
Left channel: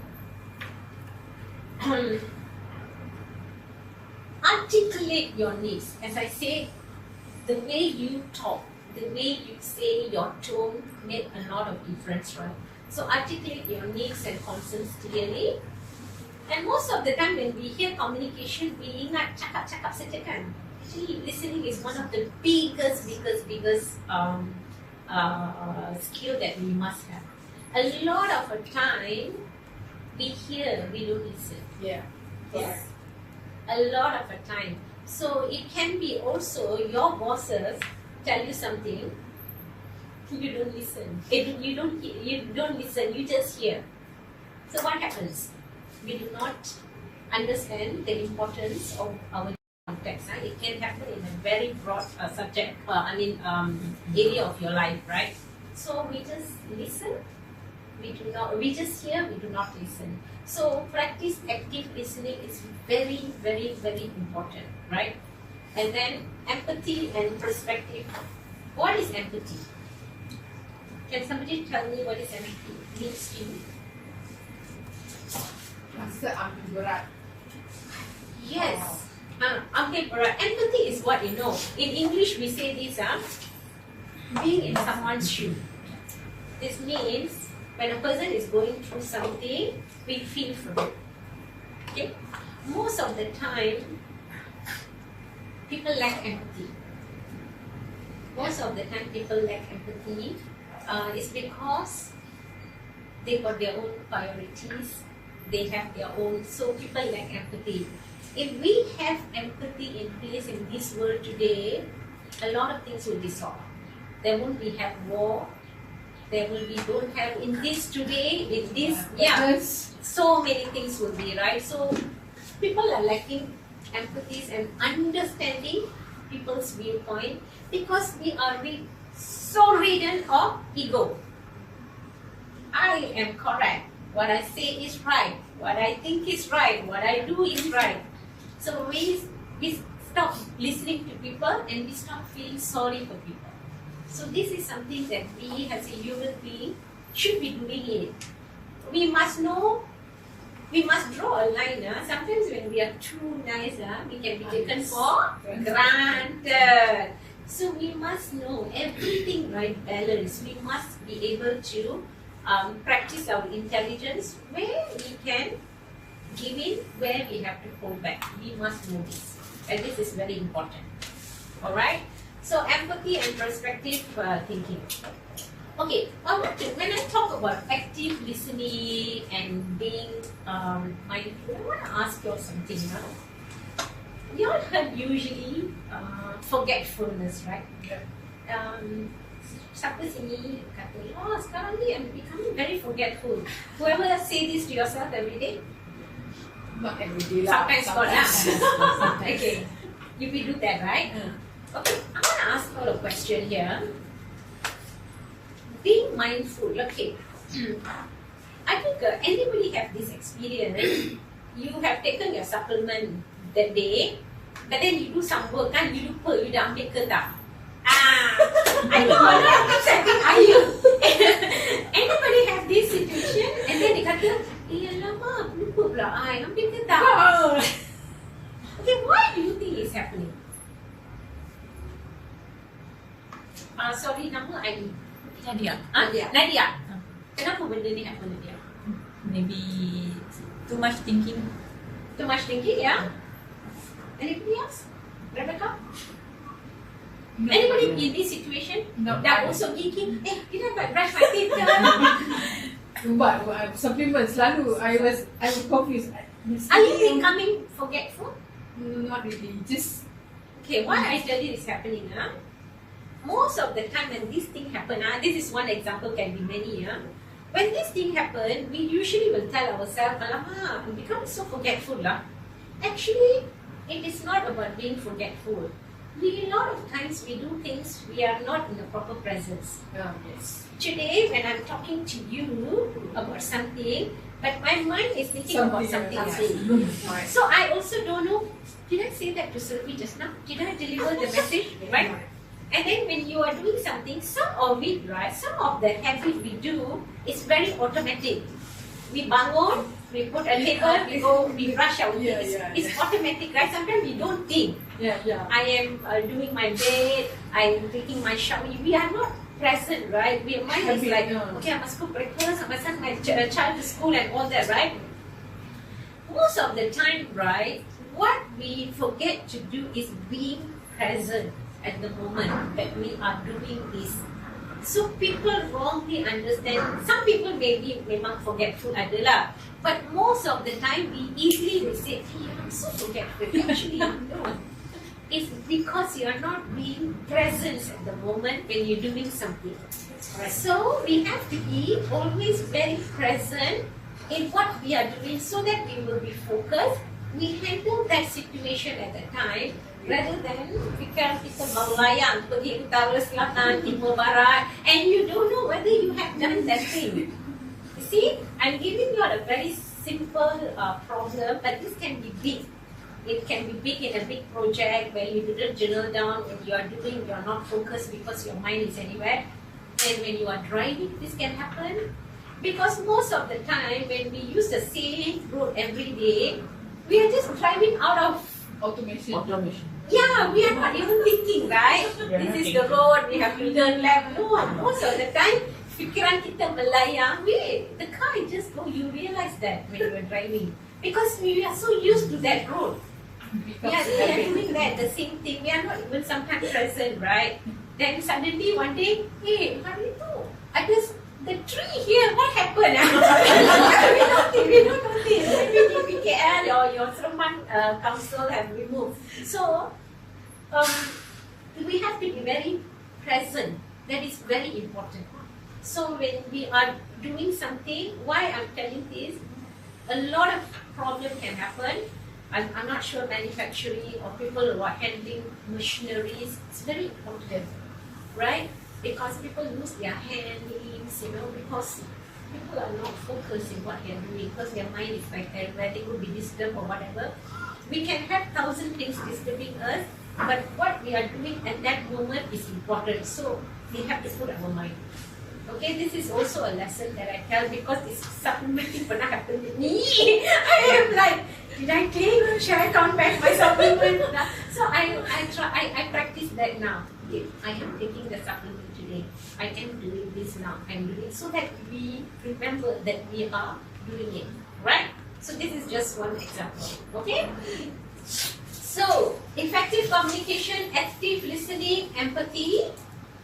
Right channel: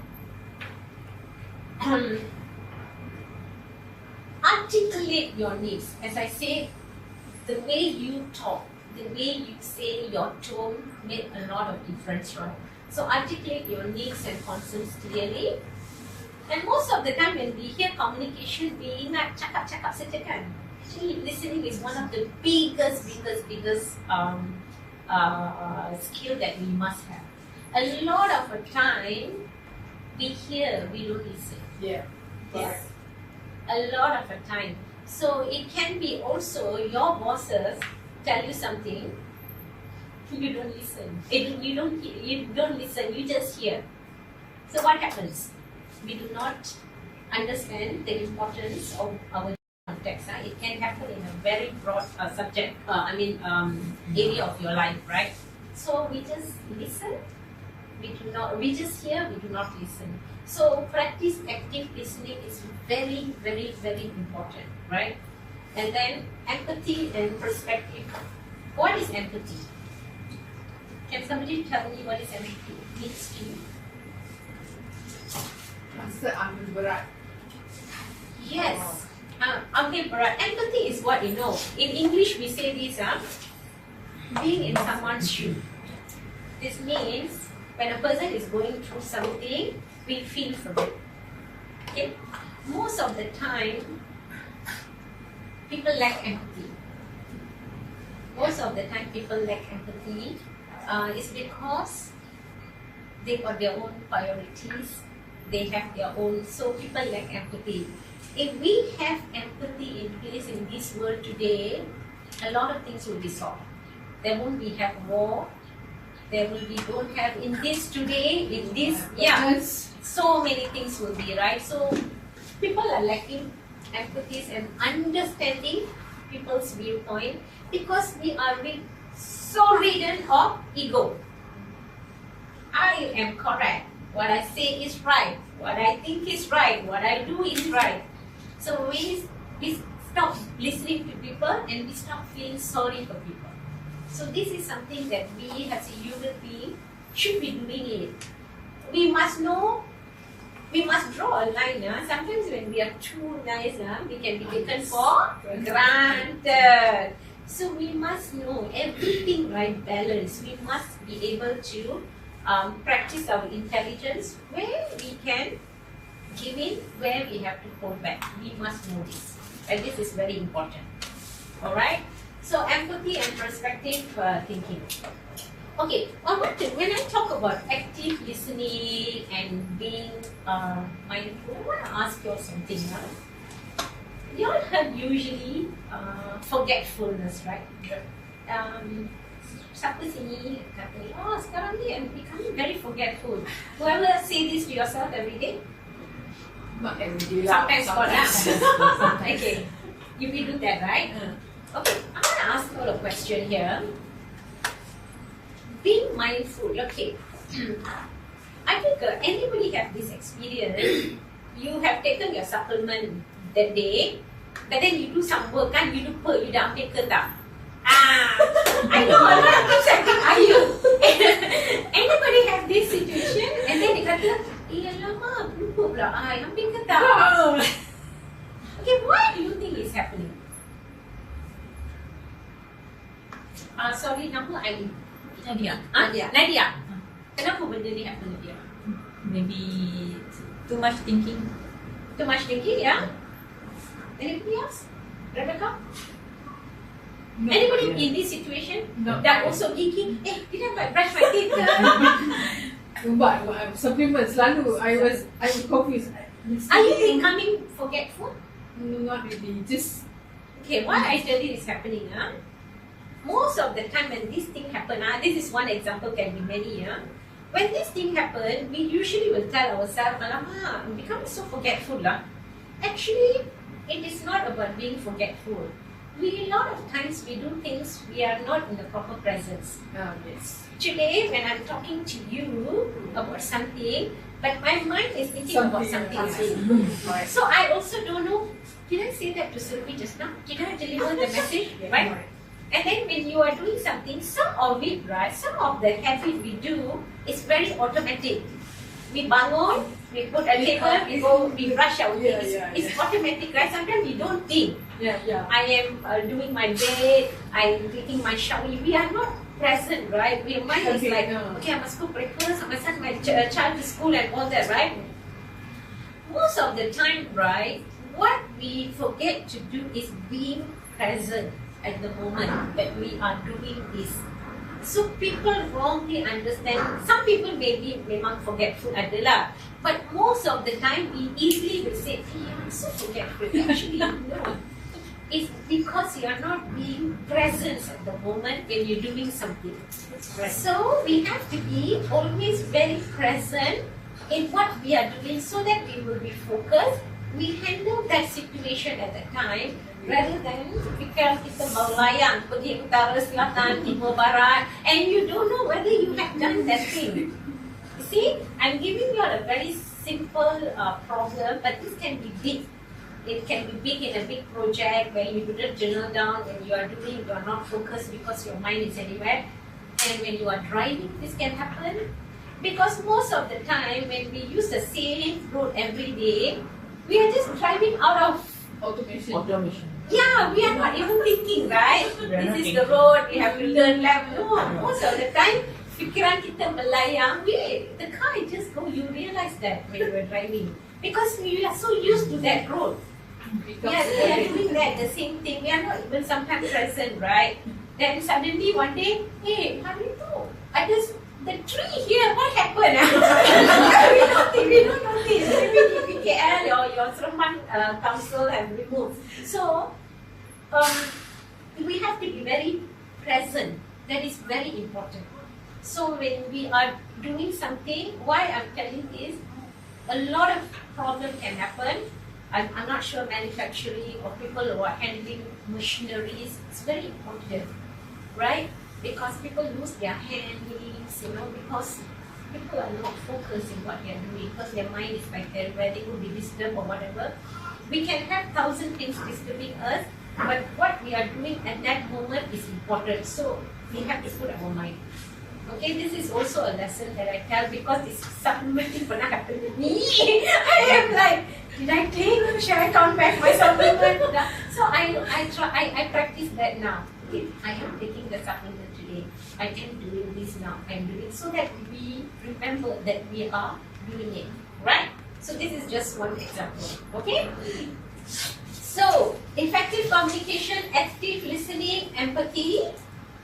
Articulate your needs. As I say, the way you talk, the way you say your tone make a lot of difference, right? So articulate your needs and concerns clearly. And most of the time when we hear communication, we ingat cakap-cakap saja kan. Actually, listening is one of the biggest skill that we must have. A lot of the time, we hear, we don't listen. Yeah. Yes. A lot of the time. So it can be also your bosses tell you something, you don't listen. You don't listen, you just hear. So what happens? We do not understand the importance of our context. It can happen in a very broad area of your life, right? So we just listen, we just hear, we do not listen. So practice active listening is very, very, very important, right? And then empathy and perspective. What is empathy? Can somebody tell me what is empathy means to you? Rasa ambil berat. Yes. Ambil berat. Empathy is what you know. In English, we say this, being in someone's shoe. This means when a person is going through something, we feel for them. Okay? Most of the time, people lack empathy. Most of the time, people lack empathy. It's because they got their own priorities. They have their own, so people lack empathy. If we have empathy in place in this world today, a lot of things will be solved. There won't be have war. There will be don't have in this today with this so many things will be right. So people are lacking empathy and understanding people's viewpoint because we are so ridden of ego. I am correct. What I say is right. What I think is right. What I do is right. So we stop listening to people and we stop feeling sorry for people. So this is something that we as a human being should be doing it. We must know, we must draw a line. Sometimes when we are too nice, we can be taken for granted. So we must know everything right balance. We must be able to practice our intelligence where we can give in, where we have to hold back. We must know this. And this is very important. Alright? So empathy and perspective thinking. Okay, when I talk about active listening and being mindful, I want to ask you all something. You all have usually forgetfulness, right? Siapa sini kata, oh sekarang ni I'm becoming very forgetful. Whoever say this to yourself every day? Not every day lah. Sometimes. Okay, you will do that, right? Okay, I want to ask you a question here. Being mindful, okay. I think anybody have this experience. You have taken your supplement that day, but then you do some work, kan? You lupa, you dah ambil ke tak? I know a lot of times I think, are you? Anybody have this situation? And then dia kata, alamak, lupa pula, ambil ke tak? Okay, why do you think it's happening? Sorry, nama I. Nadia. Nadia. Kenapa benda ni happen Nadia? Maybe too much thinking. Too much thinking, yeah? Anybody else? Rebecca? No. Anybody in this situation that also thinking, did I brush my teeth? But supplement selalu I was confused. Are you becoming forgetful? No, not really. Just okay. Why I tell you this happening? Most of the time when this thing happen, this is one example, can be many. When this thing happen, we usually will tell ourselves, "Alamak, I'm becoming so forgetful lah." Actually, it is not about being forgetful. A lot of times we do things we are not in the proper presence. yes. Today, when I'm talking to you about something, but my mind is thinking about something else. So I also don't know, did I say that to Sylvie just now? Did I deliver the message? Right? And then when you are doing something, some of it, right, some of the habit we do is very automatic. We bangun, we put a table, we brush our teeth. It's automatic, right? Sometimes we don't think. I am doing my bed, I'm taking my shower. We are not present, right? We mind is like, okay, I must cook breakfast, I must send my child to school and all that, right? Most of the time, right, what we forget to do is being present at the moment that we are doing this. So people wrongly understand. Some people maybe memang forgetful adalah, but most of the time we easily will say, I'm so forgetful. Actually, no. It's because you are not being present at the moment when you're doing something. So we have to be always very present in what we are doing so that we will be focused. We handle that situation at the time rather than kita melayang pergi utara, selatan, timur, barat, and you don't know whether you have done that thing. See, I'm giving you a very simple problem, but this can be big. It can be big in a big project where you didn't journal down, when you are doing, you are not focused because your mind is anywhere. And when you are driving, this can happen. Because most of the time, when we use the same road every day, we are just driving out of Automation. yeah, we are not even thinking, right? This is the road, we have to turn left. No, most of the time, fikiran kita melayang, the car just go, you realize that when you are driving. Because we are so used to that road. Yes, we are doing that, the same thing. We are not even sometimes present, right? Then suddenly one day, hey, hari tu, the tree here, what happened? we don't notice. Maybe PKL or your Seremban council have removed. So, we have to be very present. That is very important. So when we are doing something, why I'm telling this, a lot of problem can happen. I'm not sure manufacturing or people who are handling machineries, it's very important, right? Because people lose their handlings, because people are not focused in what they're doing, because their mind is like where they will be disturbed or whatever. We can have 1,000 things disturbing us, but what we are doing at that moment is important. So we have to put our mind. Okay, this is also a lesson that I tell because it's supplementing pernah happen with me. I am like, did I take? Shall I count back my supplement? So I practice that now. Okay, I am taking the supplement today. I am doing this now. I'm doing so that we remember that we are doing it, right? So this is just one example. Okay. So effective communication, active listening, empathy.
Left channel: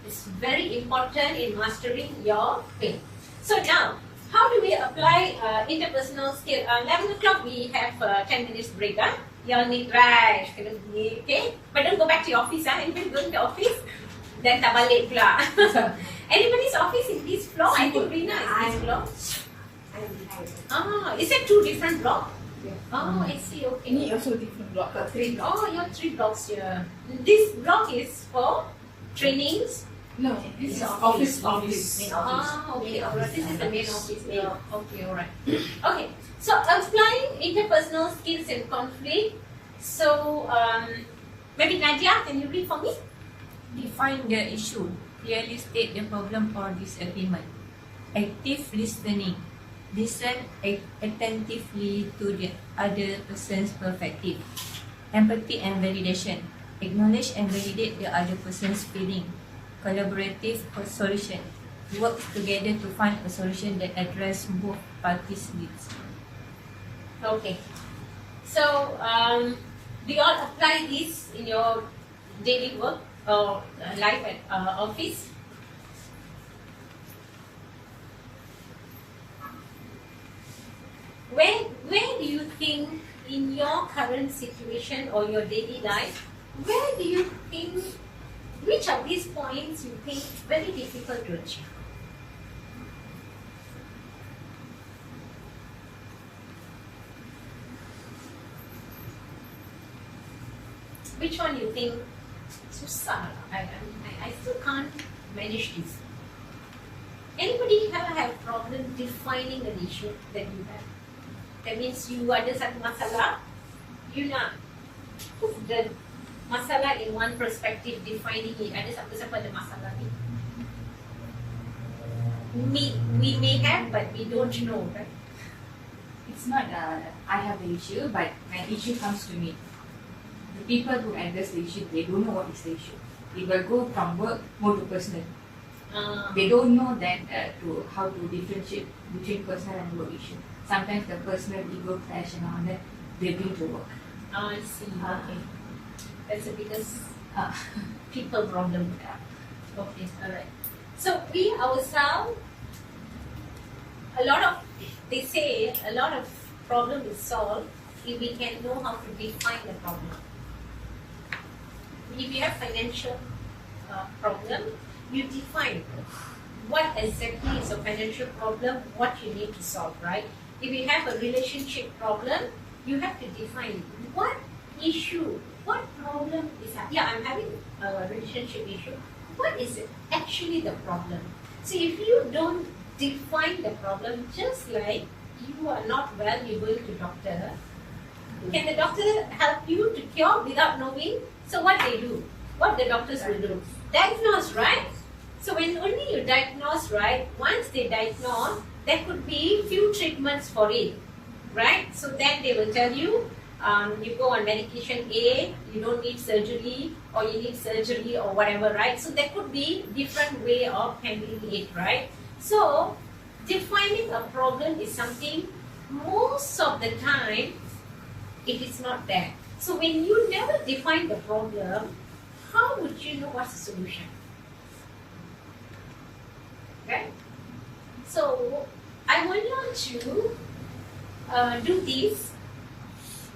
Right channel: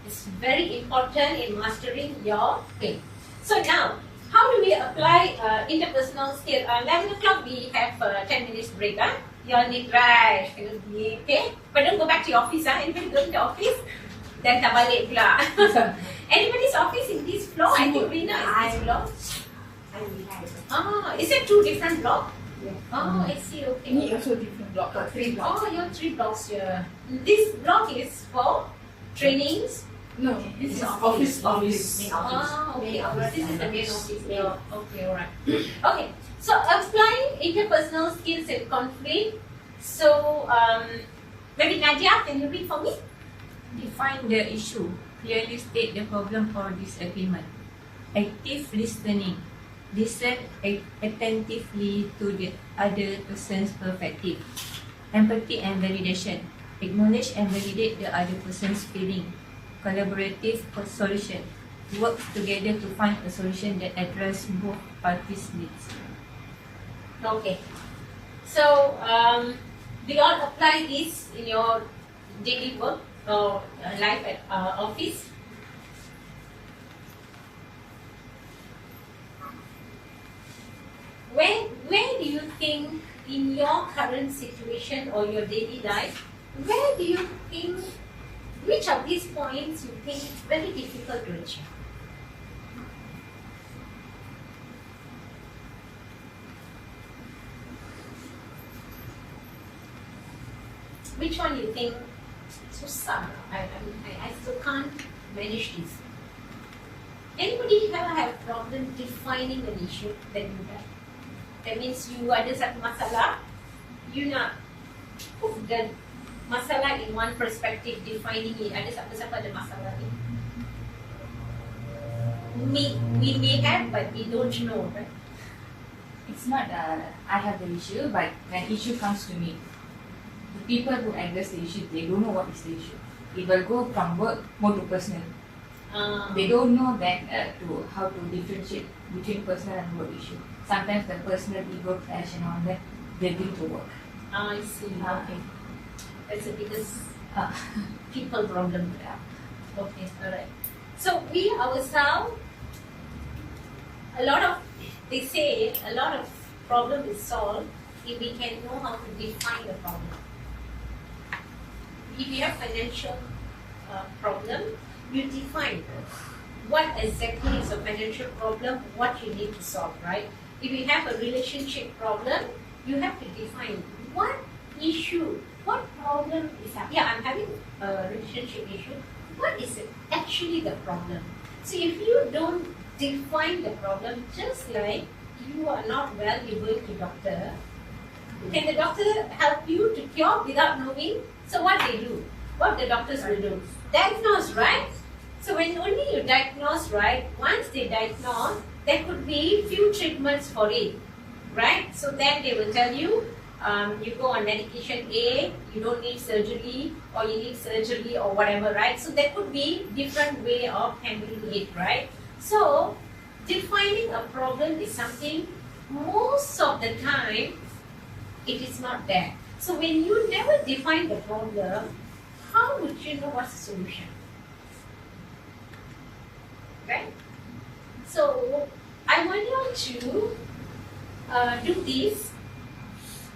It's very important in mastering your thing. So now, how do we apply interpersonal skill? 11 o'clock we have 10 minutes break. You all need right. Okay? But don't go back to your office. Anybody going to the office? Then tak balik pula. Anybody's office in this floor? I think Rina is this floor. Is it 2 different blocks? Yeah. I see. Okay. Ini also different block. 3 blocks. You have 3 blocks here. This block is for trainings. No, this is office. Okay, alright. This is the main office. Okay, alright. Okay, so applying interpersonal skills and conflict. So, maybe Nadia, can you read for me? Define the issue. Clearly state the problem or disagreement. Active listening. Listen attentively to the other person's perspective. Empathy and validation. Acknowledge and validate the other person's feeling. Collaborative solution. Work together to find a solution that addresses both parties' needs. Okay. So, do you all apply this in your daily work or life at office? Where do you think in your current situation or your daily life, where do you think, which of these points you think is very difficult to achieve? Which one you think susah? I still can't manage this. Anybody here have problem defining an issue that you have? That means you ada satu masalah, you nak put the masalah in one perspective, defining it. Ada siapa-siapa ada masalah ni. We may have, but we don't know, right? It's not I have the issue, but when issue comes to me, the people who address the issue, they don't know what is the issue. It will go from work more to personal. They don't know then to how to differentiate between personal and work issue. Sometimes the personal ego clash and all that, they bring to work. I see. Okay. That's the biggest people problem. Okay, alright. So we ourselves, they say a lot of problem is solved if we can know how to define the problem. If you have financial problem, you define what exactly is a financial problem, what you need to solve, right? If you have a relationship problem, you have to define what issue, what problem is that? Yeah, I'm having a relationship issue. What is it actually the problem? So if you don't define the problem. Just like you are not well, you go to doctor. Can the doctor help you to cure without knowing? So what they do? What the doctors will do? Diagnose, right? So when only you diagnose, right? Once they diagnose, there could be few treatments for it, right? So then they will tell you, you go on medication A, you don't need surgery, or you need surgery or whatever, right? So there could be different way of handling it, right? So defining a problem is something most of the time it is not there. So when you never define the problem, how would you know what's the solution? Right? So I want you to do this.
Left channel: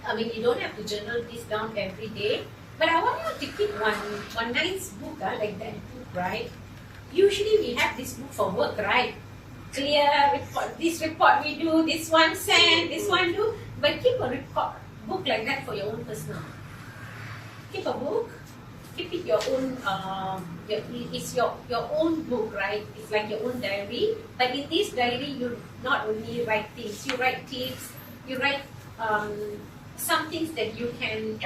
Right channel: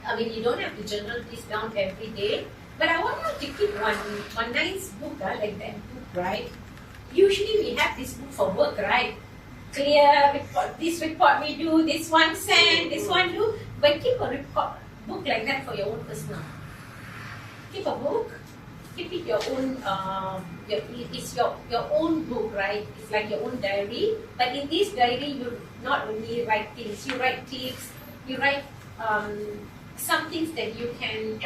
I mean, you don't have to journal this down every day, but I want you to keep one nice book, like that book, right? Usually we have this book for work, right? Clear report, this report we do, this one send, this one do, but keep a book like that for your own personal. Keep a book, keep it your own, it's your own book, right? It's like your own diary, but in this diary you not only write things, you write tips, you write some things that you can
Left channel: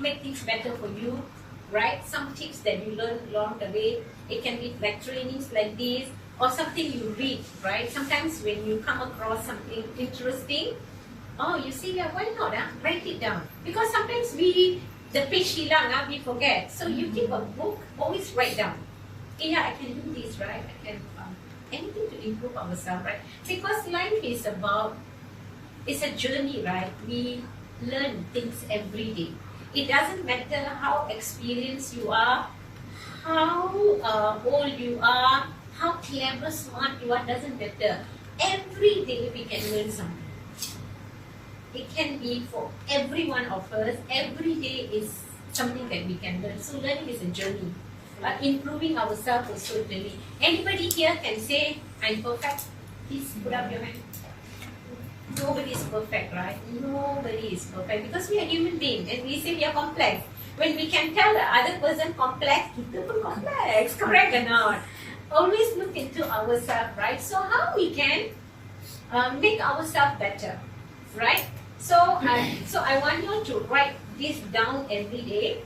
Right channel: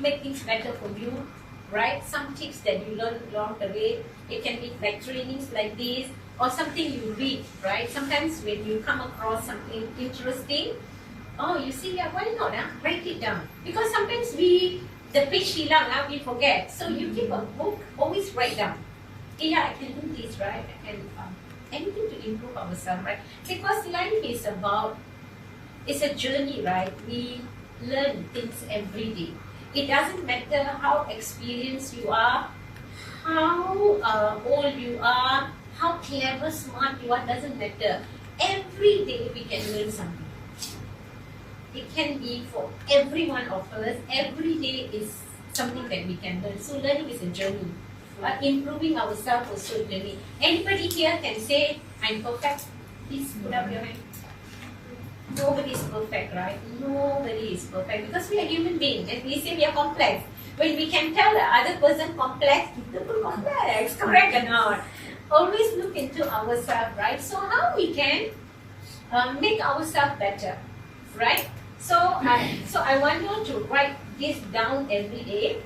make things better for you, right? Some tips that you learn along the way. It can be like trainings like this, or something you read, right? Sometimes when you come across something interesting, oh, you see that, why not? Write it down. Because sometimes the page hilang, we forget. So you keep a book, always write down. Yeah, I can do this, right? And anything to improve ourselves, right? Because life is about, it's a journey, right? We learn things every day. It doesn't matter how experienced you are, how old you are, how clever, smart you are, doesn't matter. Every day we can learn something. It can be for every one of us. Every day is something that we can learn. So learning is a journey. Improving ourselves also a journey. Anybody here can say, I'm perfect? Please put up your hand. Nobody is perfect, right? Nobody is perfect because we are human beings and we say we are complex. When we can tell the other person complex, people complex, correct or not? Always look into ourselves, right? So how we can make ourselves better, right? So I want you to write this down every day,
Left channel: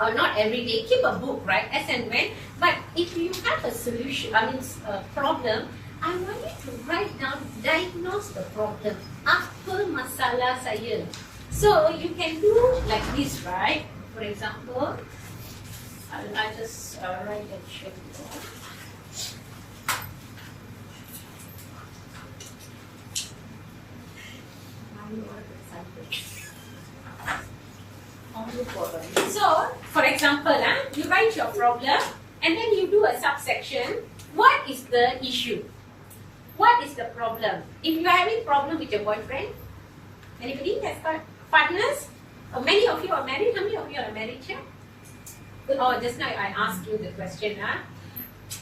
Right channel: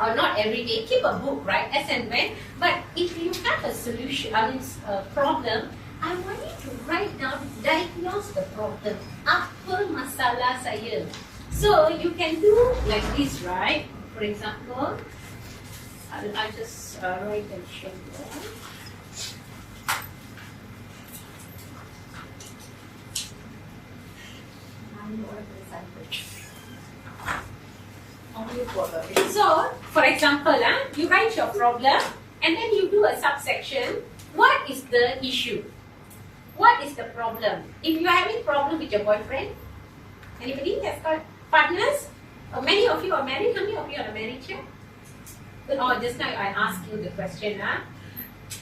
or not every day. Keep a book, right? As and when. But if you have a solution, a problem, I want you to write down, diagnose the problem. Apa masalah saya? So you can do like this, right? For example, I just write and show you. So, for example, you write your problem and then you do a subsection. What is the issue? What is the problem? If you are having problem with your boyfriend, anybody has got partners? Or many of you are married? How many of you are married here? Oh, just now I asked you the question.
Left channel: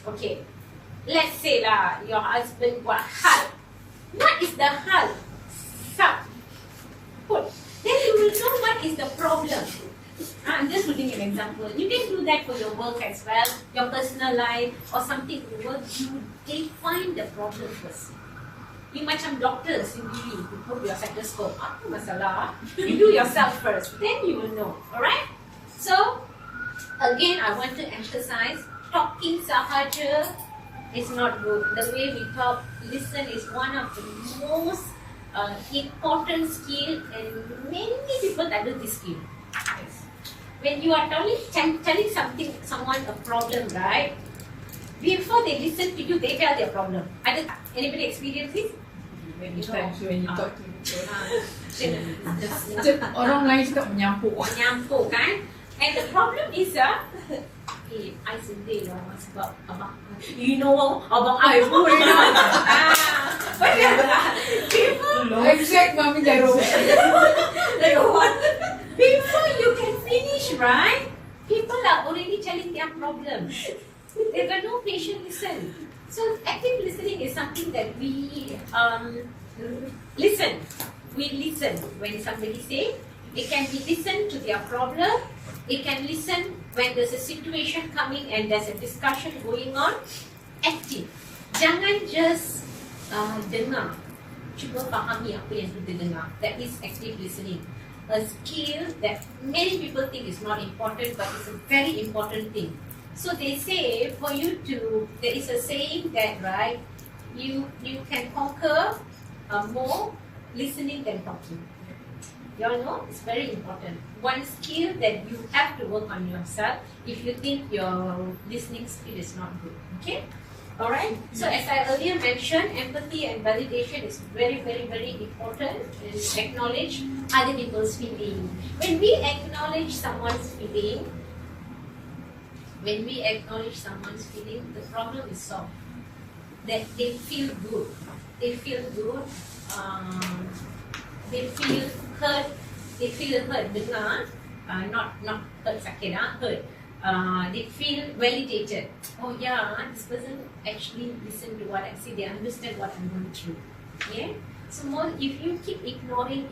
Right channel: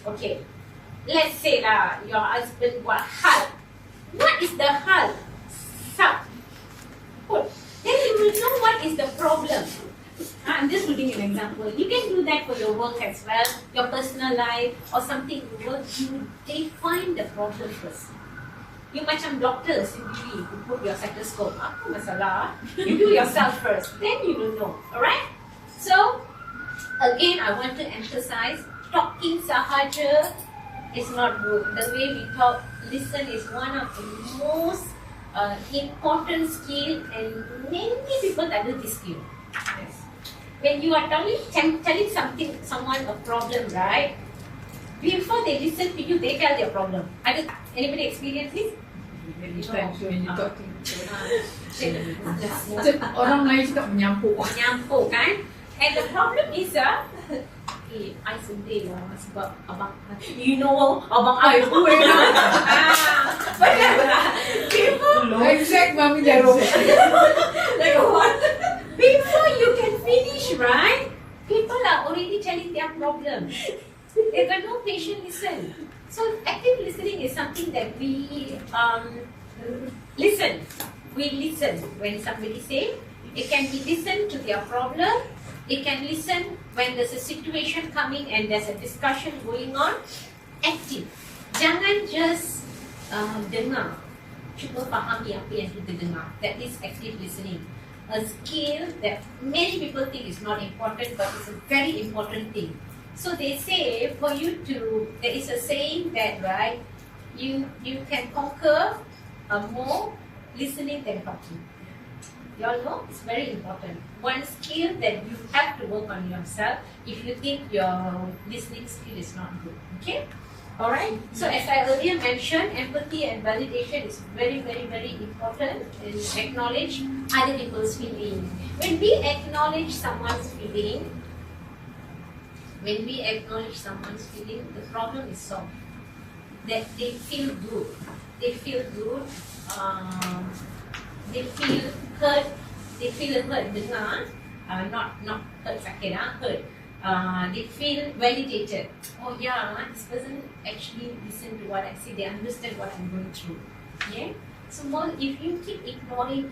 Okay. Let's say your husband got hal. What is the hal? Then you will know what is the problem. I'm just giving an example. You can do that for your work as well, your personal life, or something you work. You define the problem first. You macam doctor sendiri, you put your stethoscope. Apa masalah? You do yourself first, then you will know. Alright? So, again, I want to emphasize, talking sahaja is not good. The way we talk, listen is one of the most important skill, and many people that do this skill. Yes. When you are telling someone a problem, right? Before they listen to you, they tell their problem. Anybody experience this? Many times when you talk to orang lain cakap menyampuk. Menyampuk kan? And the problem is I sedih lah sebab abang, you know, abang I pun exact mami jarum. Before you can finish, right? People are already telling their problem. They got no patient listen. So active listening is something that we listen. We listen when somebody say. It can be listen to their problem. It can listen when there's a situation coming and there's a discussion going on. Active. Jangan just dengar, cuba fahami apa yang kita dengar. That is active listening. A skill that many people think is not important, but it's a very important thing. So they say for you to, there is a saying that, right, you can conquer more listening than talking. You all know it's very important. One skill that you have to work on yourself if you think your listening skill is not good. Okay? Alright? So as I earlier mentioned, empathy and validation is very, very, very important. Is acknowledge other people's feeling. When we acknowledge someone's feeling, the problem is solved. That they feel good. They feel good. They feel hurt. They feel hurt. Dengar, not hurt sakit, hurt. They feel validated. Oh yeah, this person actually listened to what I say. They understand what I'm going through. Yeah. So more, if you keep ignoring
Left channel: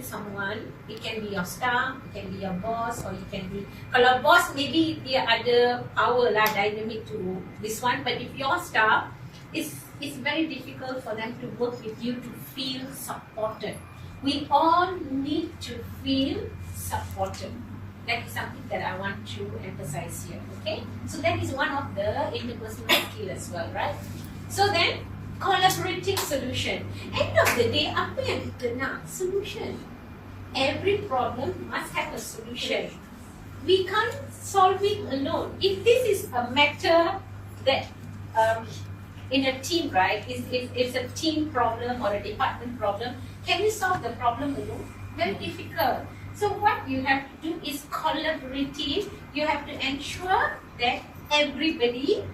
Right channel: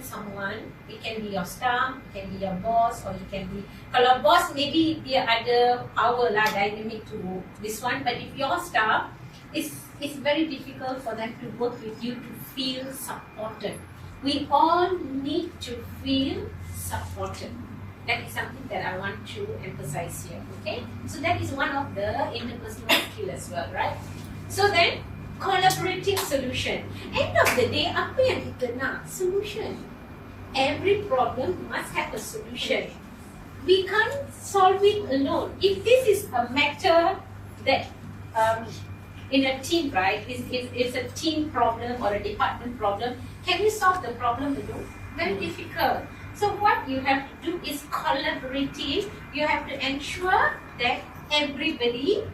someone, it can be your staff, it can be your boss, or it can be, kalau boss maybe dia ada power lah, dynamic to this one. But if your staff, it's very difficult for them to work with you to feel supported. We all need to feel supported. That is something that I want to emphasize here. Okay, so that is one of the interpersonal skill as well, right? So then, collaborating solution. End of the day, apa yang kita nak? Solution. Every problem must have a solution. We can't solve it alone. If this is a matter that in a team, right? It's a team problem or a department problem. Can you solve the problem alone? Very difficult. So what you have to do is collaborative. You have to ensure that everybody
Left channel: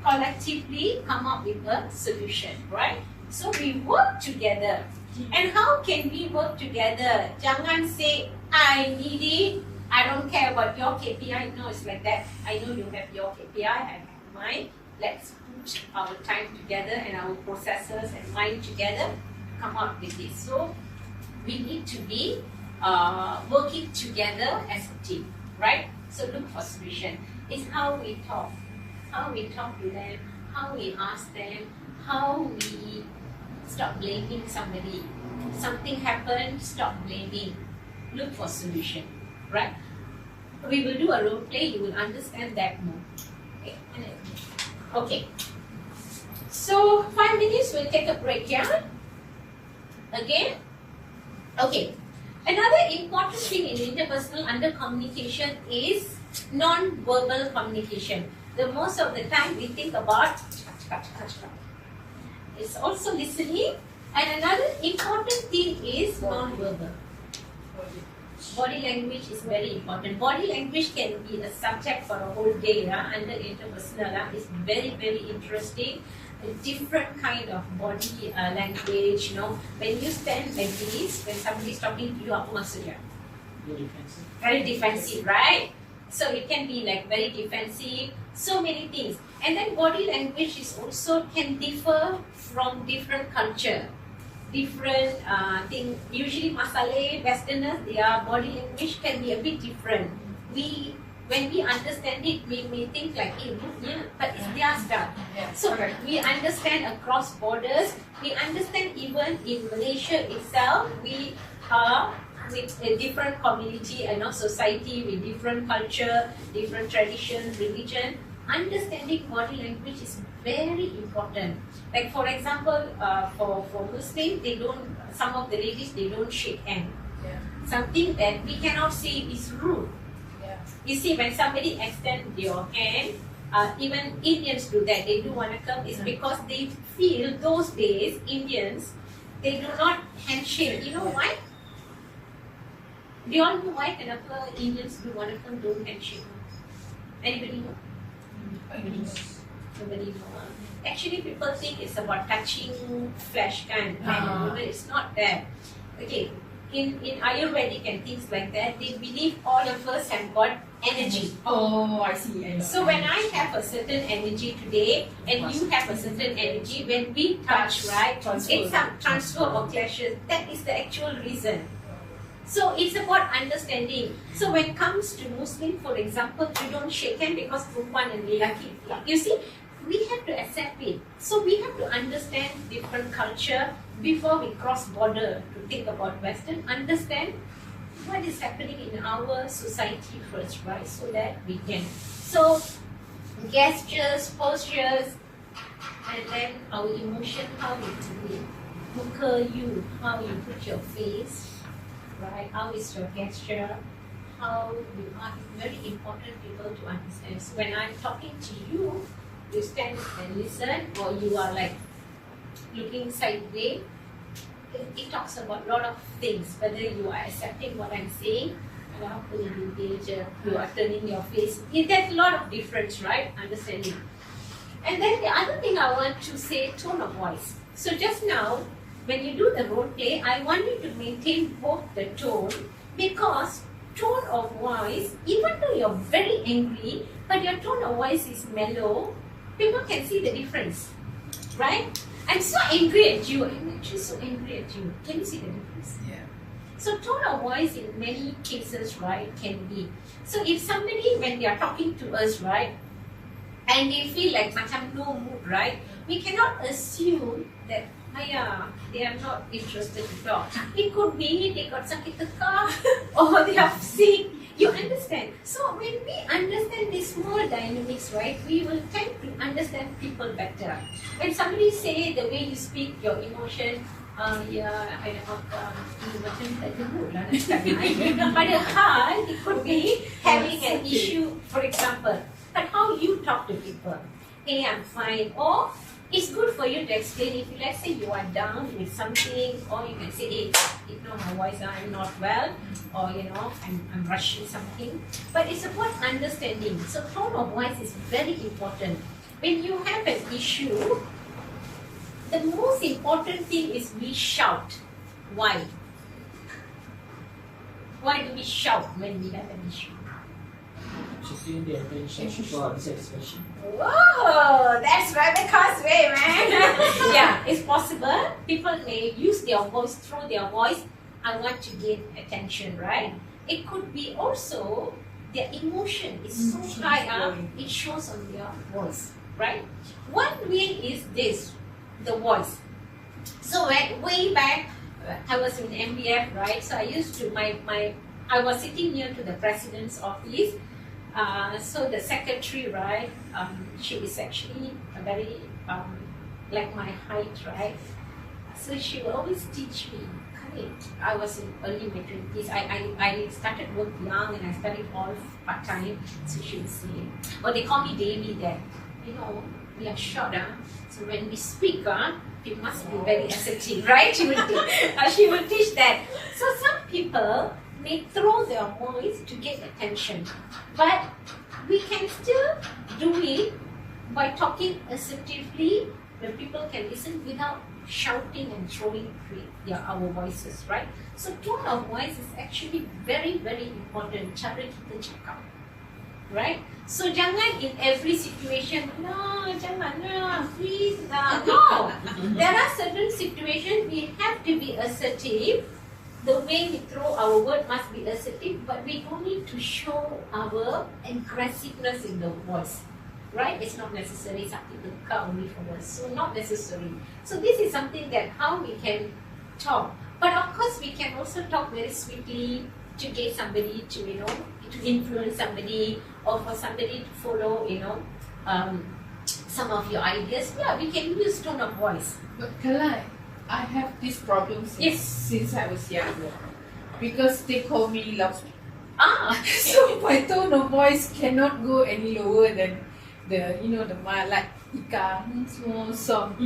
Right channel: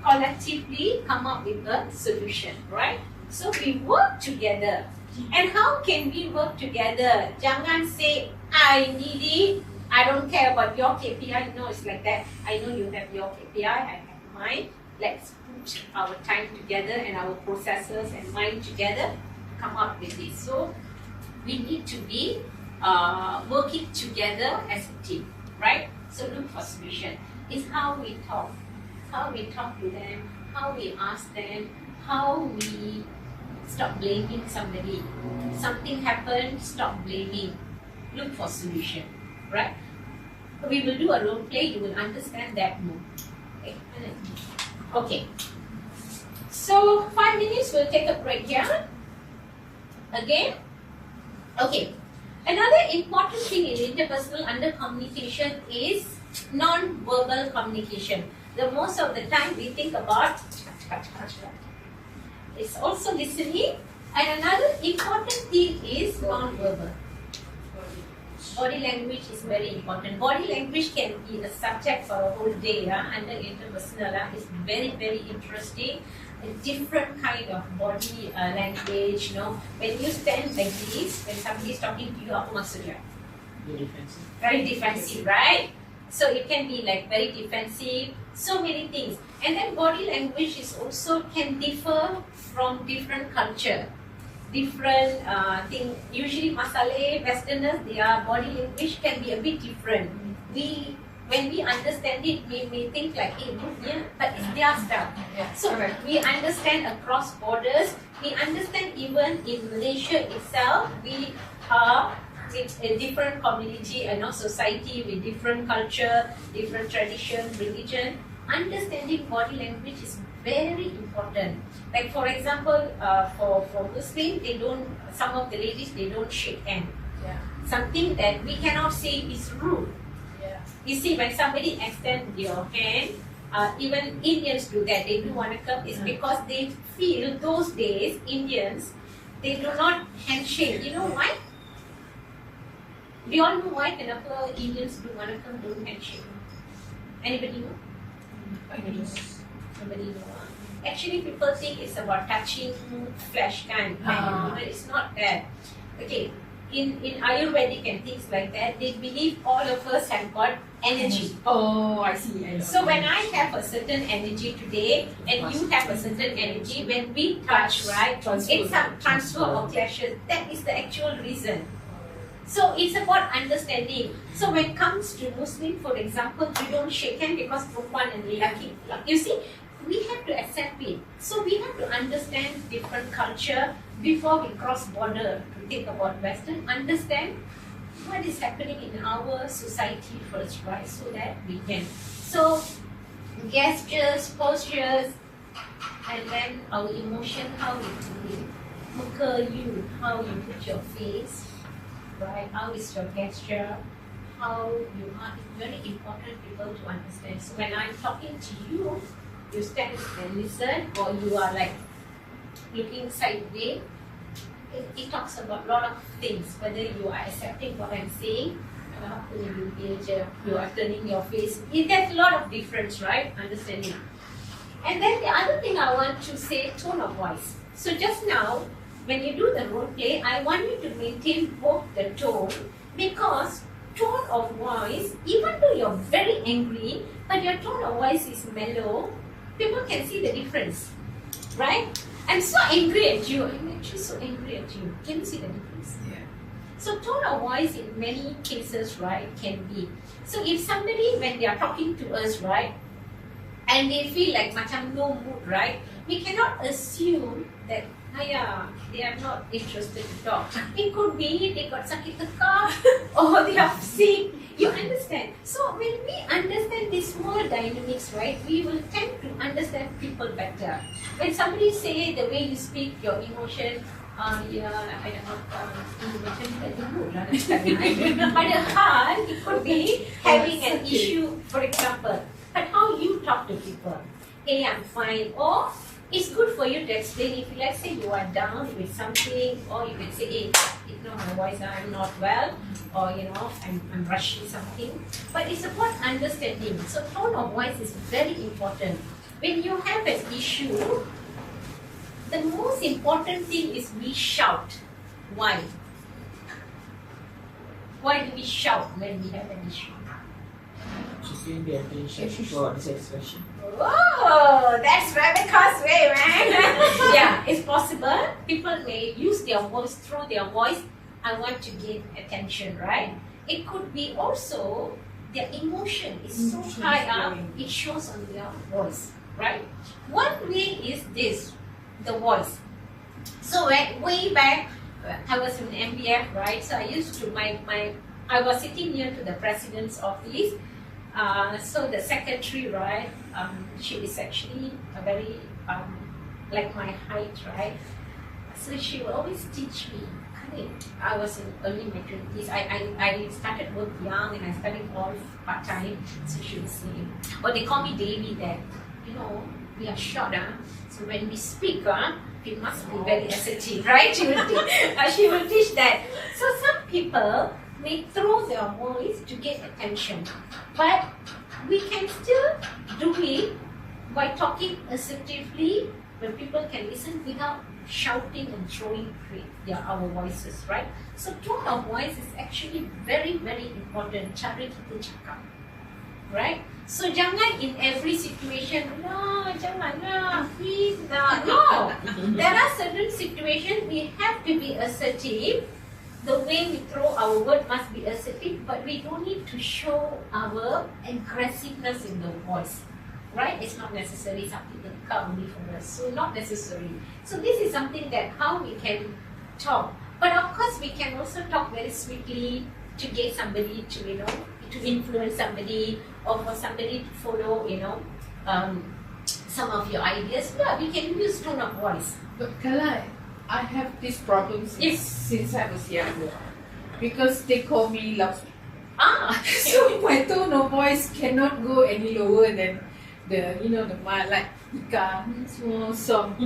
collectively come up with a solution, right? So we work together. And how can we work together? Jangan say, I need it, I don't care about your KPI. No, it's like that. I know you have your KPI, I have mine. Let's put our time together and our processes and mind together to come up with this. So we need to be working together as a team, right? So look for solution. It's how we talk. How we talk to them, how we ask them, how we stop blaming somebody. Something happened, stop blaming. Look for solution, right? We will do a role play, you will understand that more. Okay. So 5 minutes, we'll take a break here. Again. Okay. Another important thing in interpersonal under communication is non-verbal communication. The most of the time we think about it's also listening, and another important thing is non-verbal. Body language is very important. Body language can be a subject for a whole day under interpersonal. It's very, very interesting. A different kind of body language. When you stand like this, when somebody is talking to you, apa maksudnya? Very defensive, right? So it can be like very defensive, so many things. And then body language is also can differ from different culture, different thing. Usually Masalay, Westerners, their body language can be a bit different. When we understand it, we think like, but it's their stuff. So we understand across borders. We understand even in Malaysia itself, we are with a different community and society with different culture, different tradition, religion. Understanding body language is very important. Like for example, for Muslims, some of the ladies, they don't shake hand. Something that we cannot say is rude. You see, when somebody extends your hand, even Indians do that. They do want to come. It's because they feel those days, Indians, they do not handshake. You know why? Do you all know why kenapa Indians do want to come, don't handshake? Anybody know? Nobody know. Actually, people think it's about touching flesh kind. But it's not that. Okay, in Ayurvedic and things like that, they believe all of us have got energy. Oh, I see. So when I have a certain energy today and you have a certain energy, when we touch, right, it's a transfer of clashes. That is the actual reason. So it's about understanding. So when it comes to Muslim, for example, you don't shake hand because perempuan and lelaki. You see, we have to accept it. So we have to understand different culture before we cross border to think about Western. Understand what is happening in our society first, right? So that we can. So gestures, postures, and then our emotion, how you do it. Look at you, how you put your face, right? How is your gesture? How you are. It's very important people to understand. So when I'm talking to you, you stand and listen, or you are like looking sideways. It talks about a lot of things, whether you are accepting what I'm saying, you are turning your face. There's a lot of difference, right? Understanding. And then the other thing I want to say, tone of voice. So just now, when you do the role play, I want you to maintain both the tone, because tone of voice, even though you're very angry, but your tone of voice is mellow, people can see the difference, right? I'm so angry at you. I'm actually so angry at you. Can you see the difference? Yeah. So tone of voice in many cases, right, can be. So if somebody, when they are talking to us, right, and they feel like macam no mood, right, we cannot assume that they are not interested to talk. It could be they got sakit tekak or they are sick. You understand? So when we understand these small dynamics, right, we will tend to understand people better. When somebody say the way you speak, your emotion, I don't know, padahal it could be having an issue, for example. But how you talk to people? Hey, I'm fine. Or it's good for you to explain. If let's say you are down with something, or you can say, hey, ignore my voice, I'm not well, or I'm rushing something. But it's about understanding. So tone of voice is very important. When you have an issue, the most important thing is we shout. Why? Why do we shout when we have an issue? To gain the attention for satisfaction. Oh, that's Rebecca's way, man. Yeah, it's possible. People may use their voice, through their voice, I want to gain attention, right? It could be also their emotion is so high up, it shows on their voice, right? One way is this, the voice. So way back, I was in MBF, right? So I used to, I was sitting near to the president's office. So the secretary, right, she is actually a very, like my height, right? So she will always teach me. I was in early my 20s. I started work young and I studied all part-time. So she would say, they call me Devi there. We are short, so when we speak, we must be very assertive, right? She will teach that. So some people may throw their voice to get attention, but we can still do it by talking assertively, where people can listen without shouting and throwing our voices, right? So tone of voice is actually very, very important. Cara kita cakap, right? So jangan in every situation, no, janganlah, please, no. There are certain situations we have to be assertive. The way we throw our word must be assertive, but we don't need to show our aggressiveness in the voice, right? It's not necessary something to come only for us, so not necessary. So this is something that how we can talk, but of course we can also talk very sweetly to get somebody to to influence somebody, or for somebody to follow some of your ideas. Yeah, we can use tone of voice. But Kalai, I have this problem since I was younger, because they call me lousy. So my tone of voice cannot go any lower than the like Ika, small song,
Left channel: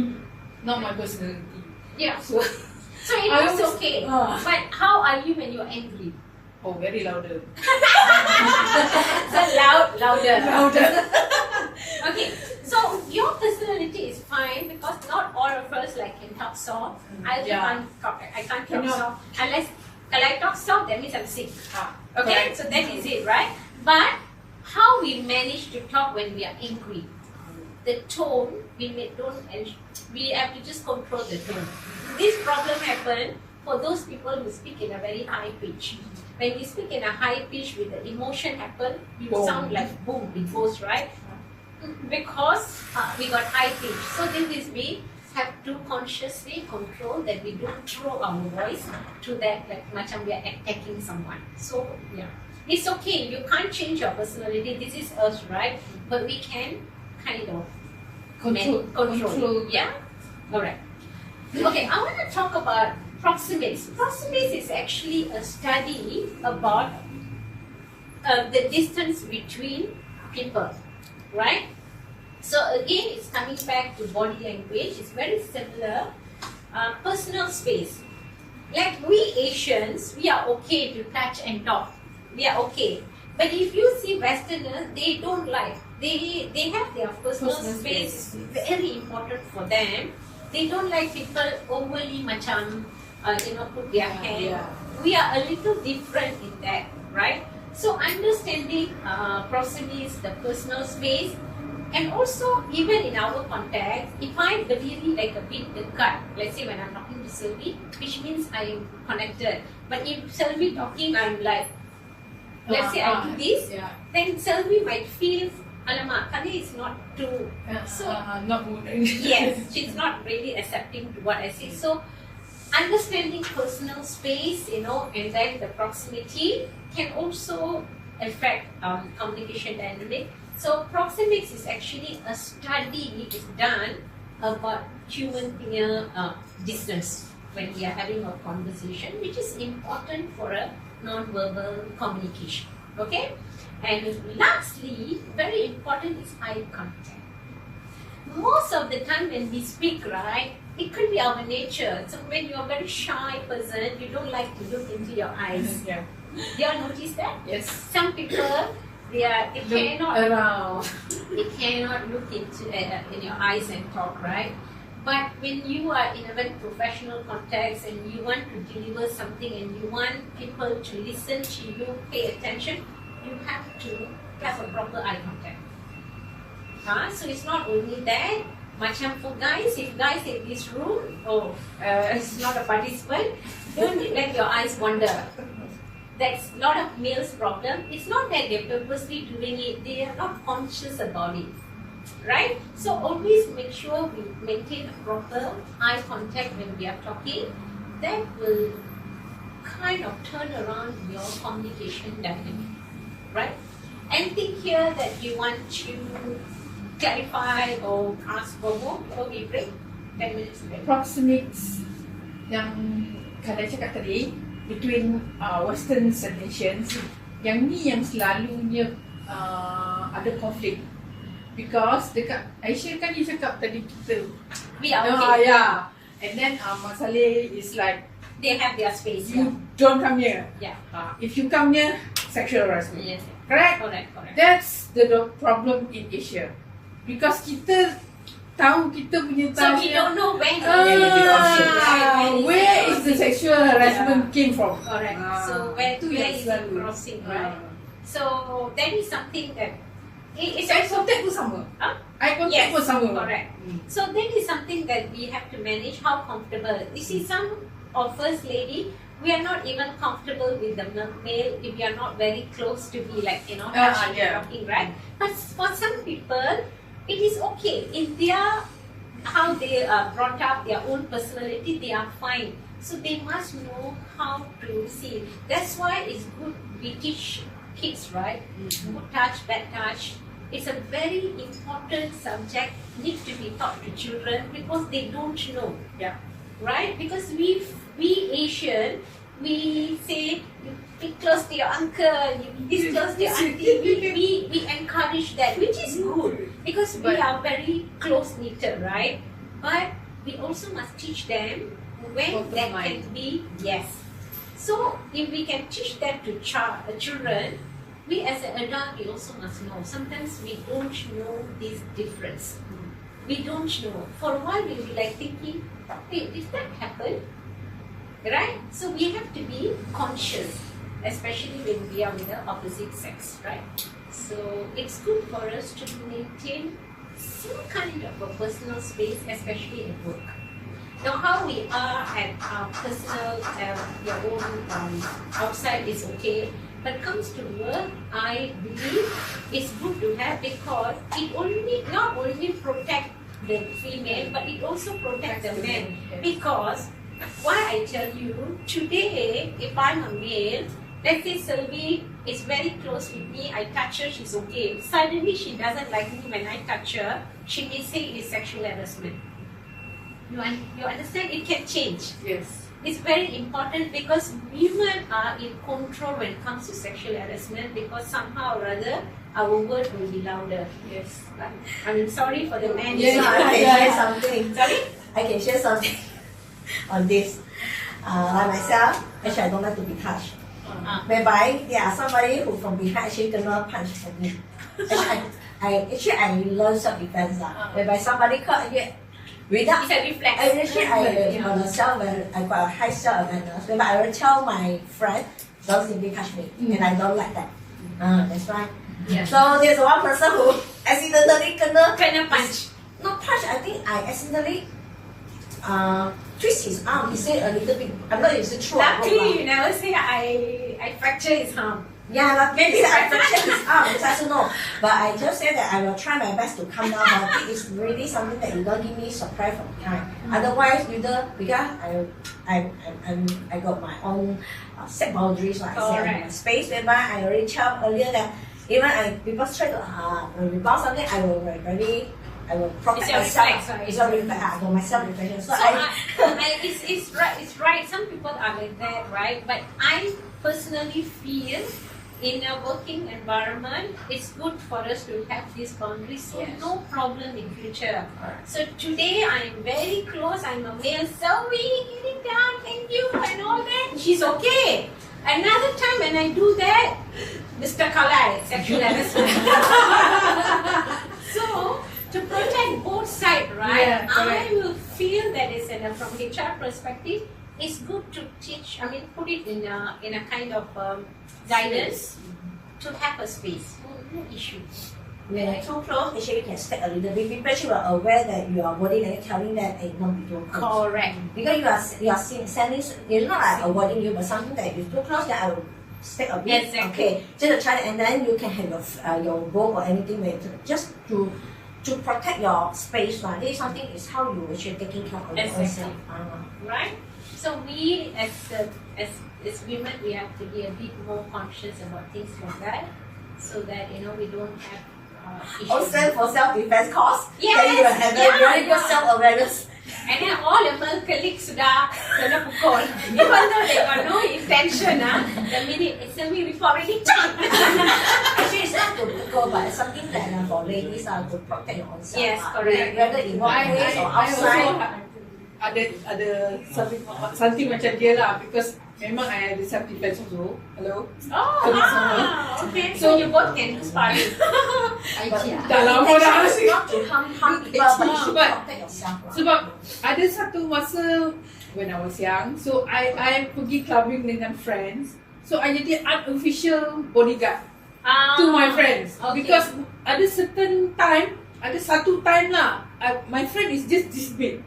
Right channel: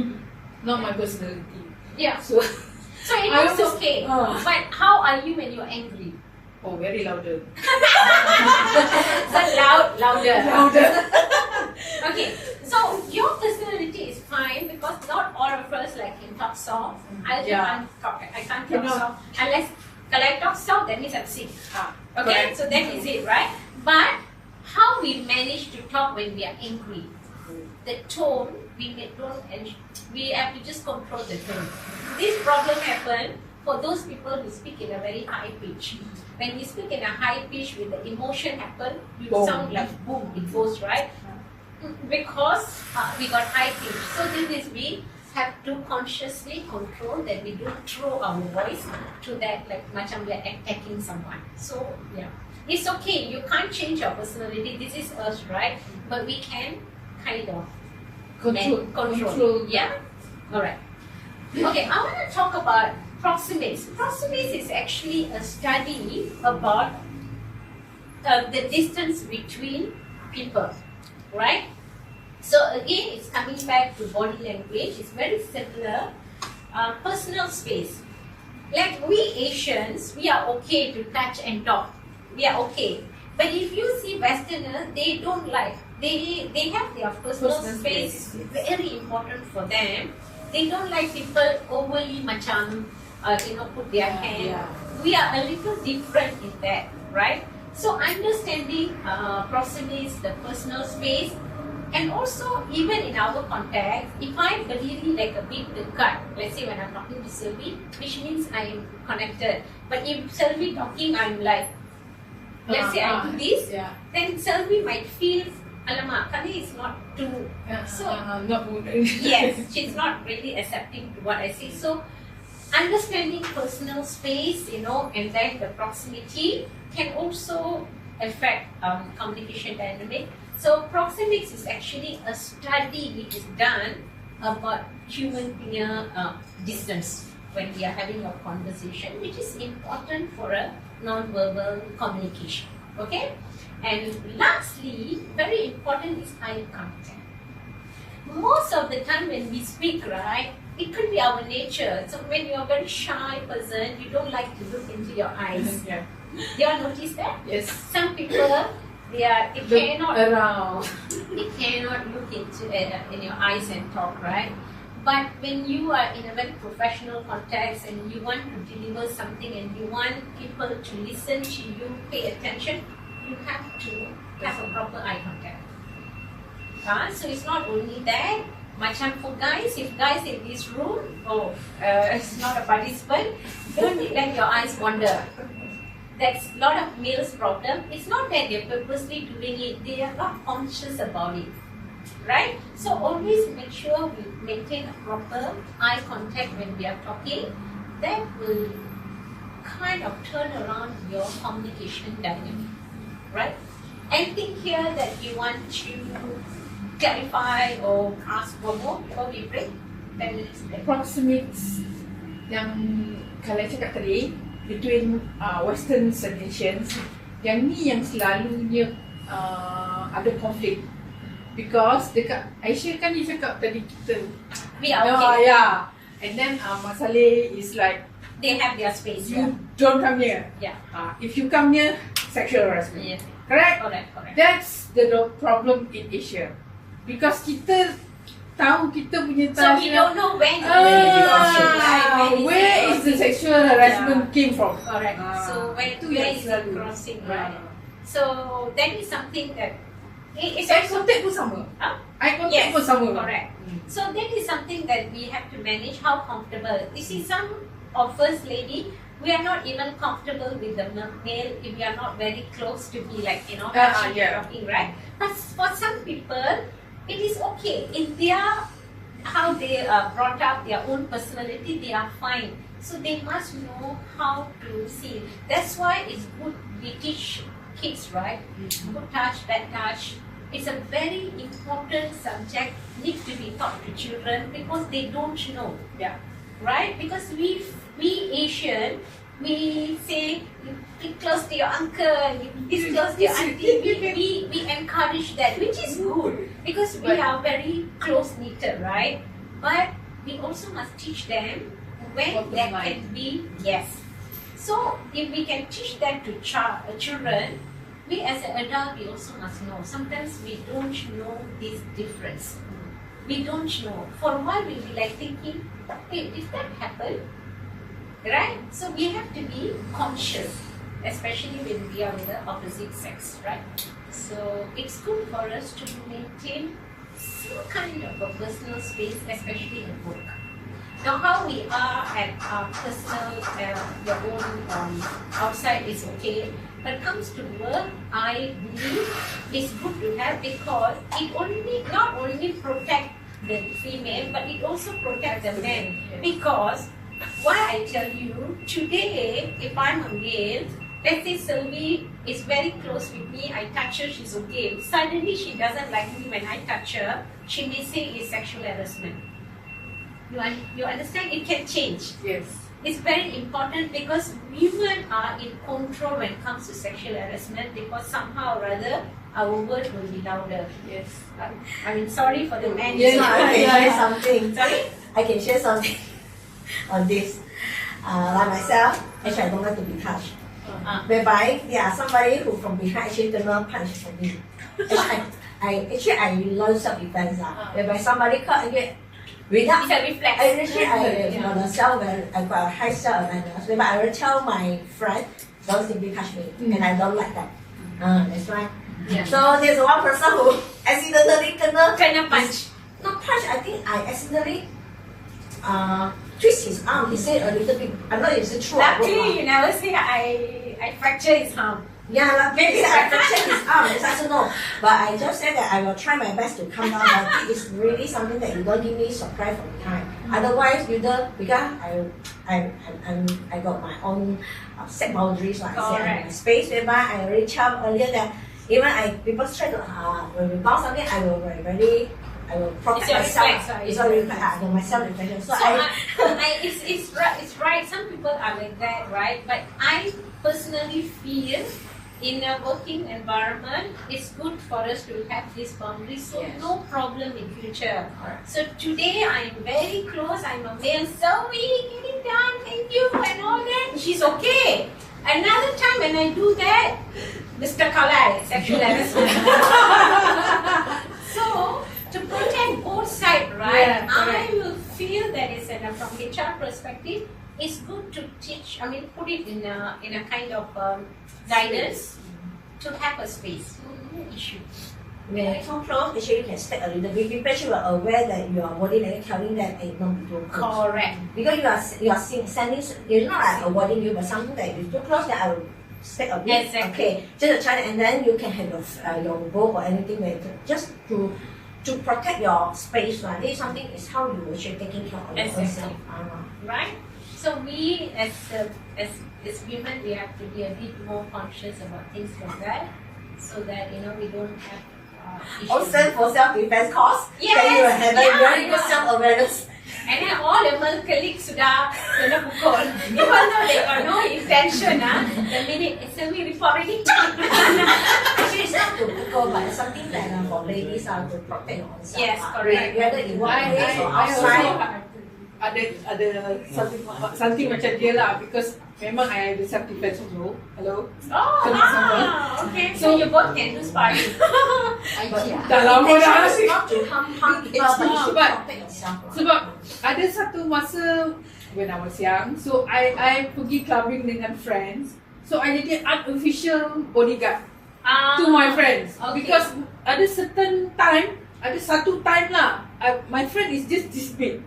not my personality. Yeah. So it was okay. But how are you when you're angry? Oh, very louder. So louder. Louder. Okay. So your personality is fine, because not all of us can talk soft. I can't talk soft unless I talk soft, that means I'm sick. Okay, correct. So that is it, right? But how we manage to talk when we are angry, the tone we have to just control the tone. This problem happens for those people who speak in a very high pitch. When you speak in a high pitch with the emotion happen, you sound like boom, it goes, right? Because we got high pitch. So this is we have to consciously control that we don't throw our voice to that like macam we are attacking someone. So yeah, it's okay. You can't change your personality. This is us, right? But we can kind of control. Yeah. All right. Okay, I want to talk about proxemics. Proxemics is actually a study about the distance between people, right? So again, it's coming back to body language. It's very similar. Personal space. Like we Asians, we are okay to touch and talk. We are okay. But if you see Westerners, they don't like. They have their personal space. Very important for them. They don't like people overly macam put their hand. Yeah. We are a little different in that, right? So understanding proxemics, the personal space. And also, even in our context, if I berdiri like a bit dekat, let's say when I'm talking to Sylvie, which means I am connected. But if Sylvie talking, I'm like, let's say I do this, then Sylvie might feel, alamak, Kali is not too, not moving. yes, she's not really accepting to what I say. So, understanding personal space, and then the proximity can also affect communication dynamic. So proxemics is actually a study which is done about human distance when we are having a conversation, which is important for a non-verbal communication. Okay, and lastly, very important is eye contact. Most of the time when we speak, right, it could be our nature. So when you are a very shy person, you don't like to look into your eyes. Yeah. Do you all notice that? Yes. Some people, they cannot look into in your eyes and talk, right? But when you are in a very professional context and you want to deliver something and you want people to listen to you, pay attention, you have to have a proper eye contact. So it's not only that. Macam for guys, if guys in this room, it's not a participant, don't let your eyes wander. That's a lot of males' problem. It's not that they're purposely doing it, they are not conscious about it. Right? So always make sure we maintain a proper eye contact when we are talking. That will kind of turn around your communication dynamic. Right? Anything here that you want to clarify or ask for more before we break? 10 minutes break. Proxemics yang Kalai cakap tadi, between Western nations, yang ni yang selalunya ada konflik. Because dekat Asia kan dia cakap tadi kita we are okay. Yeah. And then Mak Saleh is like, they have their space. you don't come here. Yeah. If you come here, sexual harassment. Yes. Correct? Correct. That's the problem in Asia. Because kita tahu kita punya So we don't know when where is the sexual harassment came from. Correct. So where is the crossing, right? So that is something that it's Eye contact pun sama. Eye contact pun sama. Correct. So that is something that we have to manage. How comfortable? You see, some of us lady, we are not even comfortable with the male if we are not very close to be like talking, right? But for some people, it is okay. In their how they are brought up, their own personality, they are fine. So they must know how to see. That's why it's good we teach kids, right? Good touch, bad touch. It's a very important subject, needs to be taught to children because they don't know. Yeah. Right? Because we Asian, we say you be close to your uncle, you be close to your auntie. We encourage that, which is good because we are very close knitted, right? But we also must teach them when that can be yes. So if we can teach that to children, we as an adult, we also must know. Sometimes we don't know this difference. We don't know. For a while, we'll be like thinking, hey, did that happen? Right? So we have to be conscious, especially when we are with the opposite sex, right? So it's good for us to maintain some kind of a personal space, especially in work. Now, how we are at our personal, your own outside is okay. But comes to work, I believe it's good to have, because it only not only protect the female, but it also protect the man. Because why I tell you, today if I'm a male, let's say Sylvie is very close with me, I touch her, she's okay. Suddenly she doesn't like me when I touch her, she may say it's sexual harassment. You understand? It can change. Yes. It's very important, because women are in control when it comes to sexual harassment, because somehow or other our word will be louder. Yes. I mean, sorry for the man. Yes, Sorry. I can share something. Sorry? I can share something on this. Like myself, actually I don't like to be touched. Whereby there are somebody who from behind actually gonna punch for me. Actually I learn self-defense. Whereby somebody cut without It's a reflex. actually I on the I got a high self-awareness. Whereby I will tell my friend, don't simply touch me, and I don't like that. That's right. Yeah. So there's one person who accidentally Kena punch. not punch. I think I accidentally twist his arm. He said a little bit. I'm not sure true. Luckily, you never say I fractured his arm. Yeah, maybe I fractured his arm. I don't know. But I just said that I will try my best to calm down. I think it's really something that you don't give me surprise for the time. Otherwise, because I got my own set boundaries, like I said, my space. Whereby I already told earlier that even people try to when we bounce something, I will protect myself. Reflex, right? It's all reflex. I got myself reflection. So it's right. Some people are like that, right? But I personally feel in a working environment, it's good for us to have these boundaries, so no problem in future. So today I am very close. I'm a male, so we getting done. Thank you and all that. She's okay. Another time when I do that, Mr. Kalai, sexual harassment. So to protect both sides, right? I will feel that it's from HR perspective, it's good to teach. I mean, put it in a kind of guidance to have a space. No issue. When you come close, actually you can step a little bit. People should are aware that you are body language telling them and not be too close. Correct. Because you are sending, you're not like avoiding you, but something that is too close, that I will step a bit. Exactly. Okay, just to try, and then you can have your rope or anything just to protect your space. Right? This is something is how you actually taking care of yourself. Right. So we as women, we have to be a bit more conscious about things like that, so that we don't have. Also for self-defense course, Yes, then you will have very good self-awareness. And then all the male colleagues sudah kena pukul. Even though they got no intention, the minute it's a me report already. Actually, it's not to pukul, but it's something that for ladies to protect your own self. Yes, correct. Whether in workplace or outside. Ada something macam dia lah, because memang I ada self defense also. Hello. Okay. So you both can inspire. Dah lama dah sih. Not to harm people, but to protect yourself. Sebab ada satu masa when I was young, so I pergi clubbing dengan friends, so I jadi unofficial bodyguard to my friends, because ada satu time lah, my friend is just this big,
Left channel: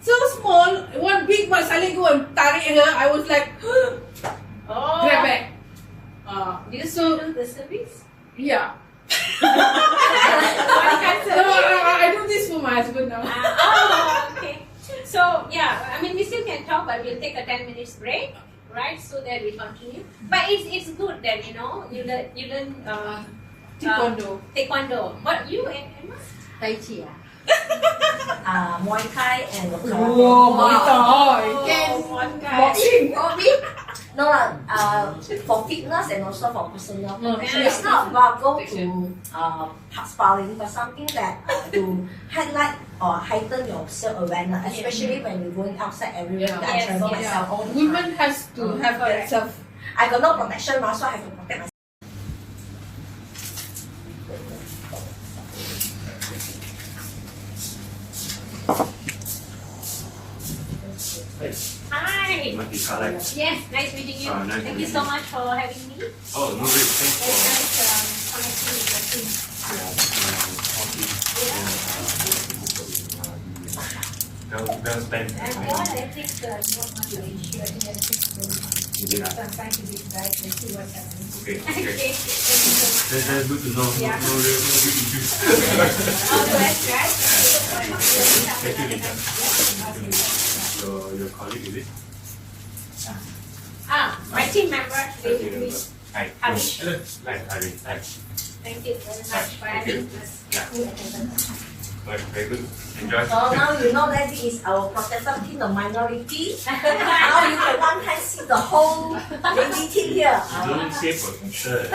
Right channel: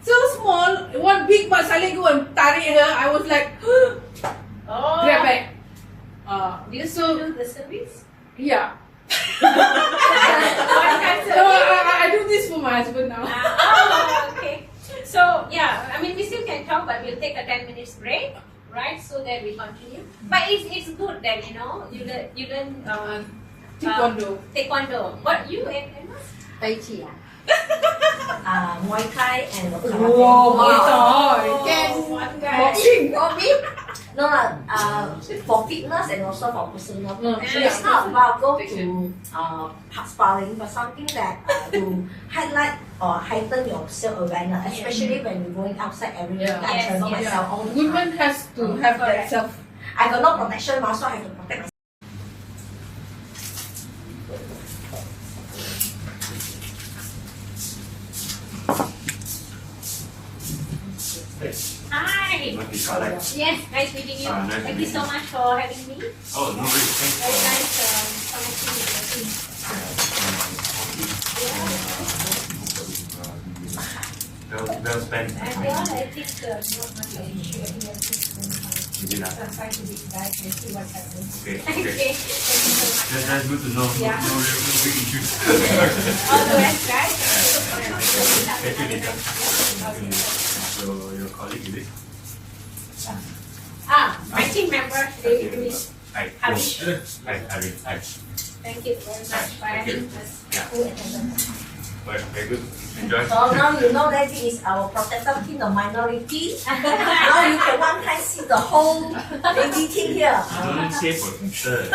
so small, one big but suddenly go and tarik her. I was like, grab back. Do you still do the service? Yeah. So I do this for my husband now. Okay. So yeah, I mean we still can talk, but we'll take a 10 minutes break, right? So that we continue. But it's good that you learn taekwondo. But you Emma? Tai Chi Muay Thai and karate. Muay Thai. Boxing. No, for fitness and also for personal. It's not about go to sparring, but something that to highlight or heighten your self-awareness, especially when you're going outside area. Women has to have that self. I got no protection, also I have to protect myself. Hi. Kalai. Yes, nice meeting you. Nice Thank to you meet so you. much for having me. Oh, no worries. Thanks Very for nice connecting with your team. well spent. And I think not much of an issue. I think everything's going fine. Maybe not. So I'm trying to be nice and see what happens. Okay. Okay. That's good to know. Yeah. No big issues. All the best, right? Thank you, Lisa. So your colleague is it? My team member, David. Hi. Harish. Hi. Hi. Thank you very much for having us. Yeah. Well, very good. Enjoy. So now you know that this is our protected team, the minority. Now you can one time see the whole lady team here. Don't say protector.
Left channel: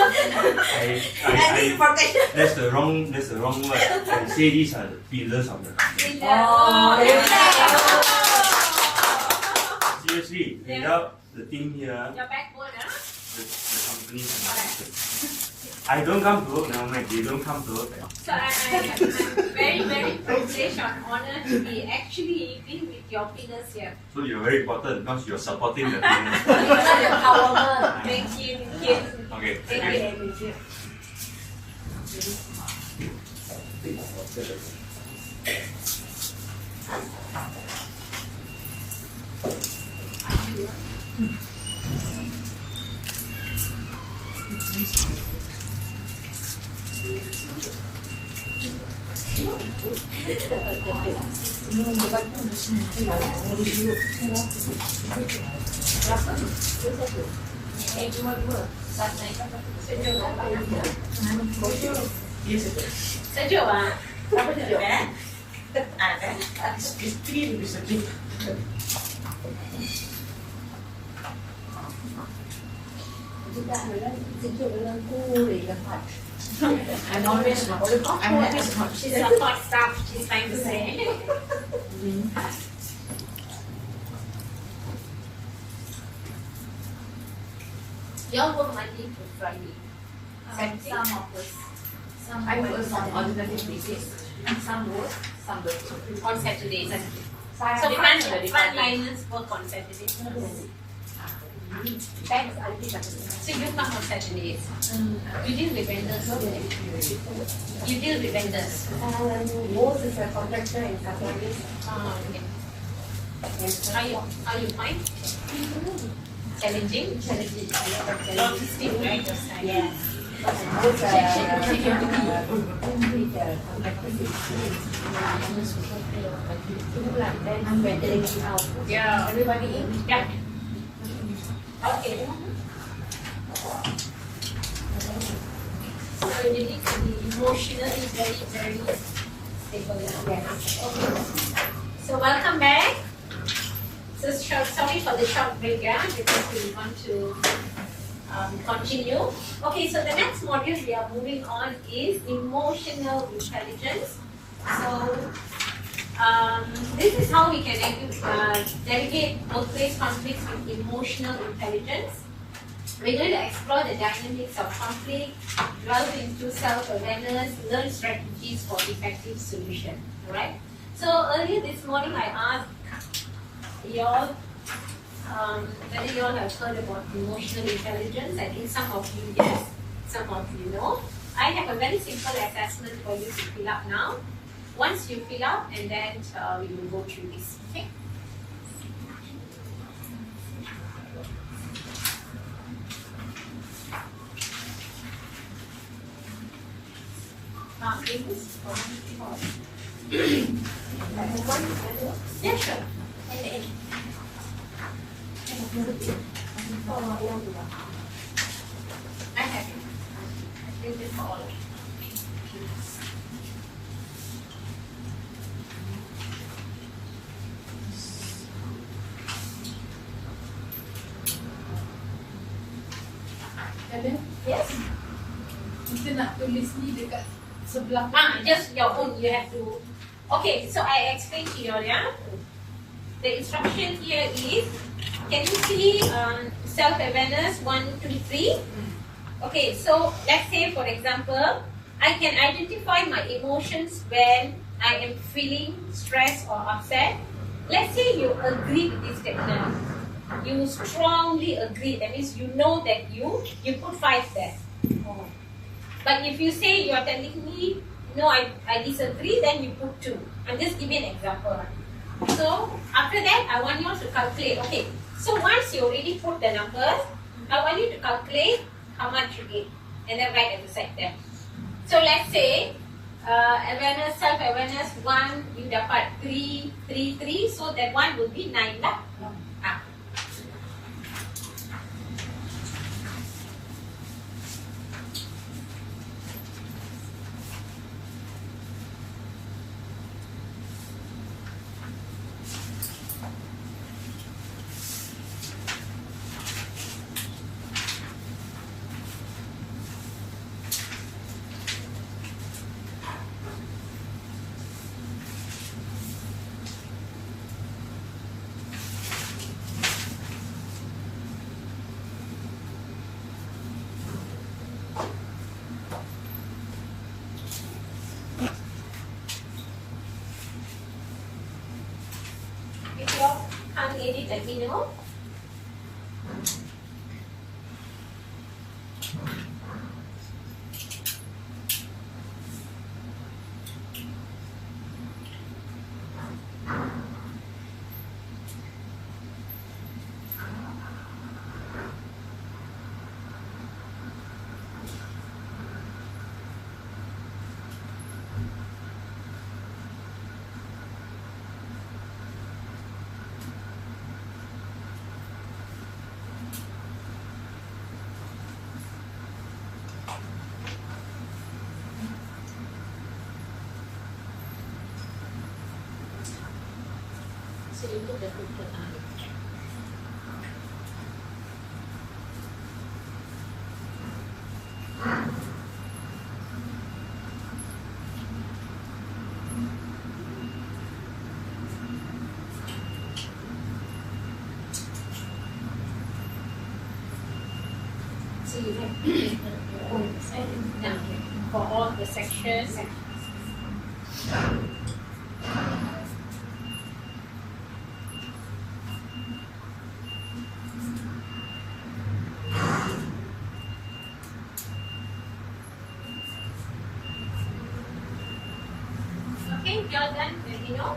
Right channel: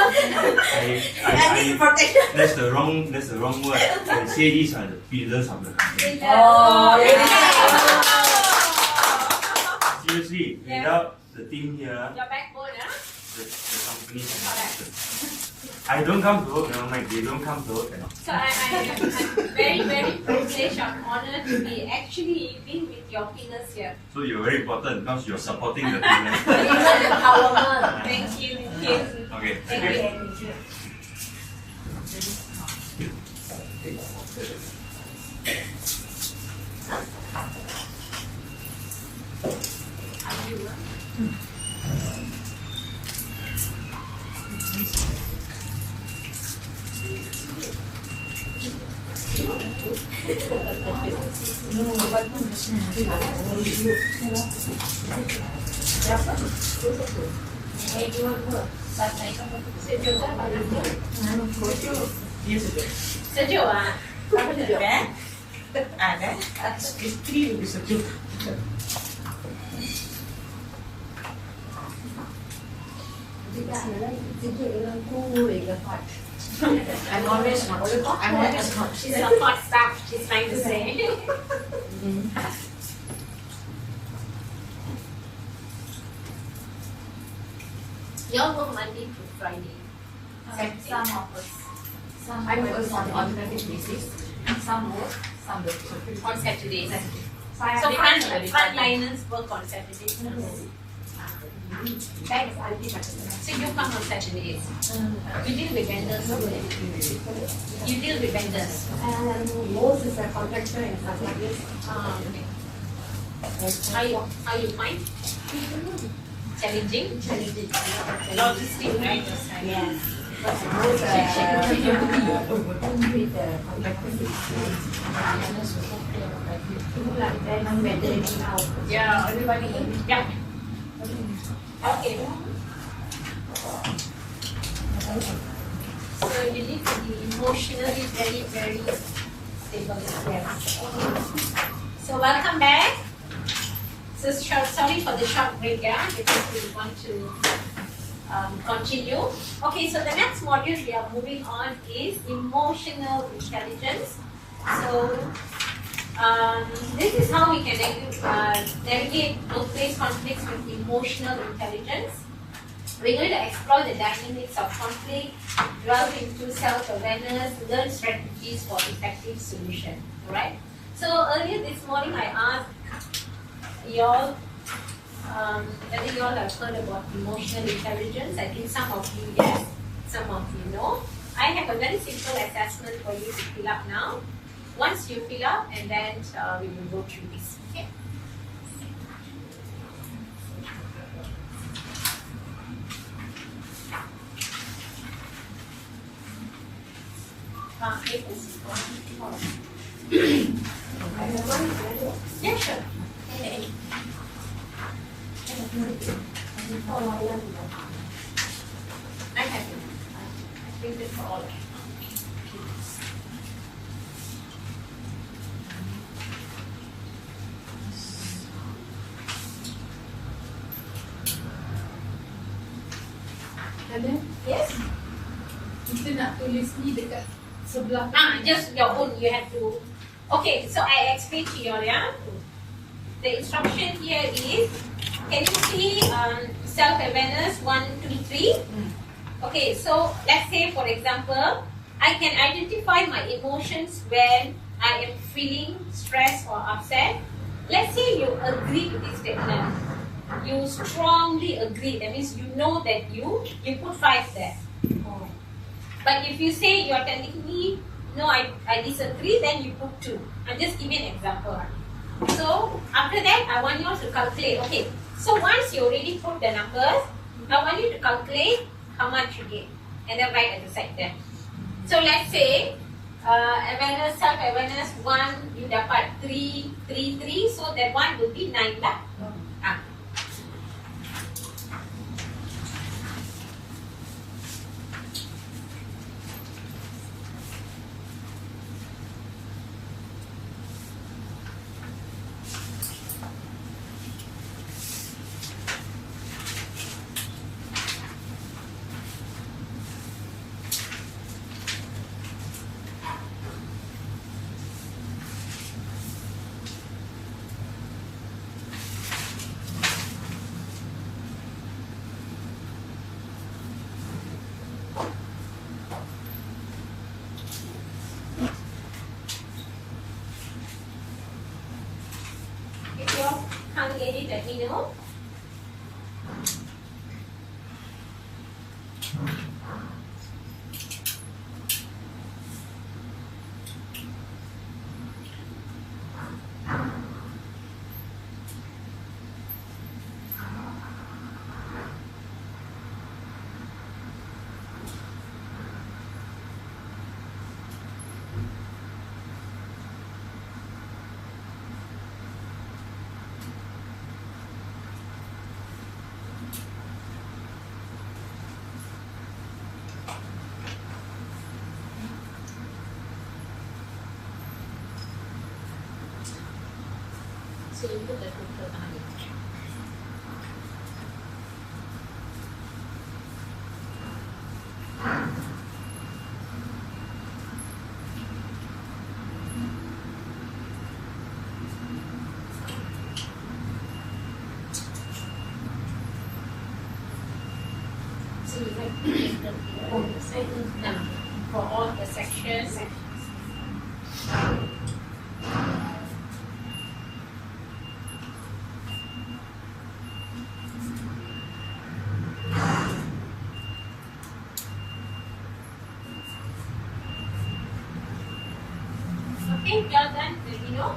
And this is protection. That's the wrong word. I say these are the pillars of the company. Oh, Seriously, without the team here, Your backbone, huh? the company is not existed. I don't come to work now, like they don't come to work. So I'm very, very privileged and honored to be actually being with your pillars here. So you're very important because you're supporting the team. Thank you. Thank you. Okay. Thank you. Sejuk ah. Apa sejuk Ada. Isteri lebih sejuk. Tidak ada sejuk dengan cool dengan hot. I'm always hot. She's a hot stuff. She's trying to say. Y'all work Monday to Friday. Some of us. Some I work on alternate basis. And some work, some don't. On Saturdays. So So frontliners work on Saturdays. Thanks, I'll be back. So you come on Saturdays. You deal with vendors. You deal with vendors. Most is a contractor in Saturday. Okay. How you find? Challenging? Challenging. Logistic, right? Yes. Most with the contractor. Then when they get out. Yeah, everybody in. Yeah. Okay. So you need to be emotionally very, very stable. Yes. So welcome back. So sorry for the short break, yeah, because we want to continue. Okay, so the next module we are moving on is emotional intelligence. So this is how we can navigate workplace conflicts with emotional intelligence. We're going to explore the dynamics of conflict, delve into self-awareness, learn strategies for effective solution. Alright? So earlier this morning I asked y'all whether you all have heard about emotional intelligence. I think some of you yes, some of you know. I have a very simple assessment for you to fill up now. Once you fill up, and then we will go through this. Okay. Yeah, sure. I have it. I think it's for all of you. Yes. Kita nak tulis ni dekat sebelah. Just your own. You have to. Okay, so I explain to you all, yeah. The instruction here is, can you see self-awareness 1, 2, 3? Okay, so let's say for example, I can identify my emotions when I am feeling stressed or upset. Let's say you agree with this statement. You strongly agree. That means you know that you put 5 there. But if you say you are telling me, no, I disagree, then you put 2. I'm just giving an example. So after that, I want you all to calculate. Okay. So once you already put the numbers, I want you to calculate how much you get, and then write at the side there. So let's say awareness, self-awareness 1, you dapat 3, 3, 3. So that one will be 9 lah. Ah. If you all can't get it, let me know. So you put the total on it. So you have now for all the sections. Okay, y'all done? Let me know.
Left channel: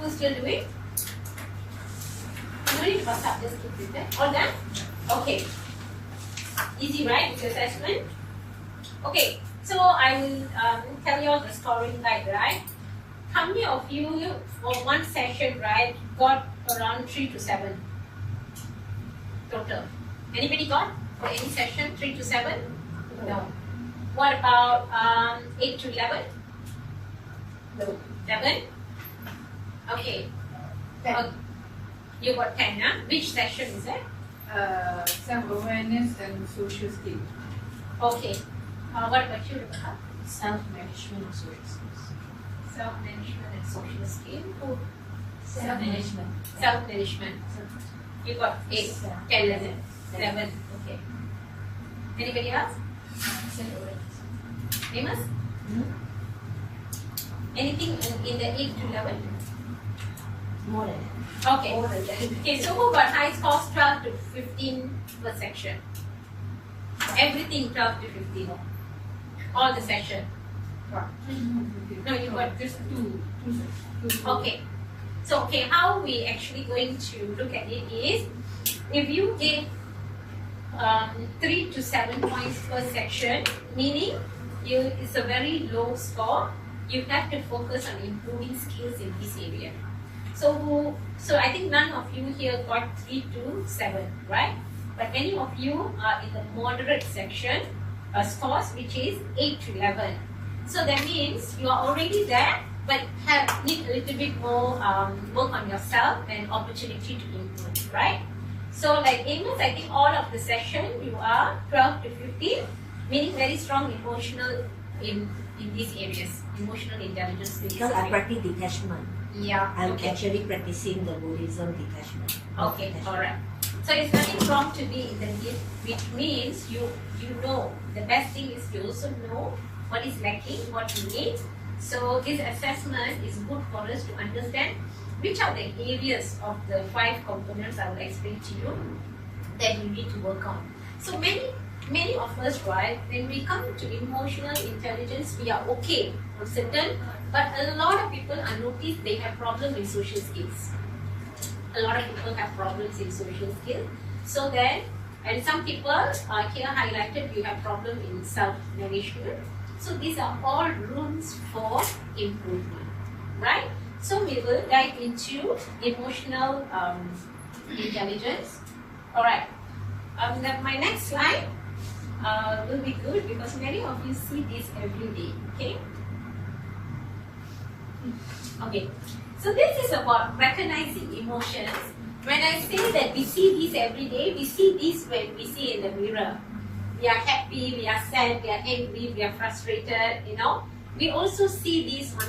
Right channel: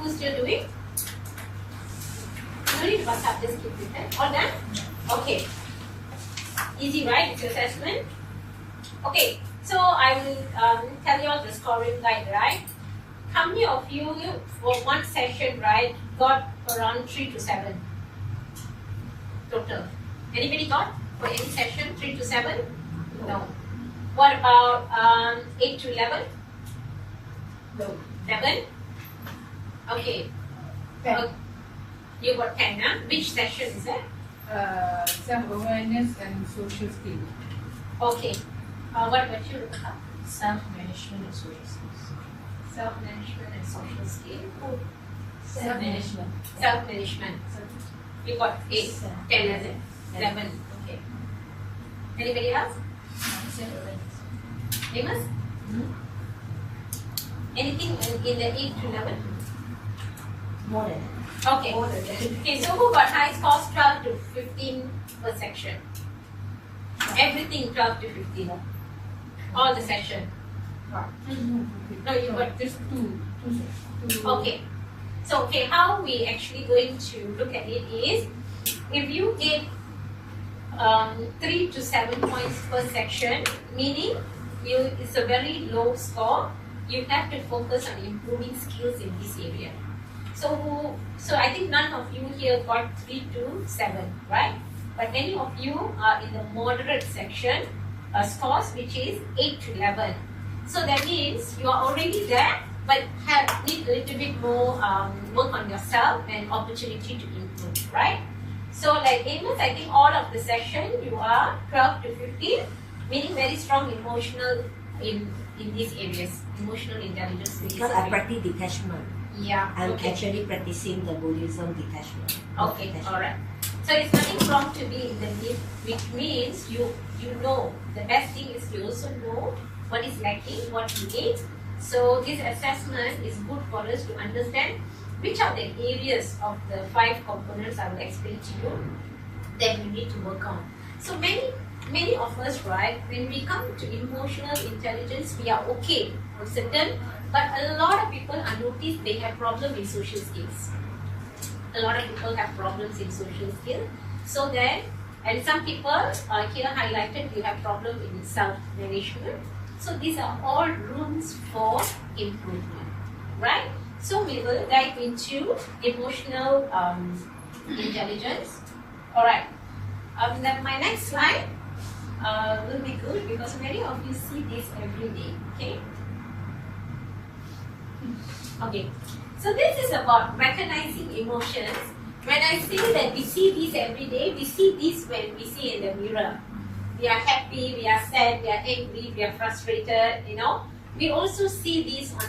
Who's still doing? No need to bust up, just keep it there. All done? Okay. Easy, right? It's your assessment. Okay, so I will tell you all the scoring guide, right? How many of you for one session, right, got around 3 to 7 total? Anybody got for any session 3 to 7? No. What about 8 to 11? No. 7? Okay. 10. You got 10, huh? Which session is that? Self-awareness and social skills. Okay. What about you, Rebecca? Self-management and social skills. Self-management and social skills. Self-management. Self-management. You got 8, 10, is it? 11. Okay. Anybody else? Amos? Anything in the 8 to 11? More than Okay. Okay, so who got high scores 12 to 15 per section? Everything 12 to 15. All the section. No, you got just two. okay. So okay, how we actually going to look at it is if you get 3 to 7 points per section, meaning it's a very low score, you have to focus on improving skills in this area. So I think none of you here got 3 to 7, right? But many of you are in the moderate section scores, which is 8 to 11. So that means you are already there, but need a little bit more work on yourself and opportunity to improve, right? So like Amos, I think all of the session you are 12 to 15, meaning very strong emotional in these areas, emotional intelligence. Because I practice detachment. Yeah. I'm Okay. actually practicing the Buddhism detachment. Okay. All right. So it's nothing wrong to be in the need, which means you know the best thing is you also know what is lacking, what you need. So this assessment is good for us to understand which are the areas of the 5 components I will explain to you that you need to work on. So many of us, right, when we come to emotional intelligence, we are okay on certain, but a lot of people are noticed they have problems in social skills. A lot of people have problems in social skills. So then, and some people are here highlighted, you have problem in self-management. So these are all rooms for improvement, right? So we will dive into emotional intelligence. All right. My next slide will be good because many of you see this every day. Okay. Okay. So this is about recognizing emotions. When I say that we see this every day, we see this when we see in the mirror. We are happy, we are sad, we are angry, we are frustrated, you know. We also see this on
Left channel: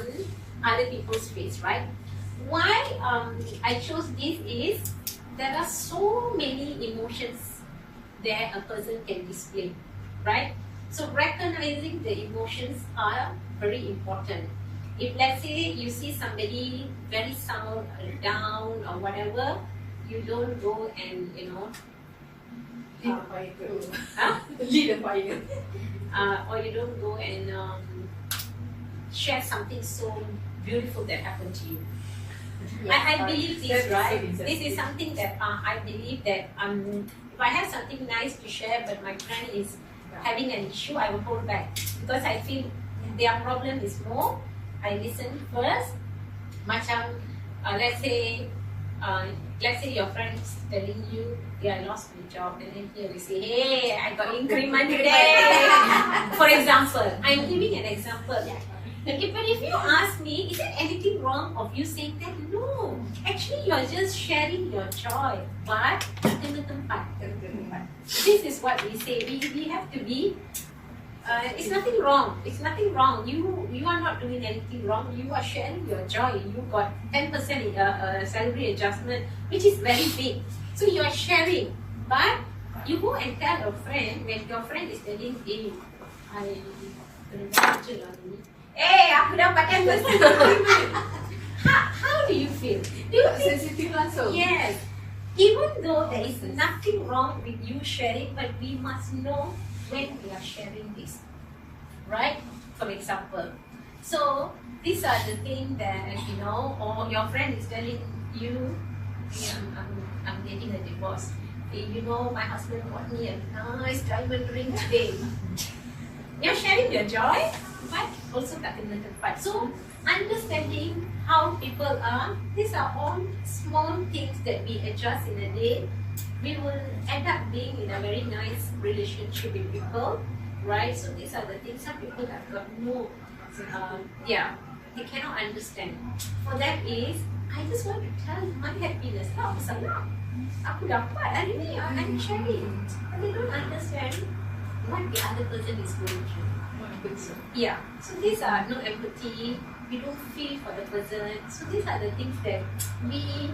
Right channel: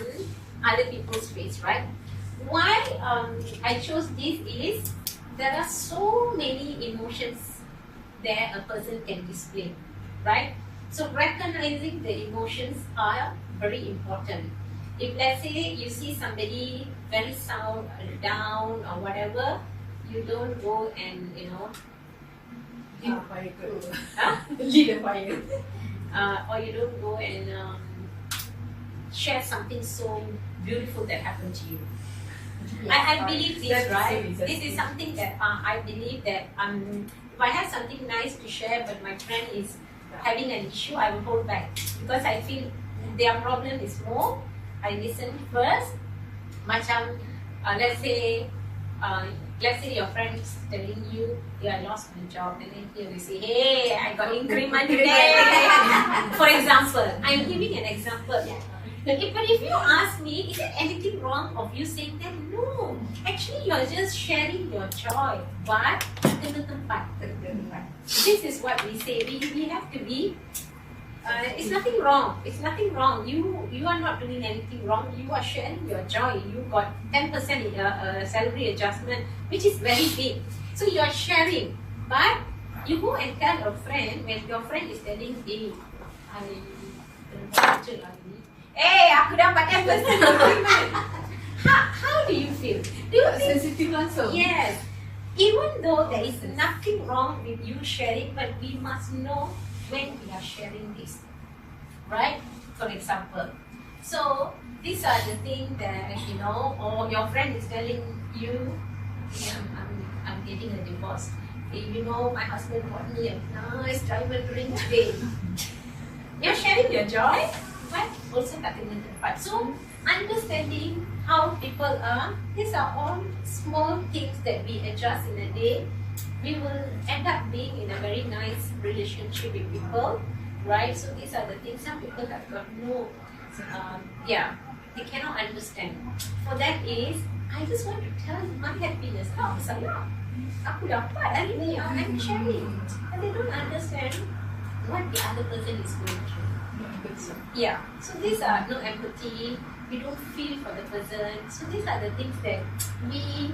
other people's face, right? Why I chose this is there are so many emotions that a person can display, right? So recognizing the emotions are very important. If let's say you see somebody very down or whatever, you don't go and Lead the fire. huh? Lead the fire. Or you don't go and share something so beautiful that happened to you. I believe this, That's right? so interesting. This is something that I believe that if I have something nice to share, but my friend is having an issue, I will hold back because I feel their problem is more. I listen first. Macam, let's say your friend is telling you, yeah, I lost my job, and then here we say, hey, I got increment today. For example, I'm giving an example. But if you ask me, is there anything wrong of you saying that? No, actually you're just sharing your joy. But this is what we say. We have to be. It's nothing wrong. It's nothing wrong. You are not doing anything wrong. You are sharing your joy. You got 10% salary adjustment, which is very big. So you are sharing. But you go and tell a friend when your friend is telling, hey, hey, aku dapat 10%. How do you feel? Do you feel Sensitive langsung. yes? Even though there is nothing wrong with you sharing, but we must know when we are sharing this, right? For example, so these are the things that or your friend is telling you, yeah, I'm getting a divorce. Hey, my husband bought me a nice diamond ring today. You're sharing your joy, but also talking the part. So understanding how people are, these are all small things that we adjust in a day. We will end up being in a very nice relationship with people, right? So these are the things some people have got no, they cannot understand. For that is, I just want to tell you my happiness. Aku dapat hari ni, I'm sharing. But they don't understand what the other person is going through. Yeah. So these are no empathy. We don't feel for the person. So these are the things that we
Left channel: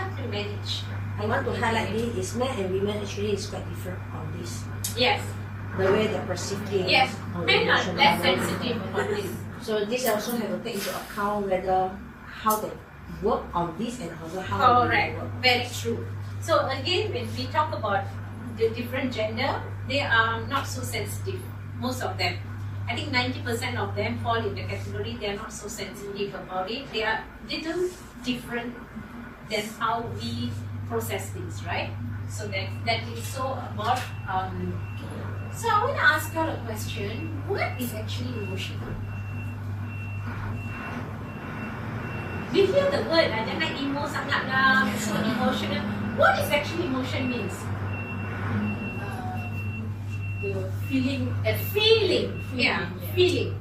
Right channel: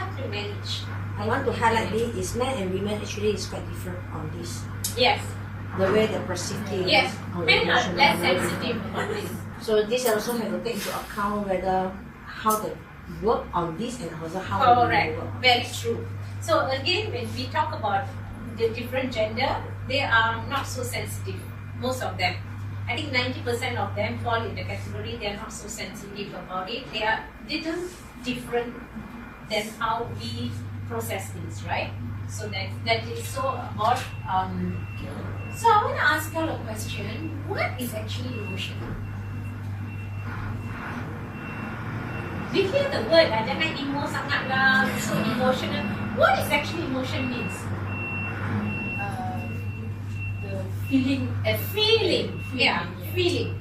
have to manage. I want to highlight this is men and women actually is quite different on this. Yes. The way they perceive things. Yes. or Men are emotional less level. sensitive on this. So this also have to take into account whether how they work on this and also how Correct. they work. Very true. So again, when we talk about the different gender, they are not so sensitive. Most of them. I think 90% of them fall in the category they are not so sensitive about it. They are little different than how we process things, right? So that is so about. So I want to ask you a question. What is actually emotion? We hear the word, jangan emo sangat lah, so emotional. What is actually emotion means? The feeling. Yeah, feeling.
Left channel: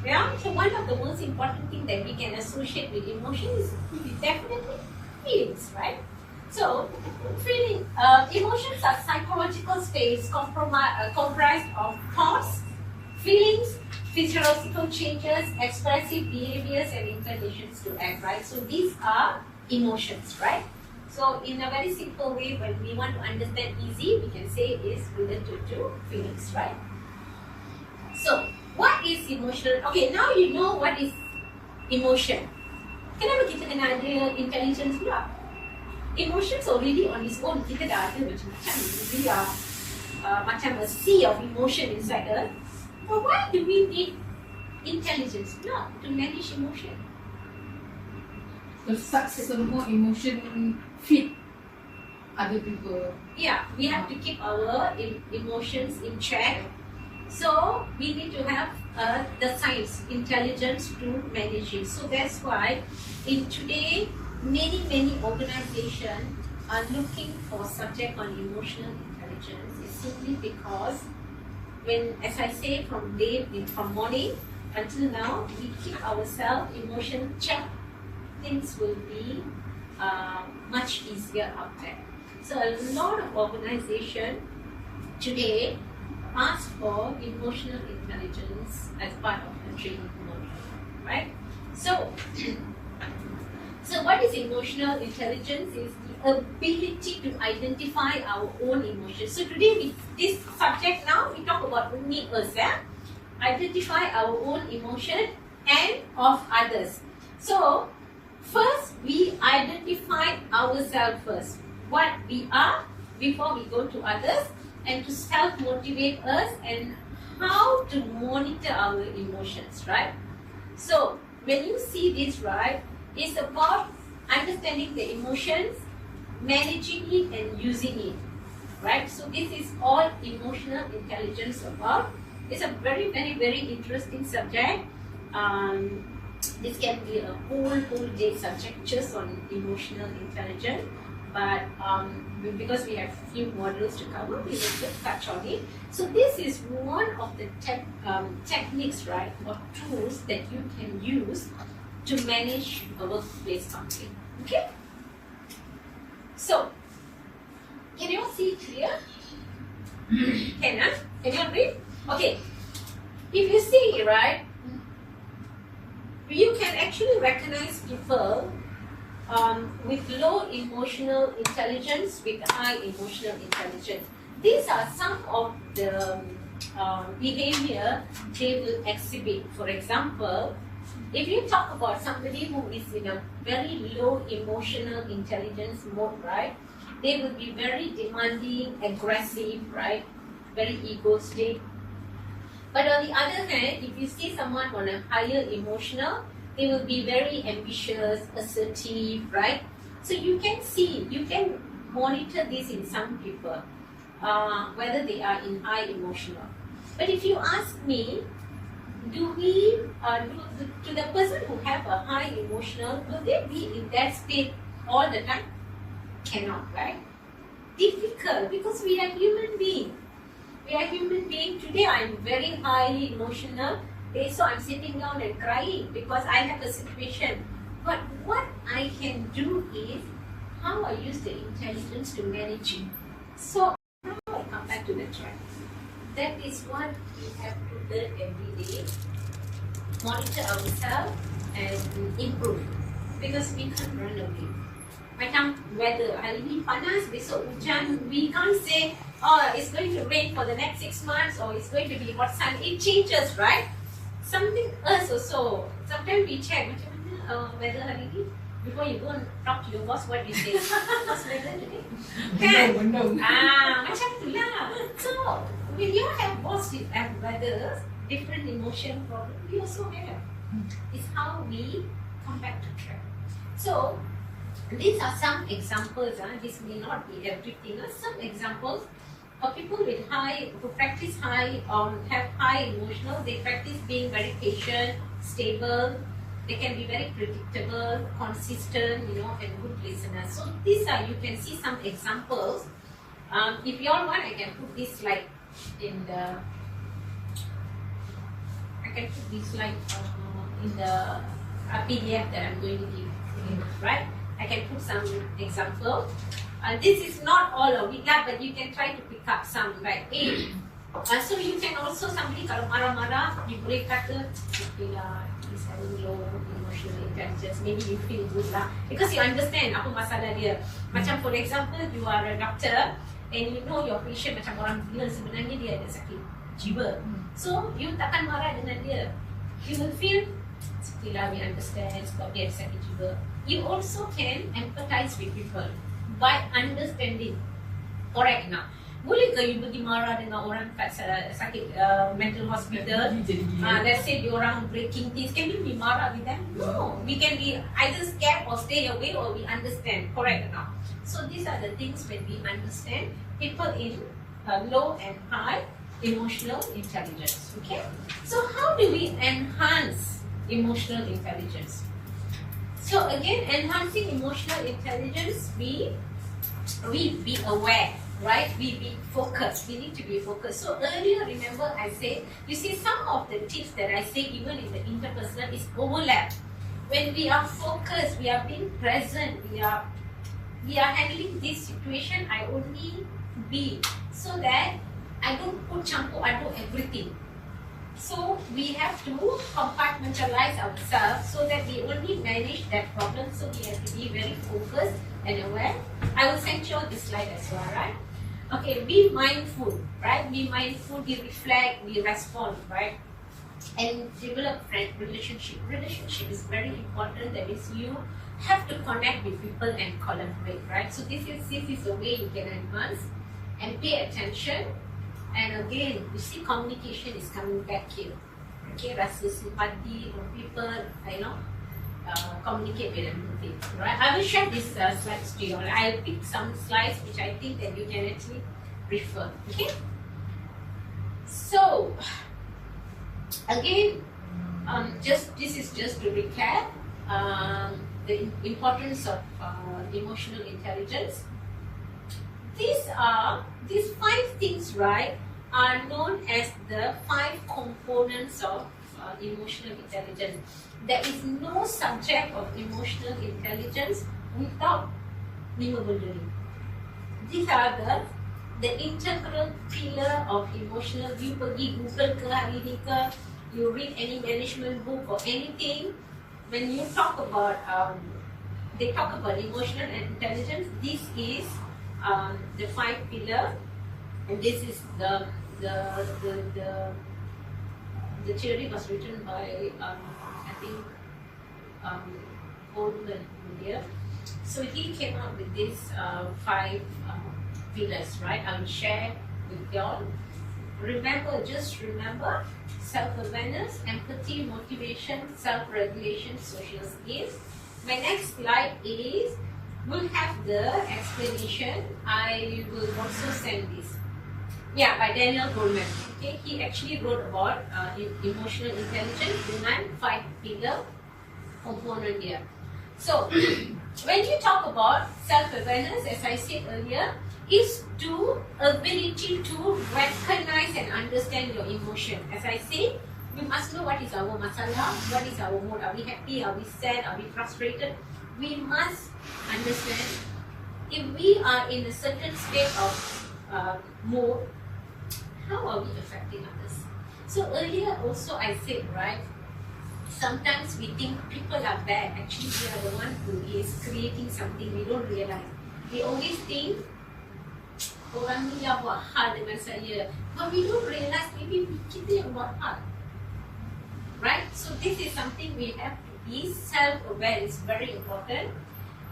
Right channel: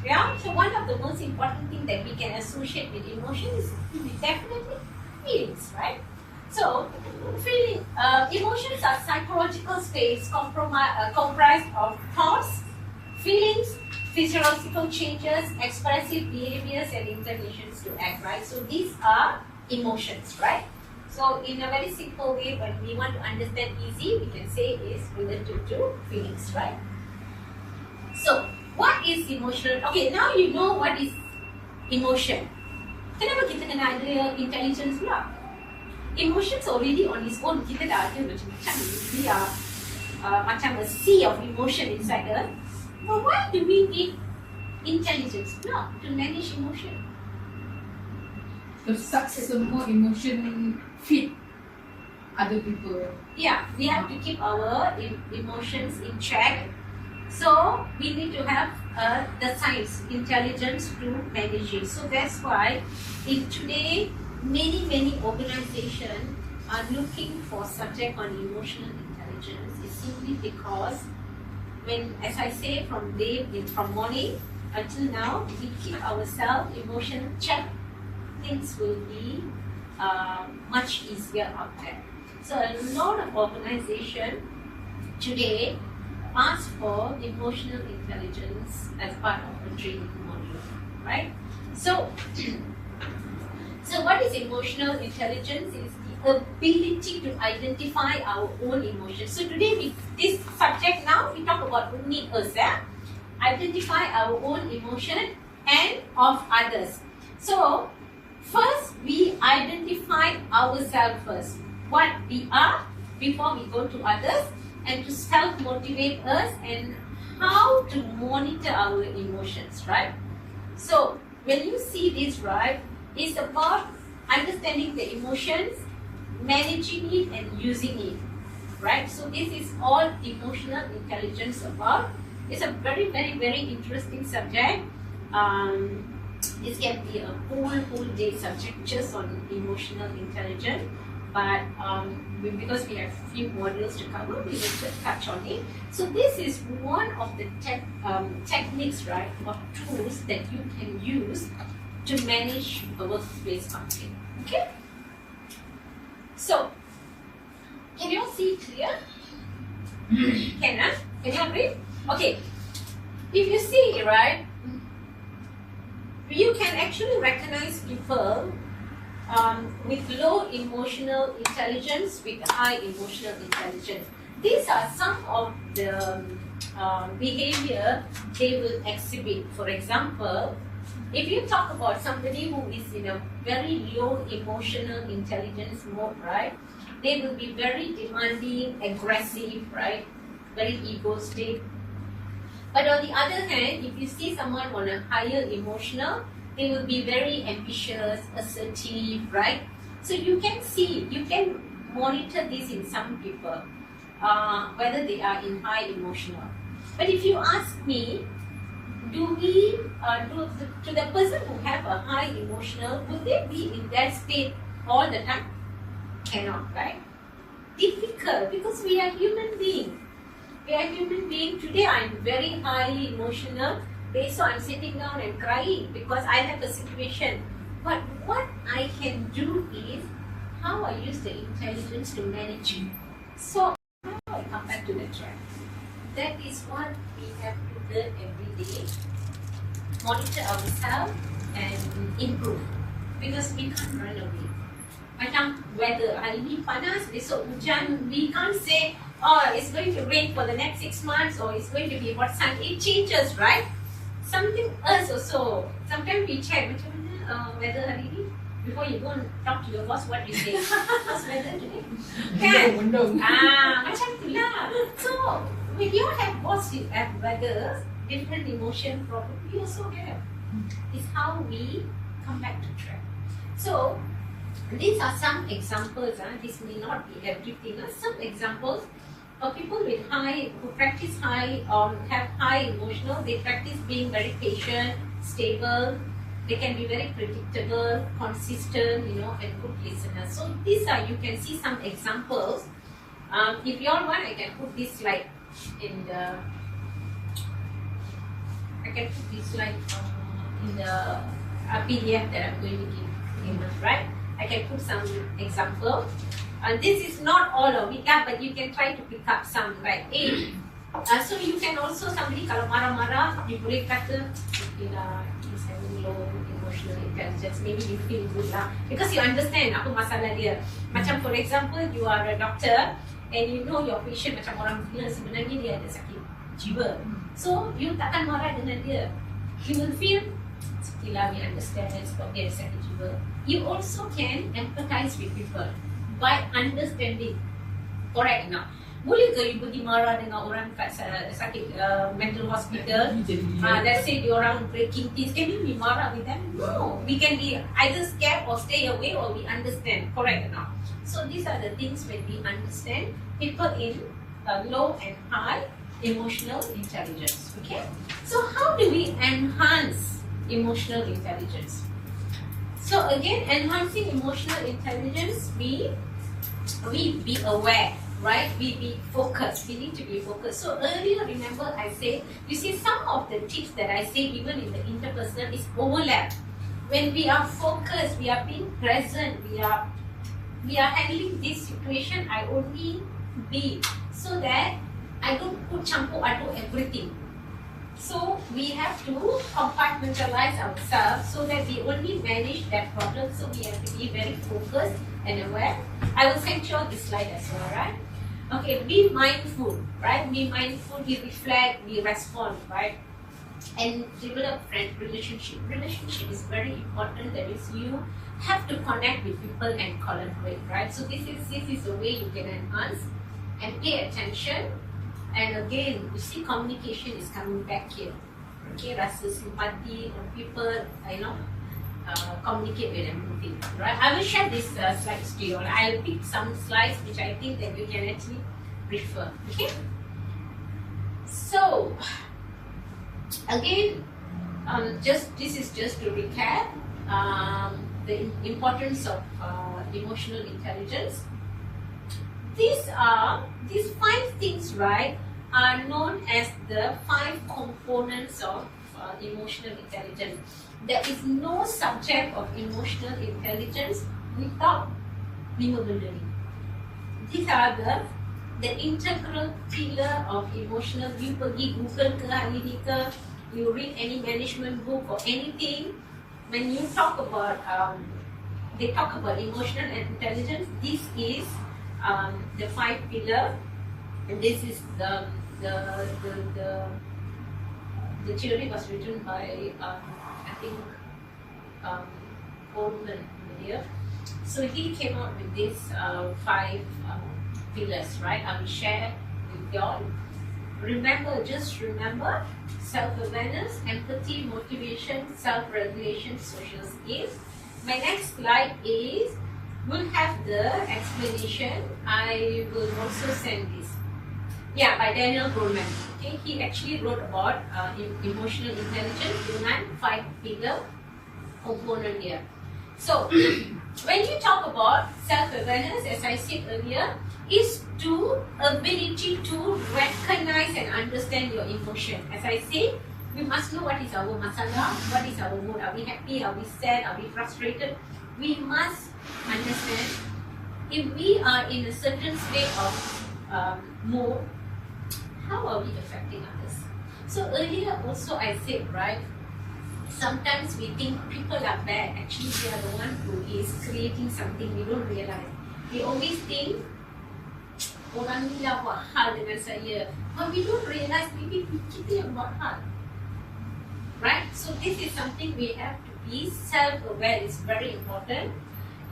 Yeah. So one of the most important things that we can associate with emotion is definitely feelings, right? So, emotions are psychological states comprised of thoughts, feelings, physiological changes, expressive behaviors, and inclinations to act, right? So these are emotions, right? So in a very simple way, when we want to understand easy, we can say is related to feelings, right? So what is emotional? Okay, now you know what is emotion. Kenapa kita kena ada intelligence pula? Emotions already on its own, kita dah ada macam-macam. We are macam a sea of emotion inside us. But why do we need intelligence pula to manage emotion? If such semua emotion fit other people. Yeah, we have to keep our emotions in check. So we need to have the science, intelligence to manage it. So that's why in today, many organizations are looking for subject on emotional intelligence. It's simply because when, as I say, from morning until now, we keep ourselves emotion check, things will be much easier out there. So a lot of organizations today ask for emotional intelligence as part of the training module, right? So, so what is emotional intelligence? Is the ability to identify our own emotions. So today, this subject now, we talk about only us, identify our own emotion and of others. So first, we identify ourselves first, what we are before we go to others, and to self-motivate us and how to monitor our emotions, right? So when you see this, right, it's about understanding the emotions, managing it and using it, right? So this is all emotional intelligence about. It's a very interesting subject. This can be a whole day subject just on emotional intelligence. But because we have few modules to cover, we will just touch on it. So this is one of the techniques, right, or tools that you can use to manage a workplace conflict. Okay. So, can you all see clear? Can you agree? Okay. If you see, right, you can actually recognize people with low emotional intelligence, with high emotional intelligence. These are some of the behavior they will exhibit. For example, if you talk about somebody who is in a very low emotional intelligence mode, right, they will be very demanding, aggressive, right, very egoistic. But on the other hand, if you see someone on a higher emotional, they will be very ambitious, assertive, right? So you can see, you can monitor this in some people, whether they are in high emotional. But if you ask me, to the person who have a high emotional, will they be in that state all the time? Cannot, right? Difficult, because we are human beings. We are human beings. Today I am very highly emotional. So I'm sitting down and crying because I have a situation. But what I can do is how I use the intelligence to manage it. So now I come back to the track. That is what we have to learn every day. Monitor ourselves and improve. Because we can't run away. Macam weather, hari ni panas, besok hujan. We can't say, oh, it's going to rain for the next 6 months or it's going to be hot sun. It changes, right? Something else also. Sometimes we check macam mana weather hari ni. Before you go and talk to your boss, what you say? What's weather today? Kan? Macam tu lah. So, if you have boss at weather, different emotion problem, we also have. It's how we come back to track. So, these are some examples. This may not be everything. Some examples of people with high, who practice high, have high emotional. They practice being very patient, stable. They can be very predictable, consistent, and good listeners. So these are, you can see some examples. If you all want, I can put this slide in the. I can put this slide in the PDF that I'm going to give you, right? I can put some examples. This is not all of it, but you can try to pick up some. Like So you can also, somebody kalau marah-marah, you boleh kata, okay lah, he's having low emotional intelligence, maybe you feel good lah, because you understand apa masalah dia. Macam for example, you are a doctor and you know your patient macam orang gila, sebenarnya dia ada sakit jiwa. So you takkan marah dengan dia. You will feel, okay lah, we understand sebab dia ada sakit jiwa. You also can empathize with people by understanding. Correct now. Boleh ke you pergi marah dengan orang kat sakit mental hospital? Let's say diorang breaking things. Can you be marah with them? No. We can be either scared or stay away, or we understand. Correct now. So these are the things when we understand people in low and high emotional intelligence. Okay. So how do we enhance emotional intelligence? So again, enhancing emotional intelligence, we be aware. Right, we be focused. We need to be focused. So earlier, remember I said, you see some of the tips that I say even in the interpersonal is overlap. When we are focused, we are being present, we are handling this situation. I only be so that I don't put campur aduk everything. So we have to compartmentalize ourselves so that we only manage that problem. So we have to be very focused and aware. I will send you this slide as well, right? Okay, be mindful, right? Be mindful, we reflect, we respond, right? And develop friend relationship. Relationship is very important. That is, you have to connect with people and collaborate, right? So this is the way you can enhance and pay attention. And again, you see communication is coming back here. Okay, rasa simpati on people, communicate with everything, right? I will share these slides to you. I'll pick some slides which I think that you can actually refer. Okay. So again, this is just to recap the importance of emotional intelligence. These 5 things, right, are known as the 5 components of emotional intelligence. There is no subject of emotional intelligence without 5 benda ni. These are the integral pillar of emotional. You pergi Google ke hari ni ke, you read any management book or anything, when you talk about they talk about emotional intelligence, this is the 5 pillar, and this is the theory was written by I think Goldman here. So he came out with these 5 pillars, right? I will share with you all. Just remember self-awareness, empathy, motivation, self-regulation, social skills. My next slide is, we'll have the explanation. I will also send this. Yeah, by Daniel Goleman. Okay, he actually wrote about emotional intelligence, 5 pillar component here. So, when you talk about self-awareness, as I said earlier, is to ability to recognize and understand your emotion. As I said, we must know what is our masalah, what is our mood. Are we happy? Are we sad? Are we frustrated? We must understand if we are in a certain state of mood, how are we affecting others? So earlier also I said, right, sometimes we think people are bad. Actually, they are the one who is creating something. We don't realize. We always think orang ni dah buat hal dengan saya, but we don't realize maybe kita yang buat hal. Right? So this is something we have to be self-aware. It's very important.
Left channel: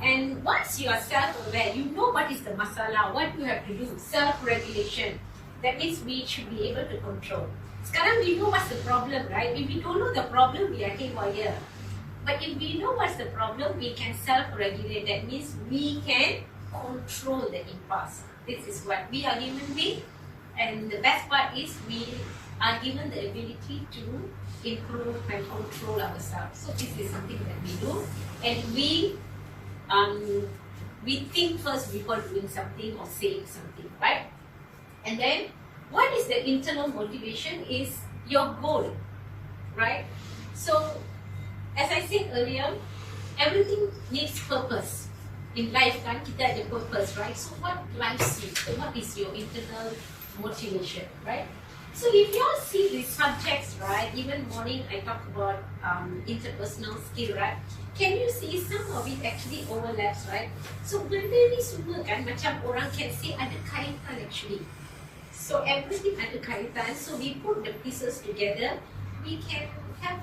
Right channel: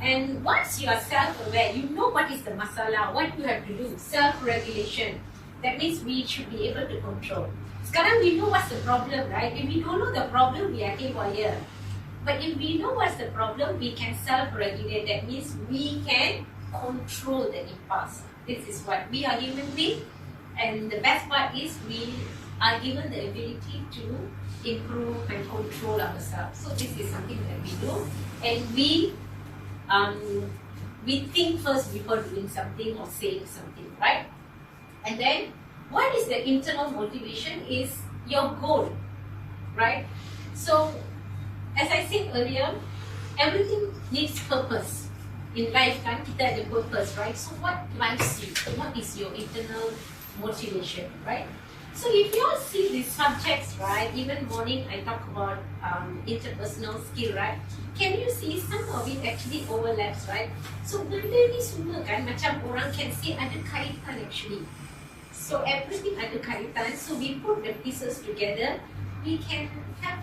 And once you are self-aware, you know what is the masalah, what you have to do. Self-regulation. That means we should be able to control. Sekarang we know what's the problem, right? If we don't know the problem, we are haywire. But if we know what's the problem, we can self-regulate. That means we can control the impulse. This is what we are human beings, and the best part is we are given the ability to improve and control ourselves. So this is something that we do, and we think first before doing something or saying something, right? And then what is the internal motivation is your goal, right? So as I said earlier, everything needs purpose. In life, kan, kita ada purpose, right? So what drives you? So what is your internal motivation, right? So if you all see these subjects, right, even morning I talk about interpersonal skill, right, can you see some of it actually overlaps, right? So benda ni semua kan macam orang can say ada kaitan actually. So everything ada kaitan. So we put the pieces together, we can have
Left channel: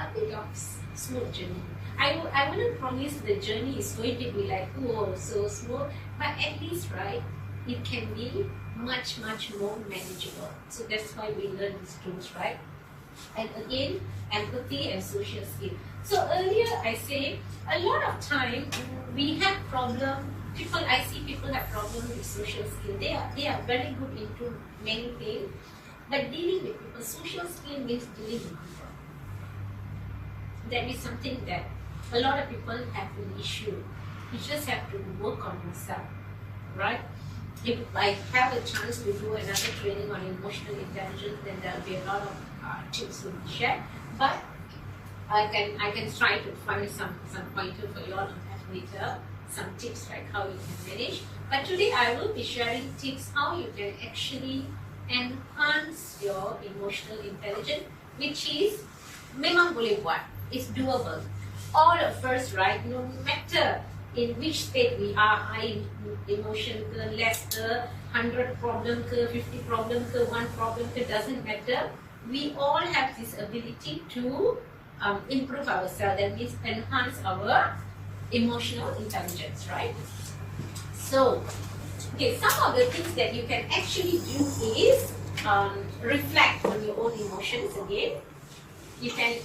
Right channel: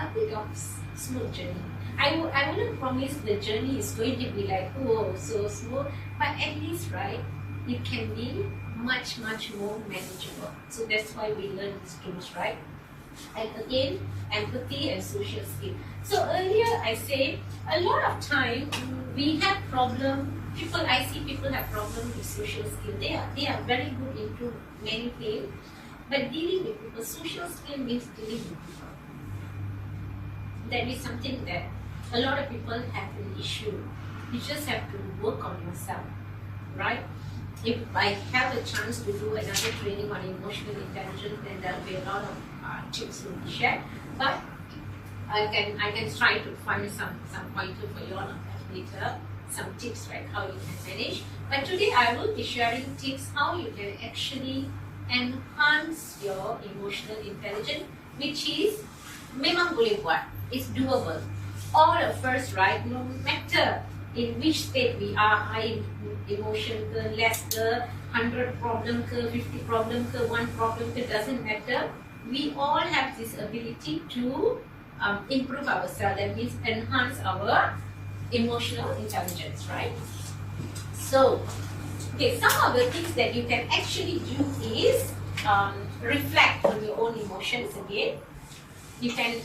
a bit of smooth journey. I wouldn't promise the journey is going to be like, oh, so smooth, but at least, right, it can be much more manageable. So that's why we learn these tools, right? And again, empathy and social skill. So earlier I say a lot of time we have problem. I see people have problem with social skill. They are very good into many things, but dealing with people, social skill means dealing with people. That is something that a lot of people have an issue. You just have to work on yourself, right? If I have a chance to do another training on emotional intelligence, then there will be a lot of tips will be shared. But I can try to find some pointer for you all on that later, some tips, right, how you can manage. But today I will be sharing tips how you can actually enhance your emotional intelligence, which is memang boleh buat. It's doable. All of us, right, no matter in which state we are, high emotion ke, less ke, 100 problem ke, 50 problem ke, 1 problem ke, doesn't matter. We all have this ability to improve ourselves, that means enhance our emotional intelligence, right? So, okay, some of the things that you can actually do is reflect on your own emotions again. You can